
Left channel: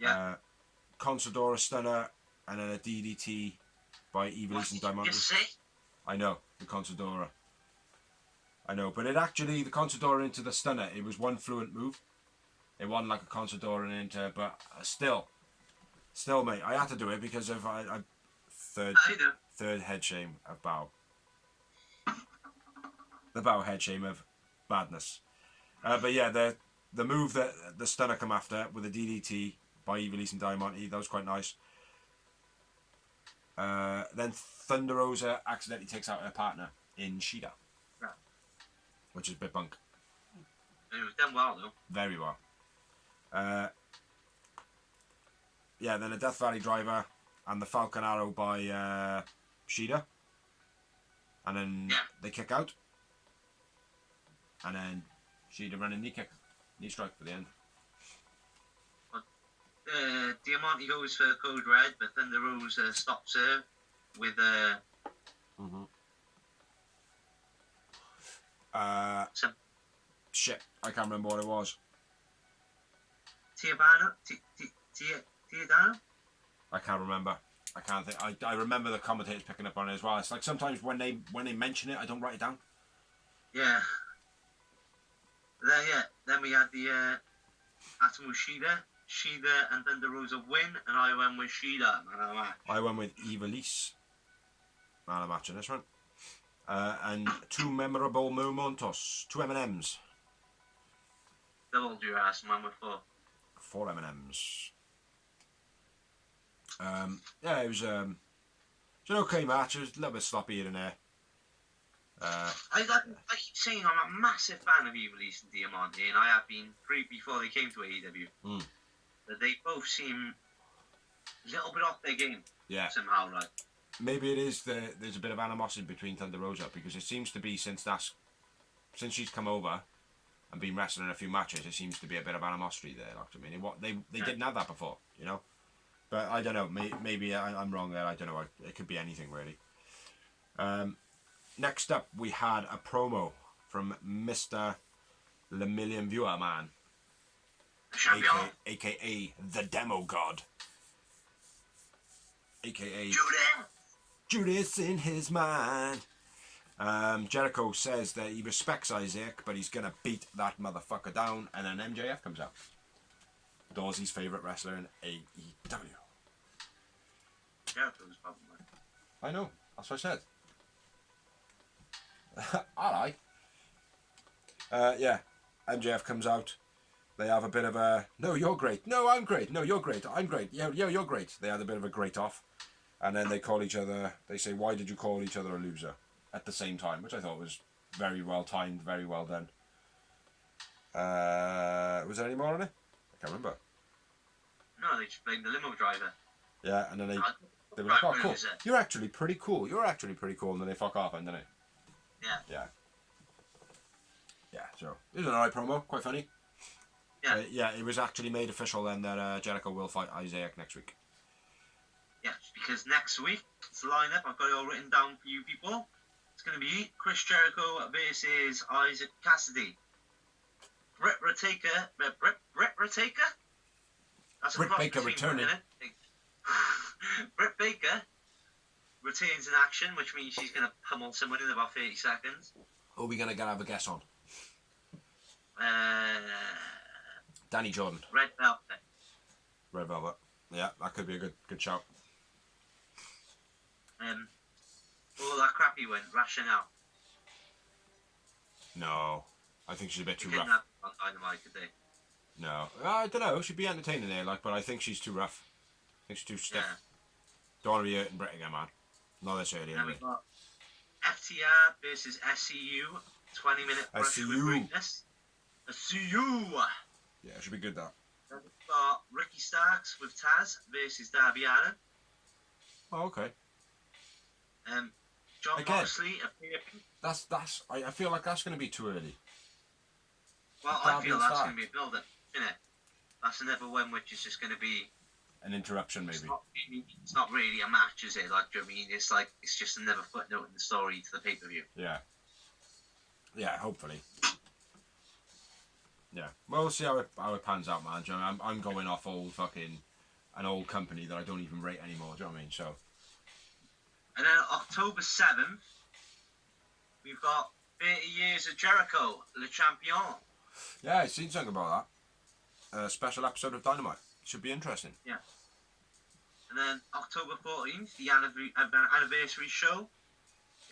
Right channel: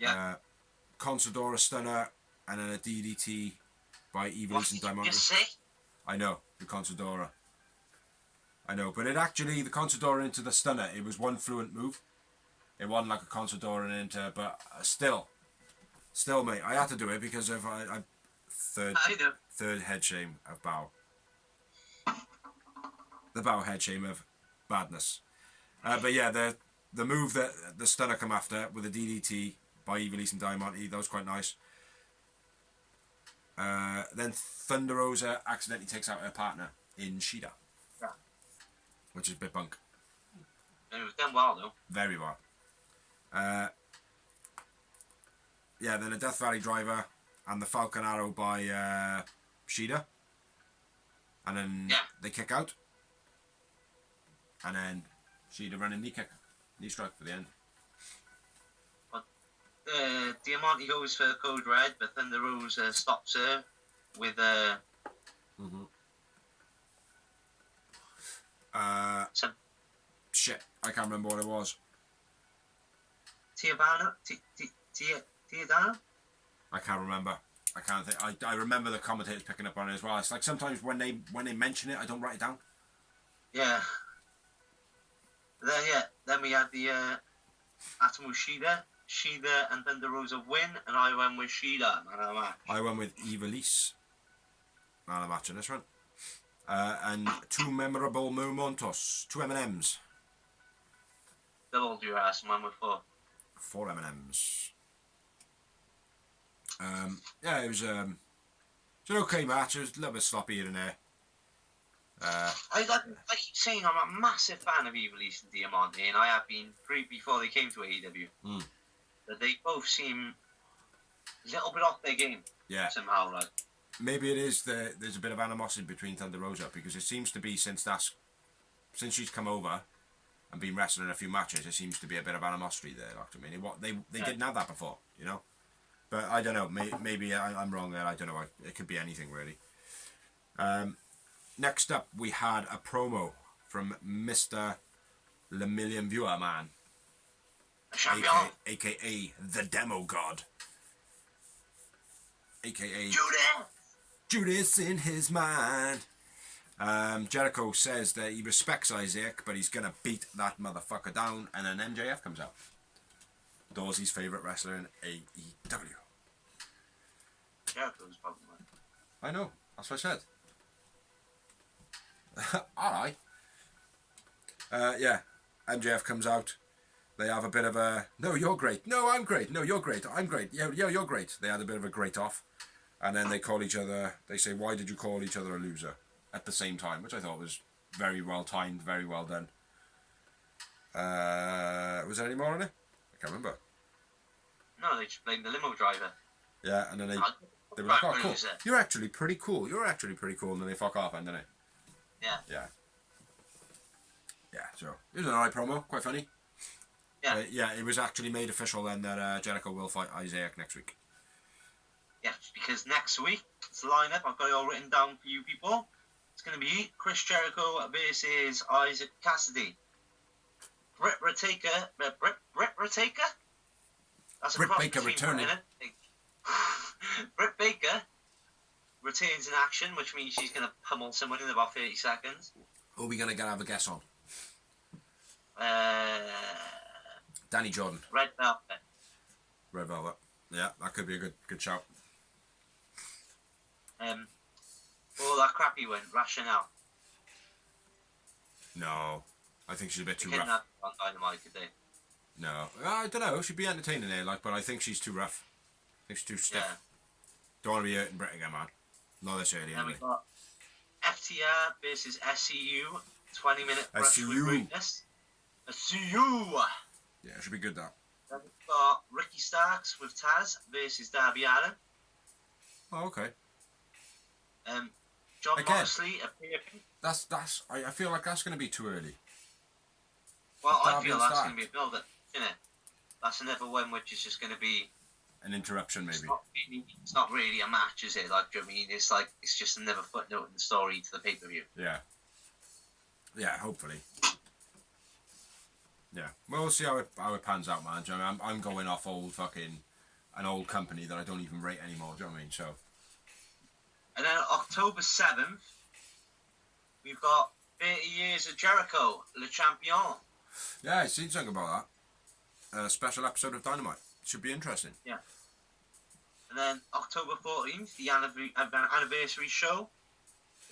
Yeah. Consadora stunner and then a DDT by Ivelisse and Diamante. I know, the Consadora. I know, but the Consadora into the stunner, it was one fluent move. It wasn't like a Consadora into, but still, mate, I had to do it because of third head shame of Bow. The Bow head shame of badness. But yeah, the move that the stunner come after with a DDT by Ivelisse and Diamante, that was quite nice. Then Thunder Rosa accidentally takes out her partner in Shida. Yeah. Which is a bit bunk. And it was done well, though. Very well. Yeah, then a Death Valley driver and the Falcon Arrow by Shida. And then they kick out. And then Shida running knee strike for the end. Diamante goes for Code Red, but Thunder Rosa stops her with shit, I can't remember what it was. Tiadano? I can't remember. I can't think. I remember the commentators picking up on it as well. It's like sometimes when they mention it, I don't write it down. Yeah. Then we had the Atomu Shida and Thunder Rosa win, and I went with Shida, man of the match. I went with Ivelisse, man of the match in this one. And two memorable momentos, two M&Ms. Double your ass, man, with 4 M&Ms. Yeah, it was an okay match. It was a little bit sloppy here and there. I keep saying I'm a massive fan of Ivelisse and Diamante, and I have been before they came to AEW. But they both seem a little bit off their game. Yeah. Somehow, right? Maybe it is there's a bit of animosity between Thunder Rosa, because it seems to be since she's come over and been wrestling a few matches, it seems to be a bit of animosity there. Like, I mean, they didn't have that before, you know. But I don't know. Maybe I'm wrong there. I don't know. It could be anything really. Next up, we had a promo from Mr. Le Million Viewer Man, aka the Demo God, aka Judas in his mind. Jericho says that he respects Isaac, but he's gonna beat that motherfucker down, and then MJF comes out. Dawsey's favourite wrestler in AEW. Jericho's probably mine. I know, that's what I said. Alright. Yeah, MJF comes out. They have a bit of a, no, you're great. No, I'm great. No, you're great. I'm great. Yeah, you're great. They had a bit of a great off. And then they call each other, they say, why did you call each other a loser? At the same time, which I thought was very well timed, very well done. Was there any more on it? I can't remember. No, they just blamed the limo driver. Yeah, and then they were like, oh, cool. You're actually pretty cool. You're actually pretty cool. And then they fuck off, and then it. Yeah. Yeah. Yeah, so it was an alright promo, quite funny. Yeah. Yeah, it was actually made official then that Jericho will fight Isaac next week. Yeah, because next week, it's the lineup. I've got it all written down for you people. It's going to be Chris Jericho versus Isaac Cassidy. Britt Baker? That's a Britt cross Baker between returning. Britt Baker retains in action, which means she's going to pummel someone in about 30 seconds. Who are we going to have a guess on? Danny Jordan. Red Velvet. Red Velvet. Yeah, that could be a good shout. All that crappy went, Rationale. No, I think she's a bit too Didn't rough. have on Dynamite, did they? No, I don't know. She'd be entertaining there, but I think she's too rough. I think she's too stiff. Yeah. Don't want to be hurting Britt again, man. Not this early, Then anyway. we've got FTR versus SCU. 20-minute brush with greatness. SCU. Yeah, it should be good, that. Then we've got Ricky Starks with Taz versus Darby Allin. Oh, okay. John Again. Moxley appearing. That's. I feel like that's going to be too early. Well, I Darby feel and that's Stark. going to be a build-up, isn't it? That's another one which is just going to be. An interruption, maybe. It's not really a match, is it? Like, do you know what I mean? It's like it's just another footnote in the story to the pay-per-view. Yeah. Yeah, hopefully. Yeah. Well, we'll see how it pans out, man. Do you know what I mean? I'm going off an old company that I don't even rate anymore. Do you know what I mean? So. And then October 7th, we've got 30 Years of Jericho, Le Champion. Yeah, I seen something about that. A special episode of Dynamite. Should be interesting. Yeah. And then October 14th, the anniversary show.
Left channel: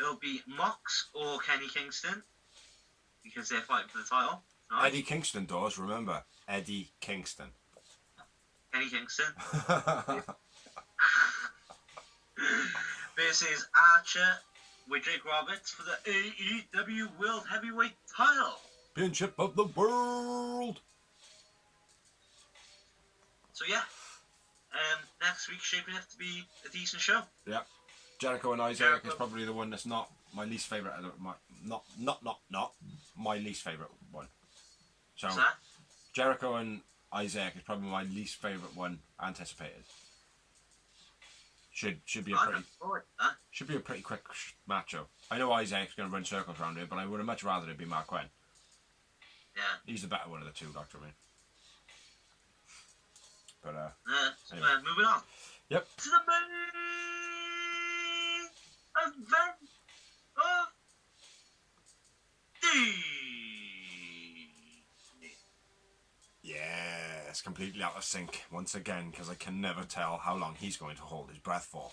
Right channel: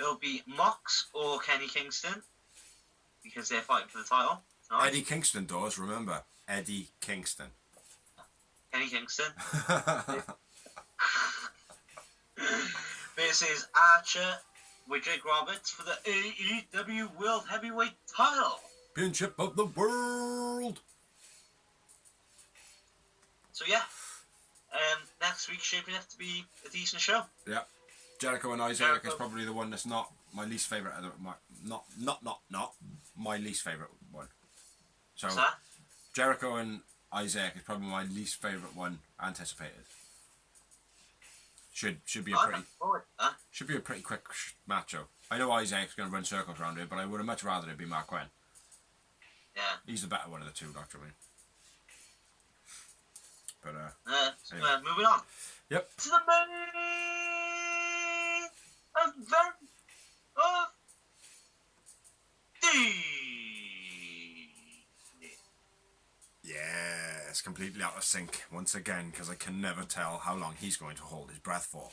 It'll be Mox or Kenny Kingston, because they're fighting for the title. Right? Eddie Kingston does, remember. Eddie Kingston. Kenny Kingston. Versus Archer with Jake Roberts for the AEW World Heavyweight title. Championship of the world. So yeah, next week shaping up to be a decent show. Yeah. Jericho and Isaac is probably the one that's not my least favourite. Not my least favourite one. So What's that? Jericho and Isaac is probably my least favourite one anticipated. Should be a pretty quick match though. I know Isaac's going to run circles around it, but I would have much rather it be Mark Quinn. Yeah. He's the better one of the two, Dr. Wayne. But anyway. Moving on. Yep. To the main event of the. Yeah, it's completely out of sync once again because I can never tell how long he's going to hold his breath for.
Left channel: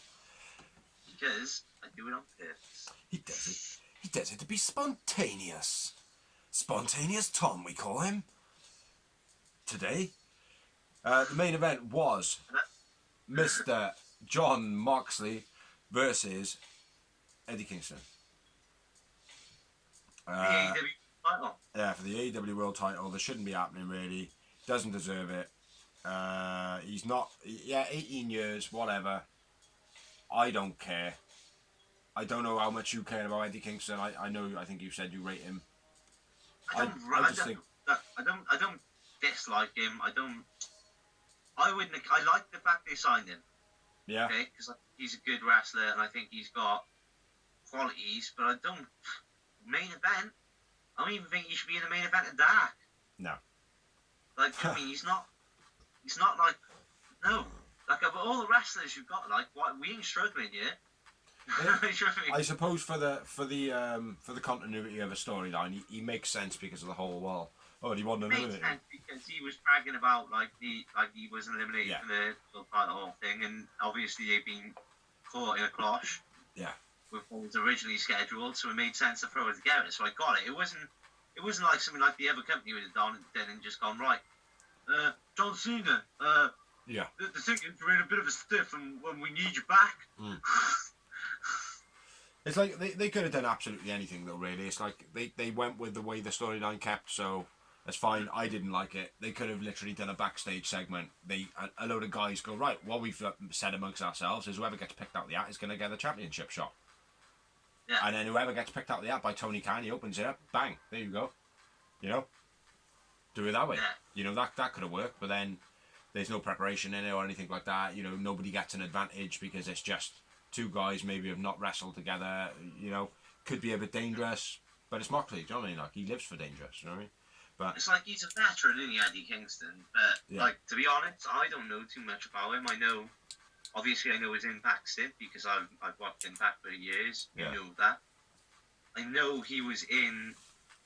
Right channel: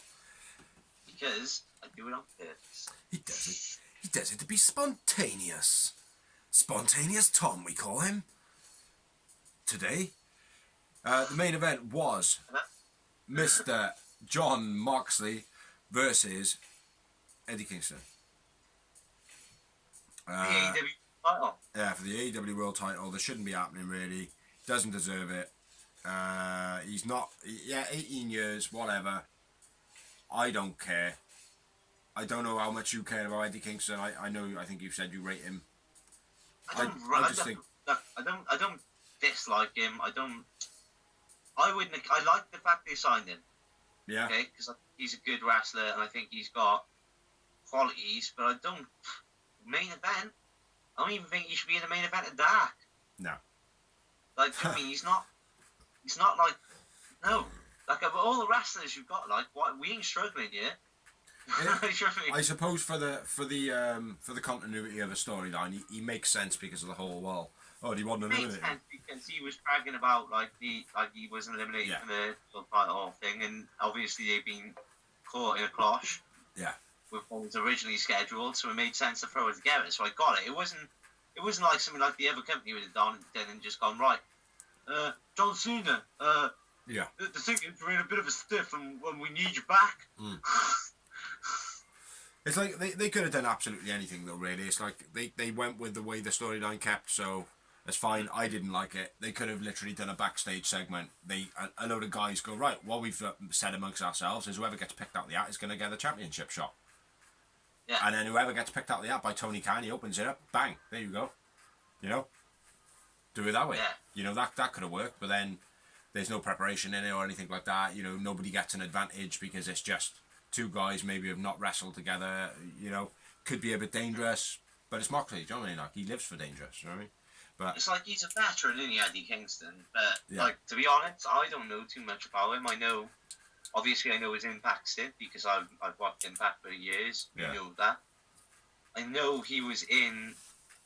Because I do it on purpose. He does it. He does it to be spontaneous. Spontaneous Tom, we call him. Today, the main event was Mr. John Moxley versus Eddie Kingston. The AEW title. Yeah, for the AEW World title. This shouldn't be happening, really. Doesn't deserve it. He's not... Yeah, 18 years, whatever. I don't care. I don't know how much you care about Eddie Kingston. I know, I think you said you rate him. I don't dislike him. I like the fact they signed him. Yeah. Okay, because he's a good wrestler and I think he's got qualities, but I don't. Main event? I don't even think he should be in the main event of Dark. No. Like, to me, he's not like, no. Like, of all the wrestlers you've got, like, what, we ain't struggling yet. I suppose for the continuity of a storyline, he makes sense because of the whole wall. Oh, do you want an eliminated? Makes sense because he was bragging about like he was eliminated for the whole thing, and obviously they've been caught in a clash. Yeah. With what was originally scheduled, so it made sense to throw it together. So I got it. It wasn't like something like the other company would have done and just gone right. John Cena. Yeah. The tickets are in a bit of a stiff, and when we need you back. It's like they could have done absolutely anything though. Really, it's like they went with the way the storyline kept, so that's fine. I didn't like it. They could have literally done a backstage segment. A load of guys go, right, what we've said amongst ourselves is whoever gets picked out the hat is going to get the championship shot. Yeah. And then whoever gets picked out the hat by Tony Khan, he opens it up, bang, there you go. You know, do it that way. Yeah. You know, that could have worked, but then there's no preparation in it or anything like that. You know, nobody gets an advantage because it's just two guys maybe have not wrestled together. You know, could be a bit dangerous, but it's Moxley. Do you know what I mean? Like, he lives for dangerous. You know what I mean? But it's like he's a veteran, isn't he, Eddie Kingston? But like, to be honest, I don't know too much about him. I know, obviously, I know his Impact stint because I've watched Impact for years. Yeah. I know that. I know he was in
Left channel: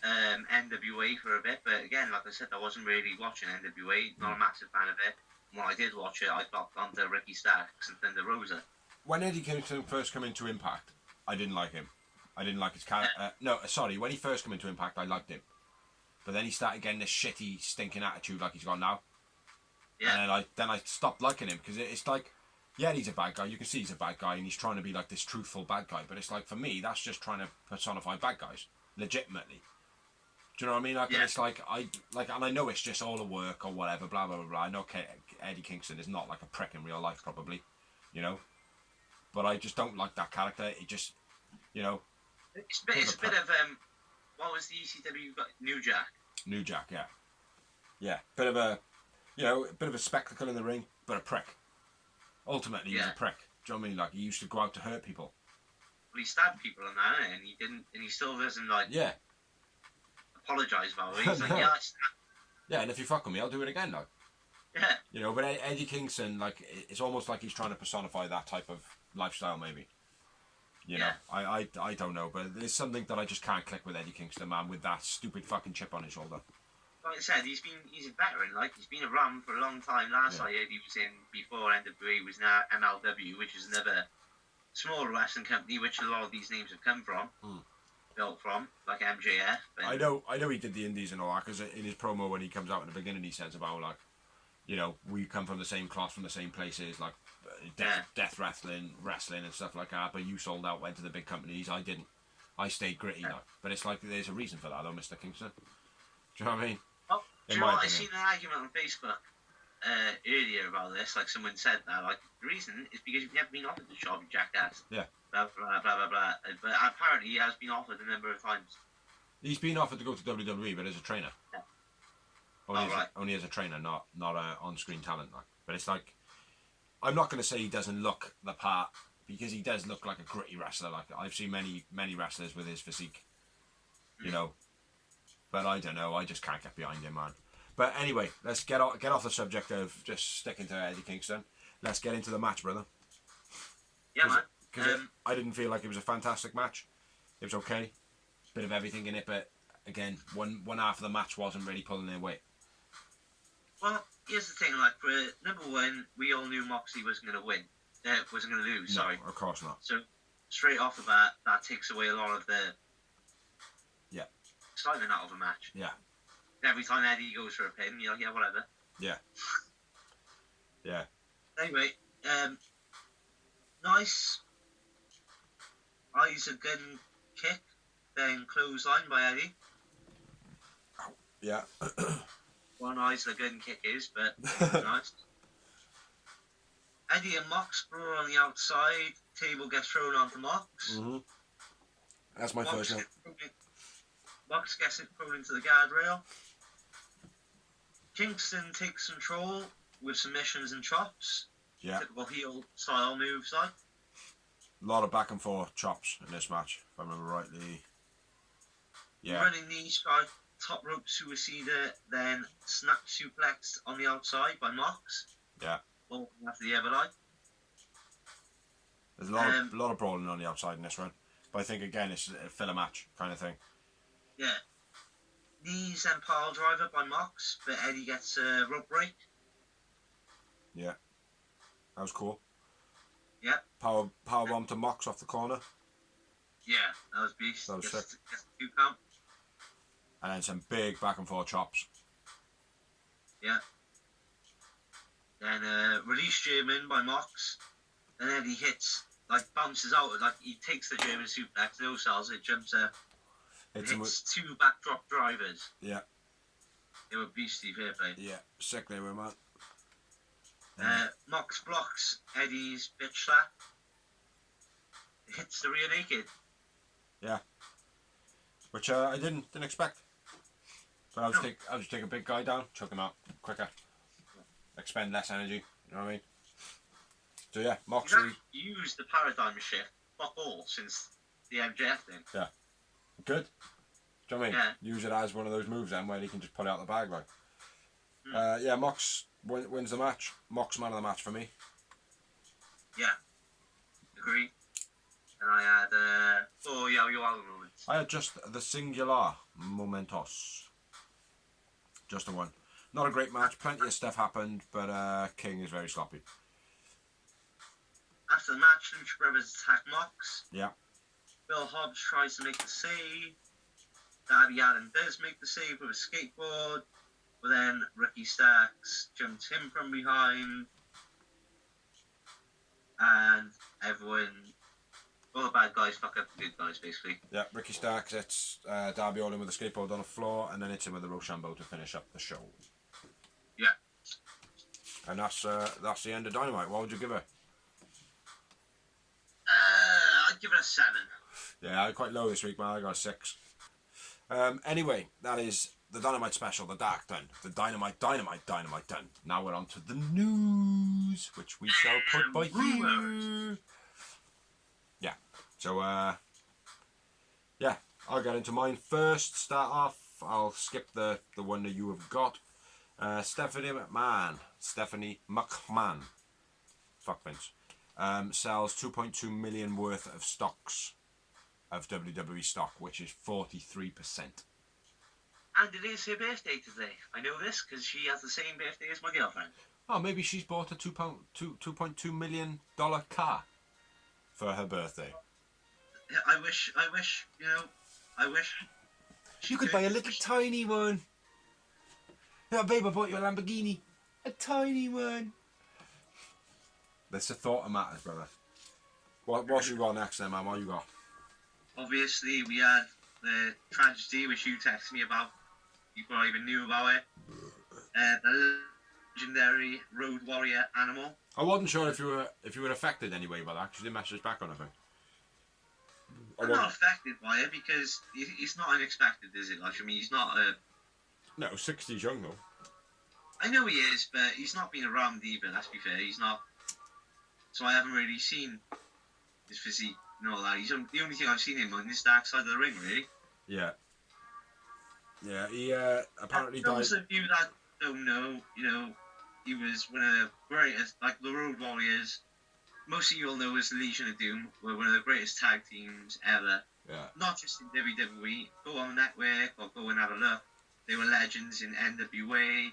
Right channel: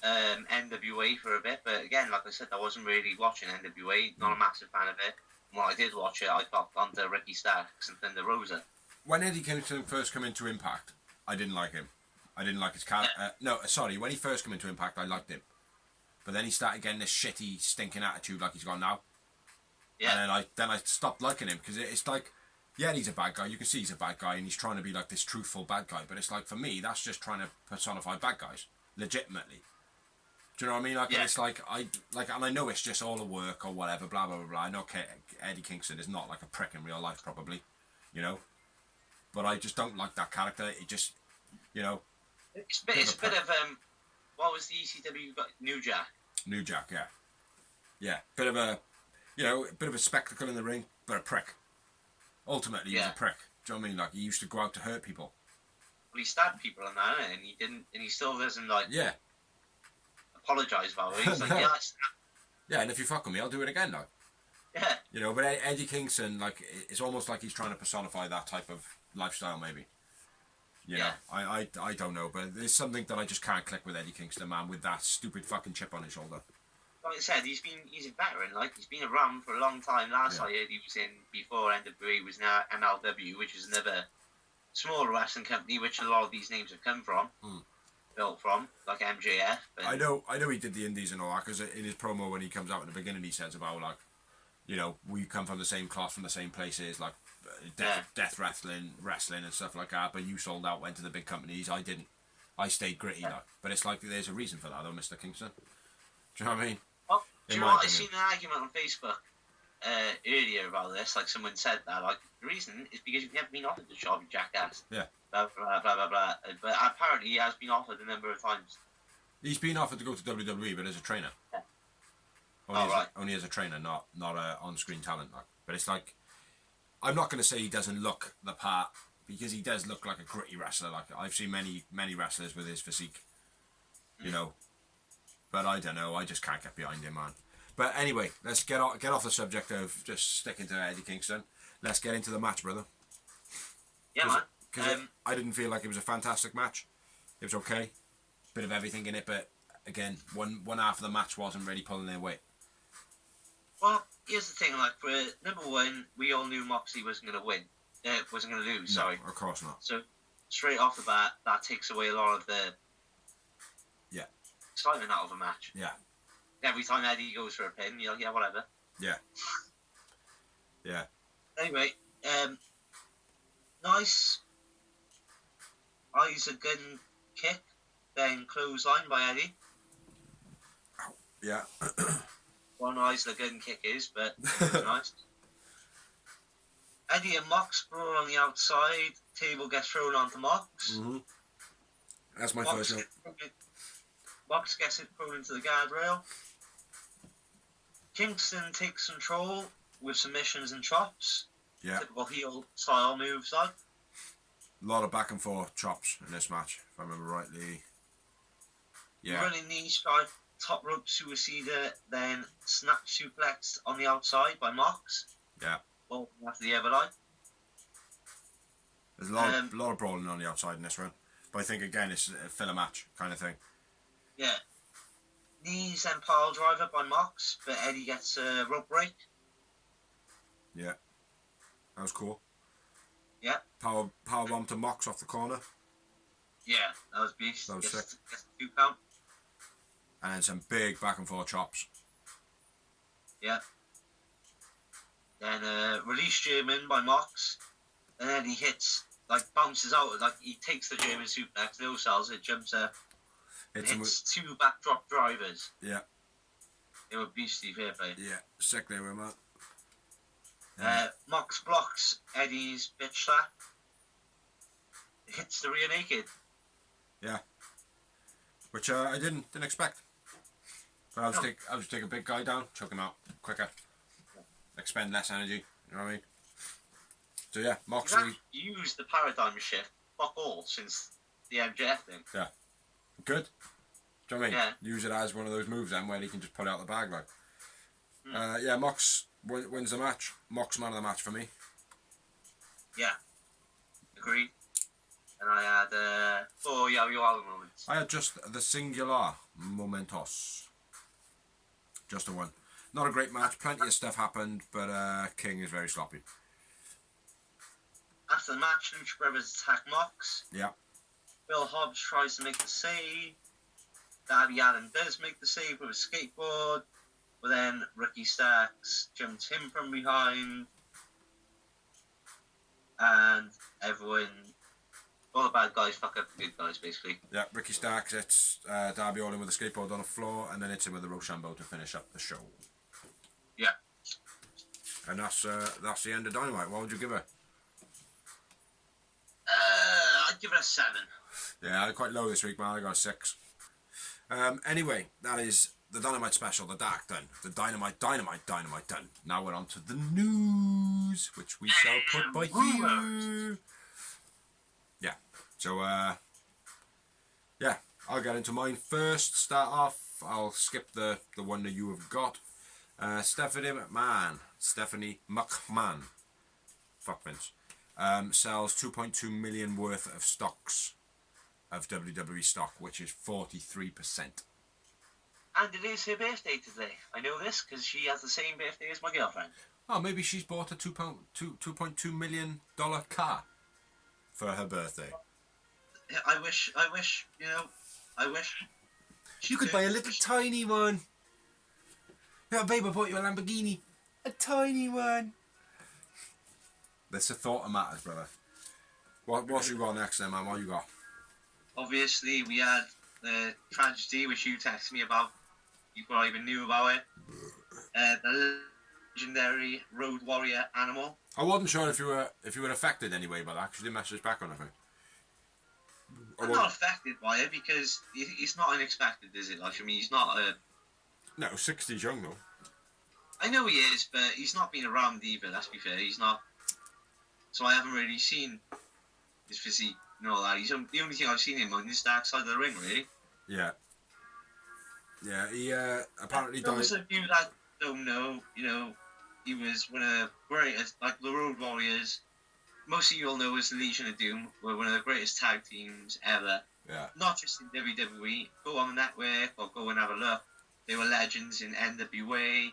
NWA for a bit, but again, like I said, I wasn't really watching NWA. Not a massive fan of it. When I did watch it, I got onto Ricky Starks and Thunder Rosa. When Eddie Kingston first came into Impact, I didn't like him. I didn't like his character. When he first came into Impact, I liked him. But then he started getting this shitty, stinking attitude like he's got now. Yeah. And then I stopped liking him because it's like, yeah, he's a bad guy. You can see he's a bad guy and he's trying to be like this truthful bad guy. But it's like, for me, that's just trying to personify bad guys, legitimately. Do you know what I mean? Like, and it's like, and I know it's just all a work or whatever, blah, blah, blah, blah. I know Eddie Kingston is not like a prick in real life, probably, you know? But I just don't like that character. It just, you know... It's a bit of, what was the ECW got? New Jack. New Jack, yeah. Yeah, bit of a spectacle in the ring, but a prick. Ultimately, he was a prick. Do you know what I mean? Like, he used to go out to hurt people. Well, he stabbed people on that, and he didn't, and he still doesn't, like... Yeah. Apologise about it. He's like, yeah, I stabbed. Yeah, and if you fuck with me, I'll do it again, though. Yeah. You know, but Eddie Kingston, like, it's almost like he's trying to personify that type of lifestyle, maybe. You know, I don't know, but there's something that I just can't click with Eddie Kingston, man, with that stupid fucking chip on his shoulder. Like I said, he's a veteran, like, he's been around for a long time. Last I heard he was in, before NWA, was now MLW, which is another smaller wrestling company, which a lot of these names have come from, built from, like MJF. I know he did the indies and all that, because in his promo when he comes out in the beginning, he says about, like, you know, we come from the same cloth, from the same places, like, death wrestling and stuff like that, but you sold out, went to the big companies, I didn't. I stayed gritty, like. But it's like, there's a reason for that, though, Mr. Kingston. Do you know what I mean? Well, do you know what? I seen an argument on Facebook earlier about this, like, someone said that, like, the reason is because you've never been offered the job, you jackass. Yeah. Blah, blah, blah, blah, blah. But apparently he has been offered a number of times. He's been offered to go to WWE, but as a trainer. Yeah. Only as a trainer, not a on-screen talent. Like. But it's like, I'm not going to say he doesn't look the part, because he does look like a gritty wrestler. Like, I've seen many wrestlers with his physique, you know. But I don't know. I just can't get behind him, man. But anyway, let's get off the subject of just sticking to Eddie Kingston. Let's get into the match, brother. Yeah, man. Because I didn't feel like it was a fantastic match. It was okay. Bit of everything in it, but again, one half of the match wasn't really pulling their weight. Well, here's the thing, like, for number one, we all knew Moxley wasn't going to win. Wasn't going to lose, sorry. No, of course not. So, straight off the bat, that takes away a lot of the excitement out of a match. Yeah. Every time Eddie goes for a pin, you're like, yeah, whatever. Yeah. Yeah. Anyway, nice eyes a gun kick, then clothesline by Eddie. Yeah. One eyes the gun kick is, but nice. Eddie and Mox brawl on the outside. Table gets thrown onto Mox. Mm-hmm. That's my first note. Mox gets it thrown into the guardrail. Kingston takes control with submissions and chops. Yeah. Typical heel style moves, like. A lot of back and forth chops in this match, if I remember rightly. Yeah. Running knee strike, top rope suicider, then snap suplex on the outside by Mox. Yeah. Well, after the other line. There's a lot of brawling on the outside in this one. But I think, again, it's a filler match kind of thing. Yeah. Knees and pile driver by Mox, but Eddie gets a rope break. Yeah. That was cool. Yeah. Power bomb to Mox off the corner. Yeah, that was beast. That was sick. Gets 2 count. And then some big back and forth chops. Yeah. Then release German by Mox. And then he hits, bounces out, he takes the German suplex, no sells it, jumps up. Hits 2 backdrop drivers. Yeah. They were beastly, fair play. Yeah, sick they were, man. Mox blocks Eddie's bitch slap. Hits the rear naked. Yeah. Which I didn't expect. But I'll just take a big guy down, choke him out quicker. Expend less energy, you know what I mean? So yeah, Moxley. He's used the paradigm shift, fuck all, since the MJF thing. Yeah. Good. Do you know what I mean? Yeah. Use it as one of those moves then where he can just pull it out the bag like. Yeah, Mox wins the match. Mox man of the match for me. Yeah. Agreed. And I had 4 Yaoi Walla moments. I had just the singular momentos. Just the one. Not a great match. Plenty of stuff happened, but King is very sloppy. After the match, Lucha Brothers attack Mox. Yeah. Bill Hobbs tries to make the save. Darby Allin does make the save with a skateboard. But then Ricky Starks jumps him from behind. And everyone, all the bad guys fuck up the good guys, basically. Yeah, Ricky Starks hits Darby Allin with a skateboard on the floor and then hits him with a Rochambeau to finish up the show. Yeah. And that's the end of Dynamite. What would you give it? I'd give it a 7. Yeah, I quite low this week, man. I got a 6. Anyway, that is the Dynamite Special, the Dark done. The Dynamite done. Now we're on to the news, which we shall put by here. Yeah, so, yeah, I'll get into mine first. Start off, I'll skip the one that you have got. Stephanie McMahon. Fuck Vince. Sells 2.2 million worth of stocks of WWE stock, which is 43%. And it is her birthday today. I know this because she has the same birthday as my girlfriend. Oh, maybe she's bought a $2.2 million car for her birthday. I wish, You could buy a little tiny one. Yeah, babe, I bought you a Lamborghini. A tiny one. That's a thought of matters, brother. What's you got next then, man? What you got? Obviously, we had the tragedy which you texted me about. You probably even knew about it. The legendary Road Warrior Animal. I wasn't sure if you were affected anyway by that, because you didn't message back on anything. I'm not affected by it because it's not unexpected, is it? Like, I mean, he's not a... No, 60's young though. I know he is, but he's not been around either, let's be fair. He's not... So I haven't really seen his physique and all that. He's the only thing I've seen him on is the dark side of the ring, really. Yeah. Yeah, he apparently died... Those of you that don't know, he was one of the greatest, like the Road Warriors. Most of you all know as the Legion of Doom were one of the greatest tag teams ever. Yeah. Not just in WWE. Go on the network or go and have a look. They were legends in NWA,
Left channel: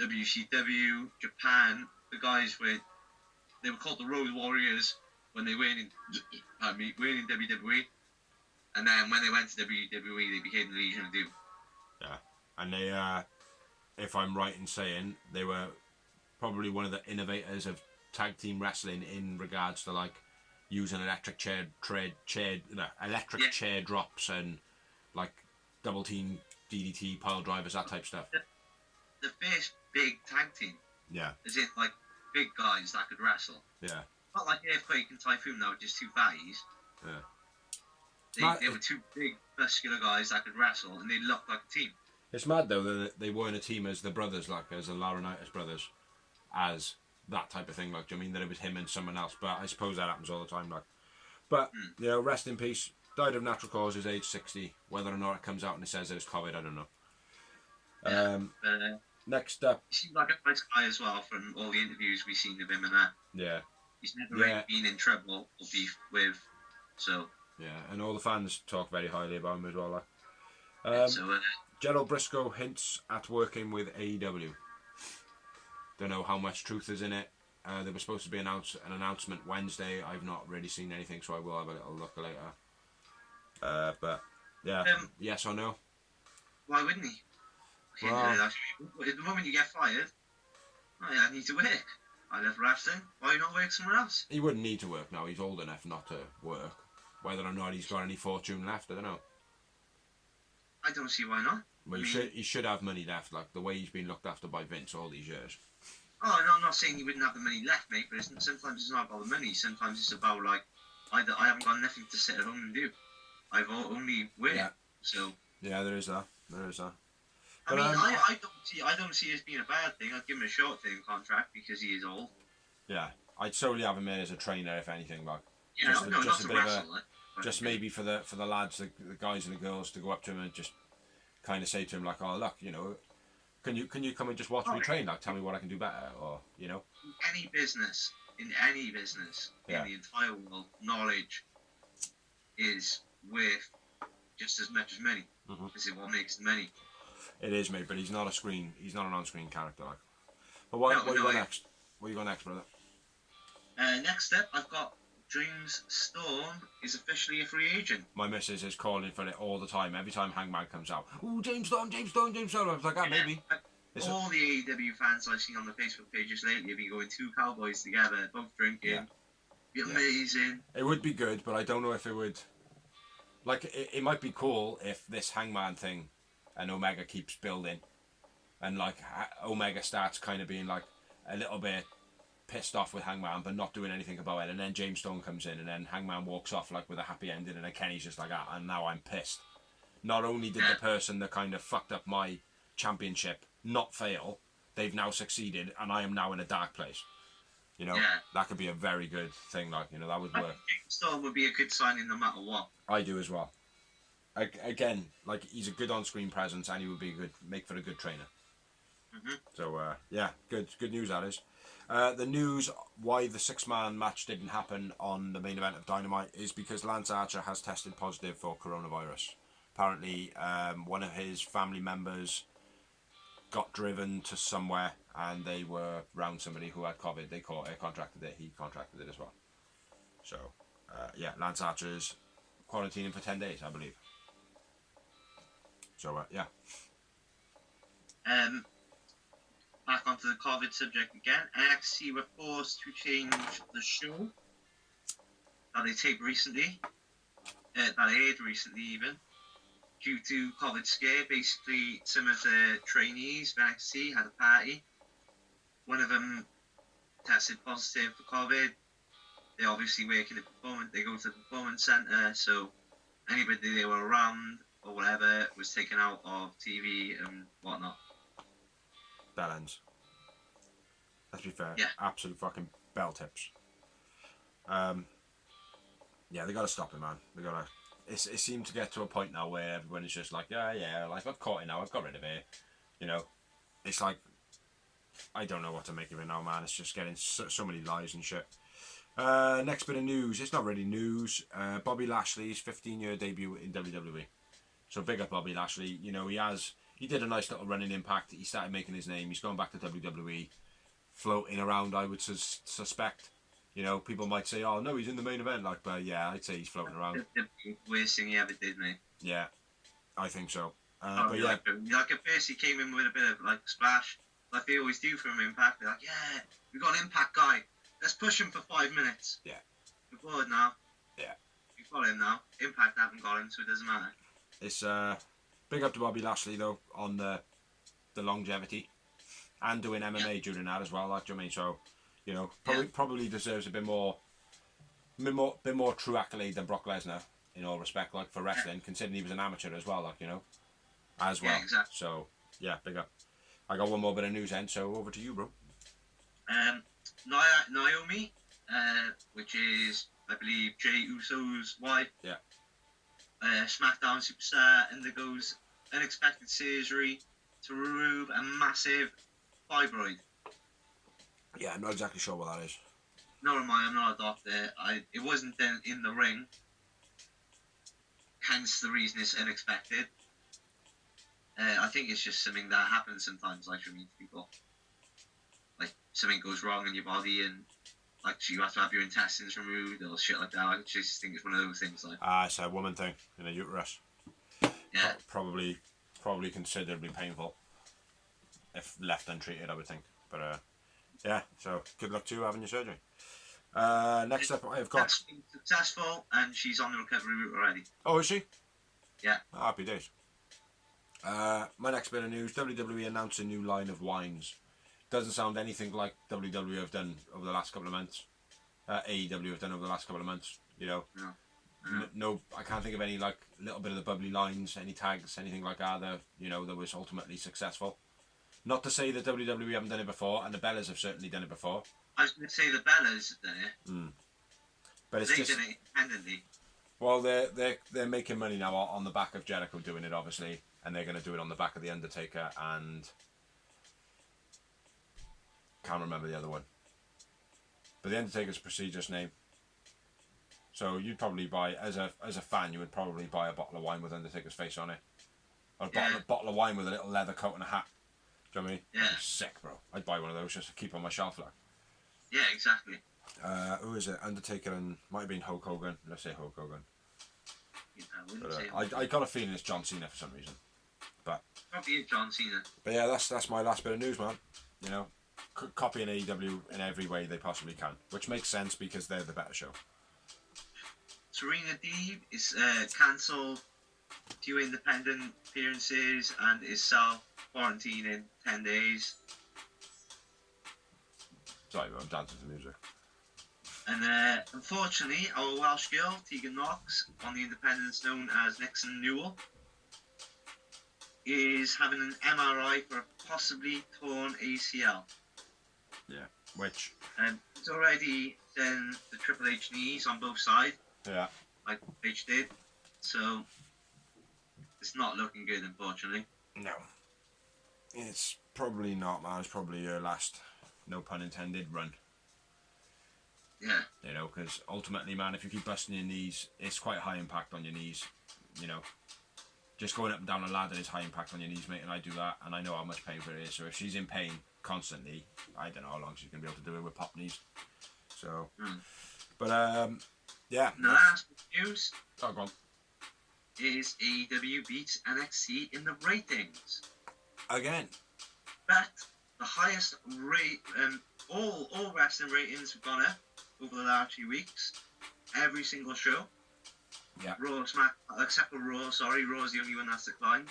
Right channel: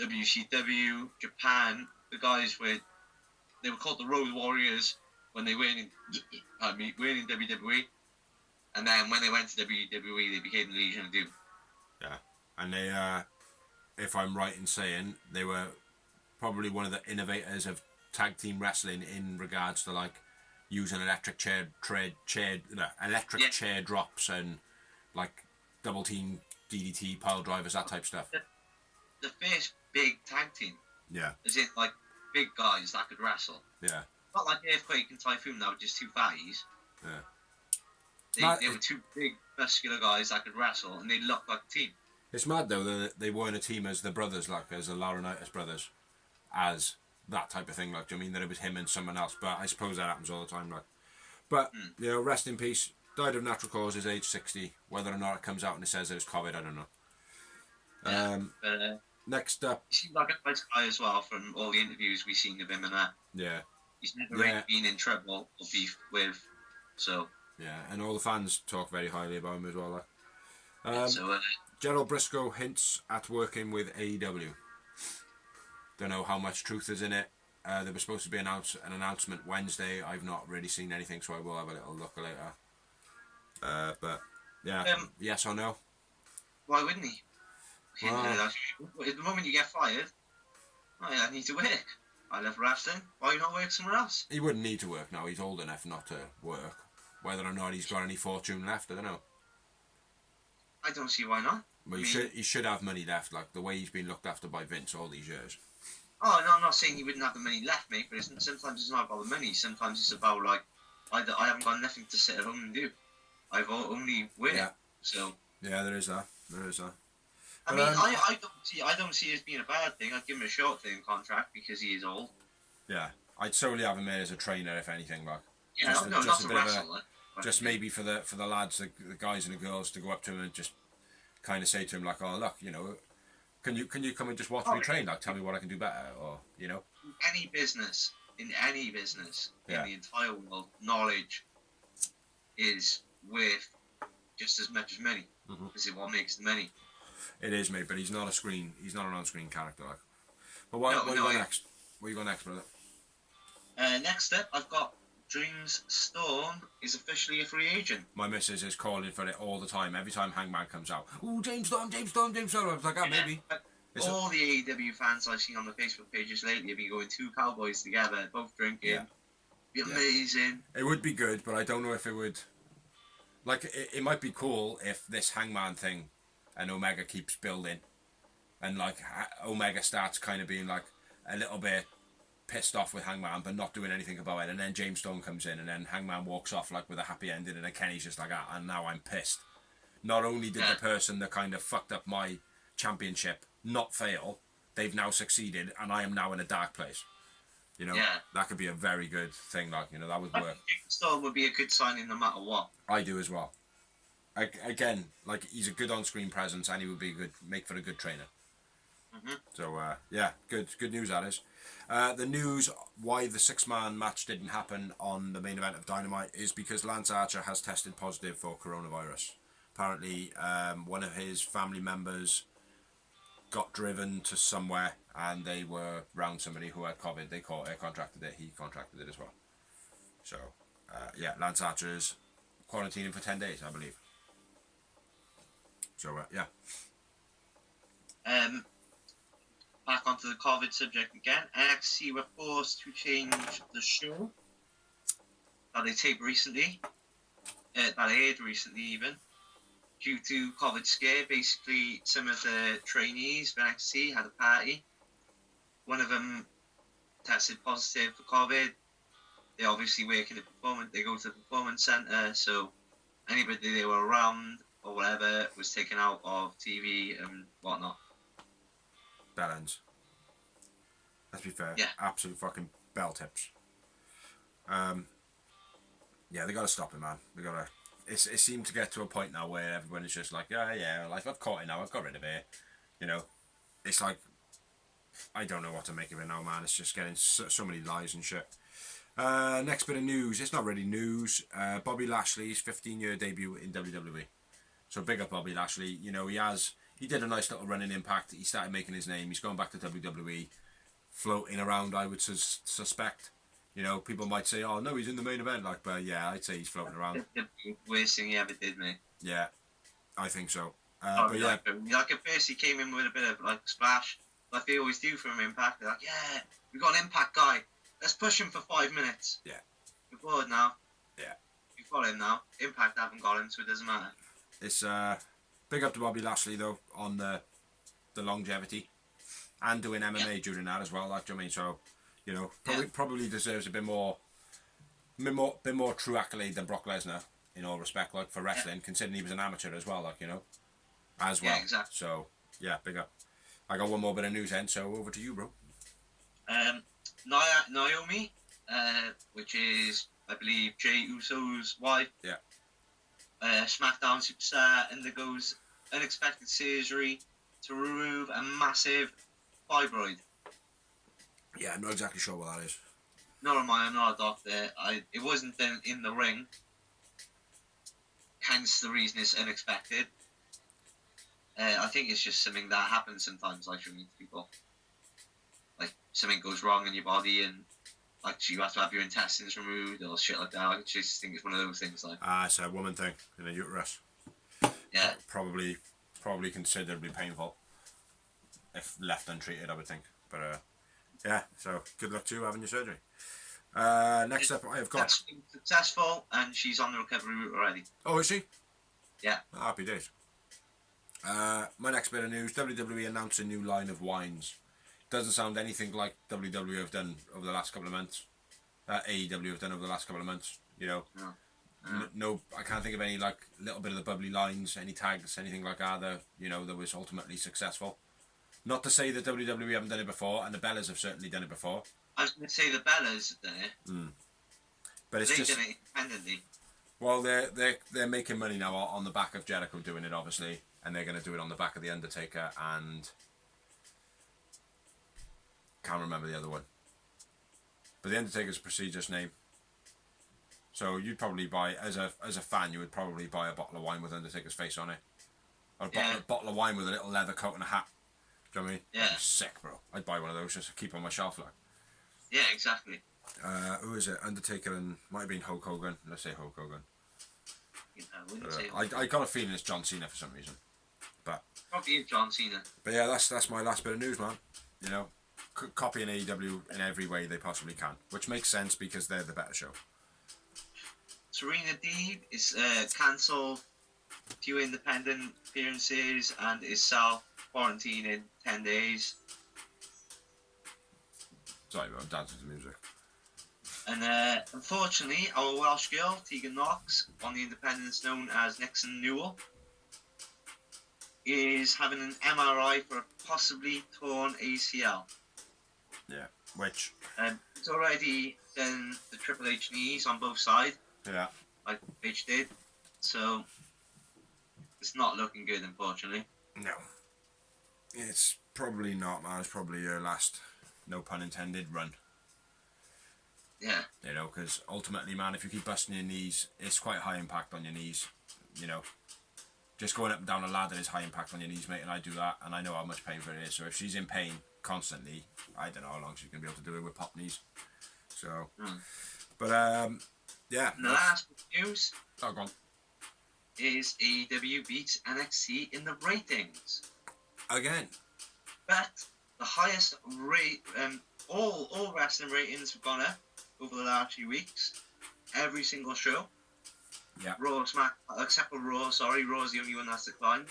WCW, Japan. The guys they were called the Road Warriors when they weren't in WWE. And then when they went to WWE, they became the Legion of Doom. Yeah. And they, if I'm right in saying, they were probably one of the innovators of tag team wrestling in regards to like using electric chair drops and like double team DDT pile drivers, that type of stuff. The first big tag team. Yeah. Is it like big guys that could wrestle? Yeah. Not like Earthquake and Typhoon, that were just two fatties. Yeah. They were two big muscular guys that could wrestle and they looked like a team. It's mad though that they weren't a team as the brothers, like as the Laurinaitis brothers, as that type of thing. Like, I mean, that it was him and someone else, but I suppose that happens all the time. Like, but rest in peace. Died of natural causes, age 60. Whether or not it comes out and it says it was COVID, I don't know. Yeah, next up, he seemed like a nice guy as well from all the interviews we've seen of him and that. Yeah. He's never really been in trouble or beef with, so. Yeah, and all the fans talk very highly about him as well. Like. Gerald Briscoe hints at working with AEW. Don't know how much truth is in it. There was supposed to be an announcement Wednesday. I've not really seen anything, so I will have a little look later. But yeah, yes or no? Why wouldn't he? The moment you get fired, I need to work. I love wrestling. Why not work somewhere else? He wouldn't need to work now. He's old enough not to work. Whether or not he's got any fortune left, I don't know. I don't see why not. Well, he should have money left, like the way he's been looked after by Vince all these years. Oh, no, I'm not saying he wouldn't have the money left, mate, but sometimes it's not about the money. Sometimes it's about, like, I haven't got nothing to sit at home and do. I've only worked, so... Yeah, there is that. I mean, I don't see it as being a bad thing. I'd give him a short-term contract because he is old. Yeah, I'd solely have him in as a trainer, if anything, like. Yeah, not to wrestle, just maybe for the lads, the guys and the girls, to go up to him and just kind of say to him, like, oh, look, you know, can you come and just watch me train? Like, tell me what I can do better, or, you know. In any business, in the entire world, knowledge is worth just as much as money. This is what makes the money. It is, mate, but he's not an on-screen character, like. But what you got next? What you got next, brother? Next up, I've got Dreams Storm is officially a free agent. My missus is calling for it all the time. Every time Hangman comes out, oh, James Storm. I was like, maybe. All the AEW fans I've seen on the Facebook pages lately have been going, two cowboys together, both drinking. Yeah. Be amazing. It would be good, but I don't know if it would. Like, it might be cool if this Hangman thing and Omega keeps building, and like Omega starts kind of being like a little bit pissed off with Hangman but not doing anything about it, and then James Storm comes in and then Hangman walks off like with a happy ending, and then Kenny's just like, and now I'm pissed. Not only did the person that kind of fucked up my championship not fail, they've now succeeded and I am now in a dark place. You know, that could be a very good thing, like, you know, that would work. James Storm would be a good signing no matter what. I do as well. Again, like, he's a good on-screen presence and he would be make for a good trainer. So good news that is. The news why the 6-man match didn't happen on the main event of Dynamite is because Lance Archer has tested positive for coronavirus. Apparently, one of his family members got driven to somewhere and they were around somebody who had COVID. They contracted it. He contracted it as well. So, Lance Archer's quarantining for 10 days, I believe. So, Back onto the COVID subject again. NXT were forced to change the show that they taped recently, that aired recently even, due to COVID scare. Basically, some of the trainees of NXT had a party. One of them tested positive for COVID. They obviously work in the performance. They go to the performance center, so anybody they were around or whatever was taken out of TV and whatnot. Bell ends. Let's be fair. Yeah. Absolute fucking bell tips. They gotta stop it, man. They gotta. It seemed to get to a point now where everyone is just like, like, I've caught it now. I've got rid of it. You know, it's like, I don't know what to make of it now, man. It's just getting so many lies and shit. Next bit of news. It's not really news. Bobby Lashley's 15-year debut in WWE. So big up Bobby Lashley. You know, he did a nice little run in Impact. He started making his name. He's going back to WWE, floating around, I would suspect. You know, people might say, oh, no, he's in the main event. Like, but yeah, I'd say he's floating around. The worst thing he ever did, mate. Yeah, I think so. Like at first he came in with a bit of, like, splash, like they always do from Impact. They're like, yeah, we got an Impact guy. Let's push him for 5 minutes. Yeah. We're bored now. Yeah. We've got him now. Impact haven't got him, so it doesn't matter. It's, big up to Bobby Lashley, though, on the longevity. And doing MMA during that as well, like, do you know what I mean? So, you know, probably deserves a bit more true accolade than Brock Lesnar, in all respect, like, for wrestling, considering he was an amateur as well, like, you know, as well. Yeah, exactly. So, yeah, big up. I got one more bit of news then, so over to you, bro. Naomi, which is, I believe, Jey Uso's wife. Yeah. SmackDown superstar undergoes unexpected surgery to remove a massive fibroid. Yeah, I'm not exactly sure what that is. nor am I. I'm not a doctor. It wasn't done in the ring. Hence the reason it's unexpected. I think it's just something that happens sometimes, like with people. Like something goes wrong in your body, and like so you have to have your intestines removed or shit like that. I just think it's one of those things. Like it's a woman thing in a uterus. yeah, Probably considerably painful if left untreated, I would think. But yeah, so good luck to you having your surgery. Next up, I've got. That's been successful, and she's on the recovery route already. Oh, is she? Yeah. Oh, happy days. My next bit of news: WWE announced a new line of wines. Doesn't sound anything like WWE have done over the last couple of months. AEW have done over the last couple of months. You know, no, I can't think of any like little bit of the bubbly lines, any tags, anything like that. That was ultimately successful. Not to say that WWE haven't done it before, and the Bellas have certainly done it before. I was going to say the Bellas have done it. But it's They've just. done it independently. Well, they're making money now on the back of Jericho doing it, obviously, and they're going to do it on the back of the Undertaker and can't remember the other one. But the Undertaker's a prestigious name, so you'd probably buy as a fan, you would probably buy a bottle of wine with Undertaker's face on it, or a bottle of wine with a little leather coat and a hat. Do you know what I mean? Yeah. That'd be sick, bro. I'd buy one of those just to keep on my shelf, like. Yeah, exactly. Who is it? Undertaker and might have been Hulk Hogan. Let's say Hulk Hogan. I got a feeling it's John Cena for some reason, but probably John Cena. But yeah, that's my last bit of news, man. You know, copying AEW in every way they possibly can, which makes sense because they're the better show. Serena Deeb is cancelled few independent appearances and is self-quarantined in 10 days. Sorry, but I'm dancing to music. And unfortunately, our Welsh girl, Tegan Knox, on the independents known as Nixon Newell, is having an MRI for a possibly torn ACL. Yeah, which... It's already done the Triple H knees on both sides. Yeah. Like H did. So, it's not looking good, unfortunately. No. It's probably not, man. It's probably your last, no pun intended, run. Yeah. You know, because ultimately, man, if you keep busting your knees, it's quite high impact on your knees. You know, just going up and down a ladder is high impact on your knees, mate, and I do that, and I know how much painful it is. So if she's in pain constantly, I don't know how long she's going to be able to do it with pop knees. So, but, yeah. And the last news go on. is AEW beats NXT in the ratings. Again. But the highest rate, all wrestling ratings have gone up over the last few weeks. Every single show. Yeah. Raw, Smack, except for Raw. Sorry, Raw's the only one that's declined.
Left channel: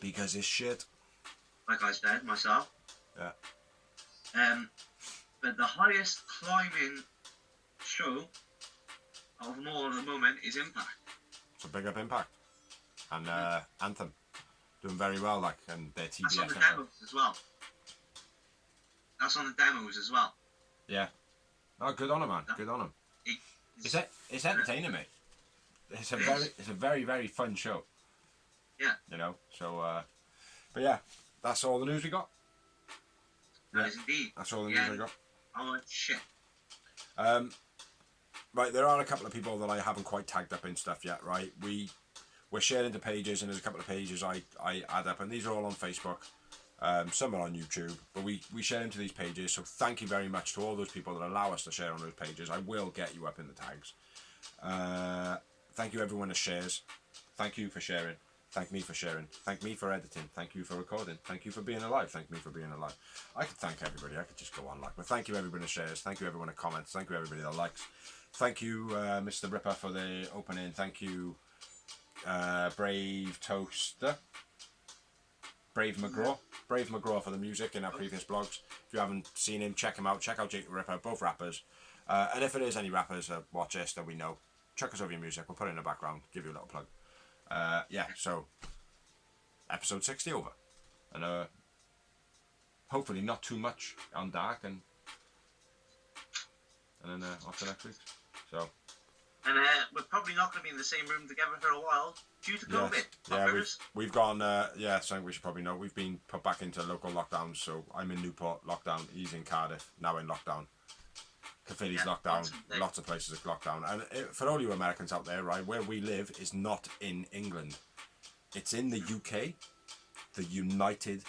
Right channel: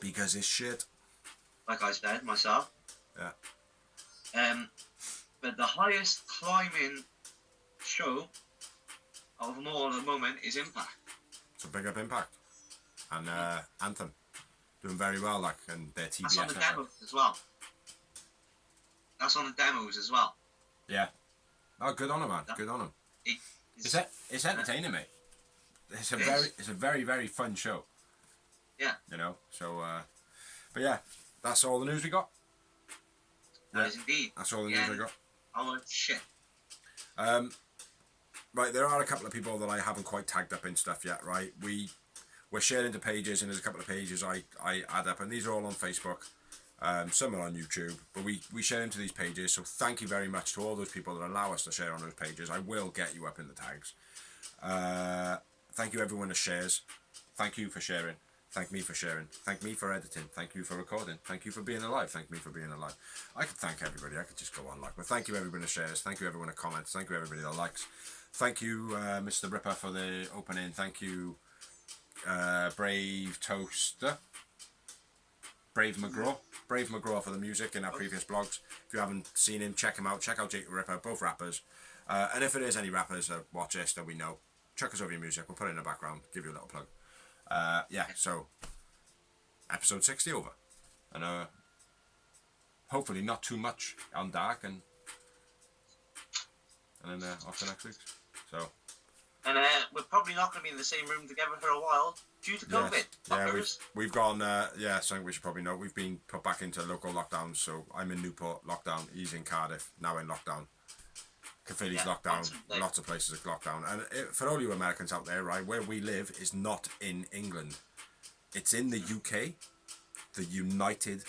Because it's shit. Like I said myself. Yeah. But the highest climbing show of them all at the moment is Impact. It's a big up Impact. And Anthem. Doing very well, like, and their TBS. That's on the demos as well. That's on the demos as well. Yeah. Oh, good on him, man. Good on him. It's entertaining, mate. It's a very, very fun show. Yeah. You know, so, but yeah, that's all the news we got. That is indeed. That's all the news we got. Oh, shit. Right, there are a couple of people that I haven't quite tagged up in stuff yet, right? We're sharing into pages, and there's a couple of pages I add up, and these are all on Facebook. Some are on YouTube, but we share into these pages, so thank you very much to all those people that allow us to share on those pages. I will get you up in the tags. Thank you everyone that shares. Thank you for sharing. Thank me for sharing. Thank me for editing. Thank you for recording. Thank you for being alive. Thank me for being alive. I could thank everybody. I could just go on like, but thank you everybody that shares. Thank you everyone that comments. Thank you everybody that likes. Thank you Mr. Ripper for the opening. Thank you Brave Toaster. Brave McGraw for the music in our previous blogs. If you haven't seen him, check him out. Check out Jake Ripper, both rappers. And if it is any rappers that watch us that we know, chuck us over your music. We'll put it in the background. Give you a little plug. Yeah, so episode 60 over. And hopefully not too much on dark and then off to next week. So. And we're probably not going to be in the same room together for a while due to COVID. Yeah, we've gone, something we should probably know. We've been put back into local lockdowns, so I'm in Newport, lockdown. He's in Cardiff, now in lockdown. Caerphilly's Yeah, locked down. Boxing Lots of places are locked down. And for all you Americans out there, right, where we live is not in England. It's in the UK, the United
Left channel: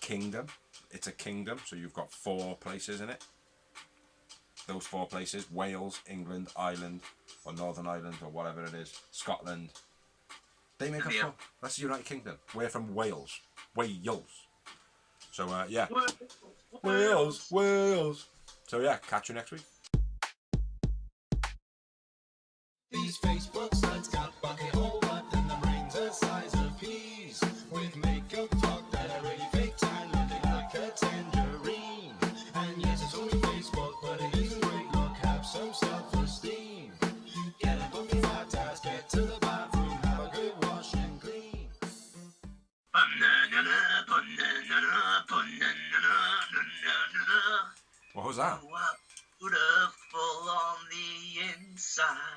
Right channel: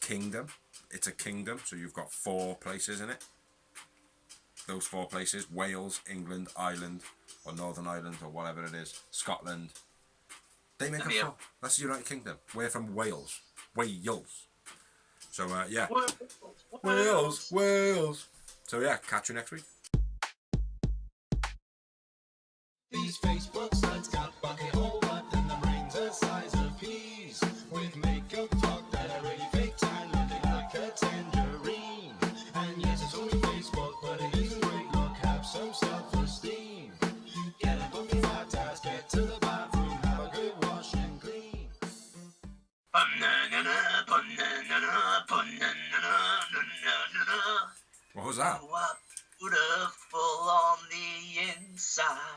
Kingdom. It's a kingdom, so you've got 4 places in it. Those 4 places: Wales, England, Ireland, or Northern Ireland, or whatever it is, Scotland. They make a 4. That's the United Kingdom. We're from Wales. Wales. So, yeah. Wales. So, yeah, catch you next week. These Facebook sites got bucket hole, but then the brains the size of peas. With makeup talk that are really fake time, looking like a tangerine. And yes, it's only Facebook, but it is a great look. Have some self-esteem. Get a book of 5 tabs, get to the bathroom, have a good wash and clean. What was that? You are beautiful on the inside.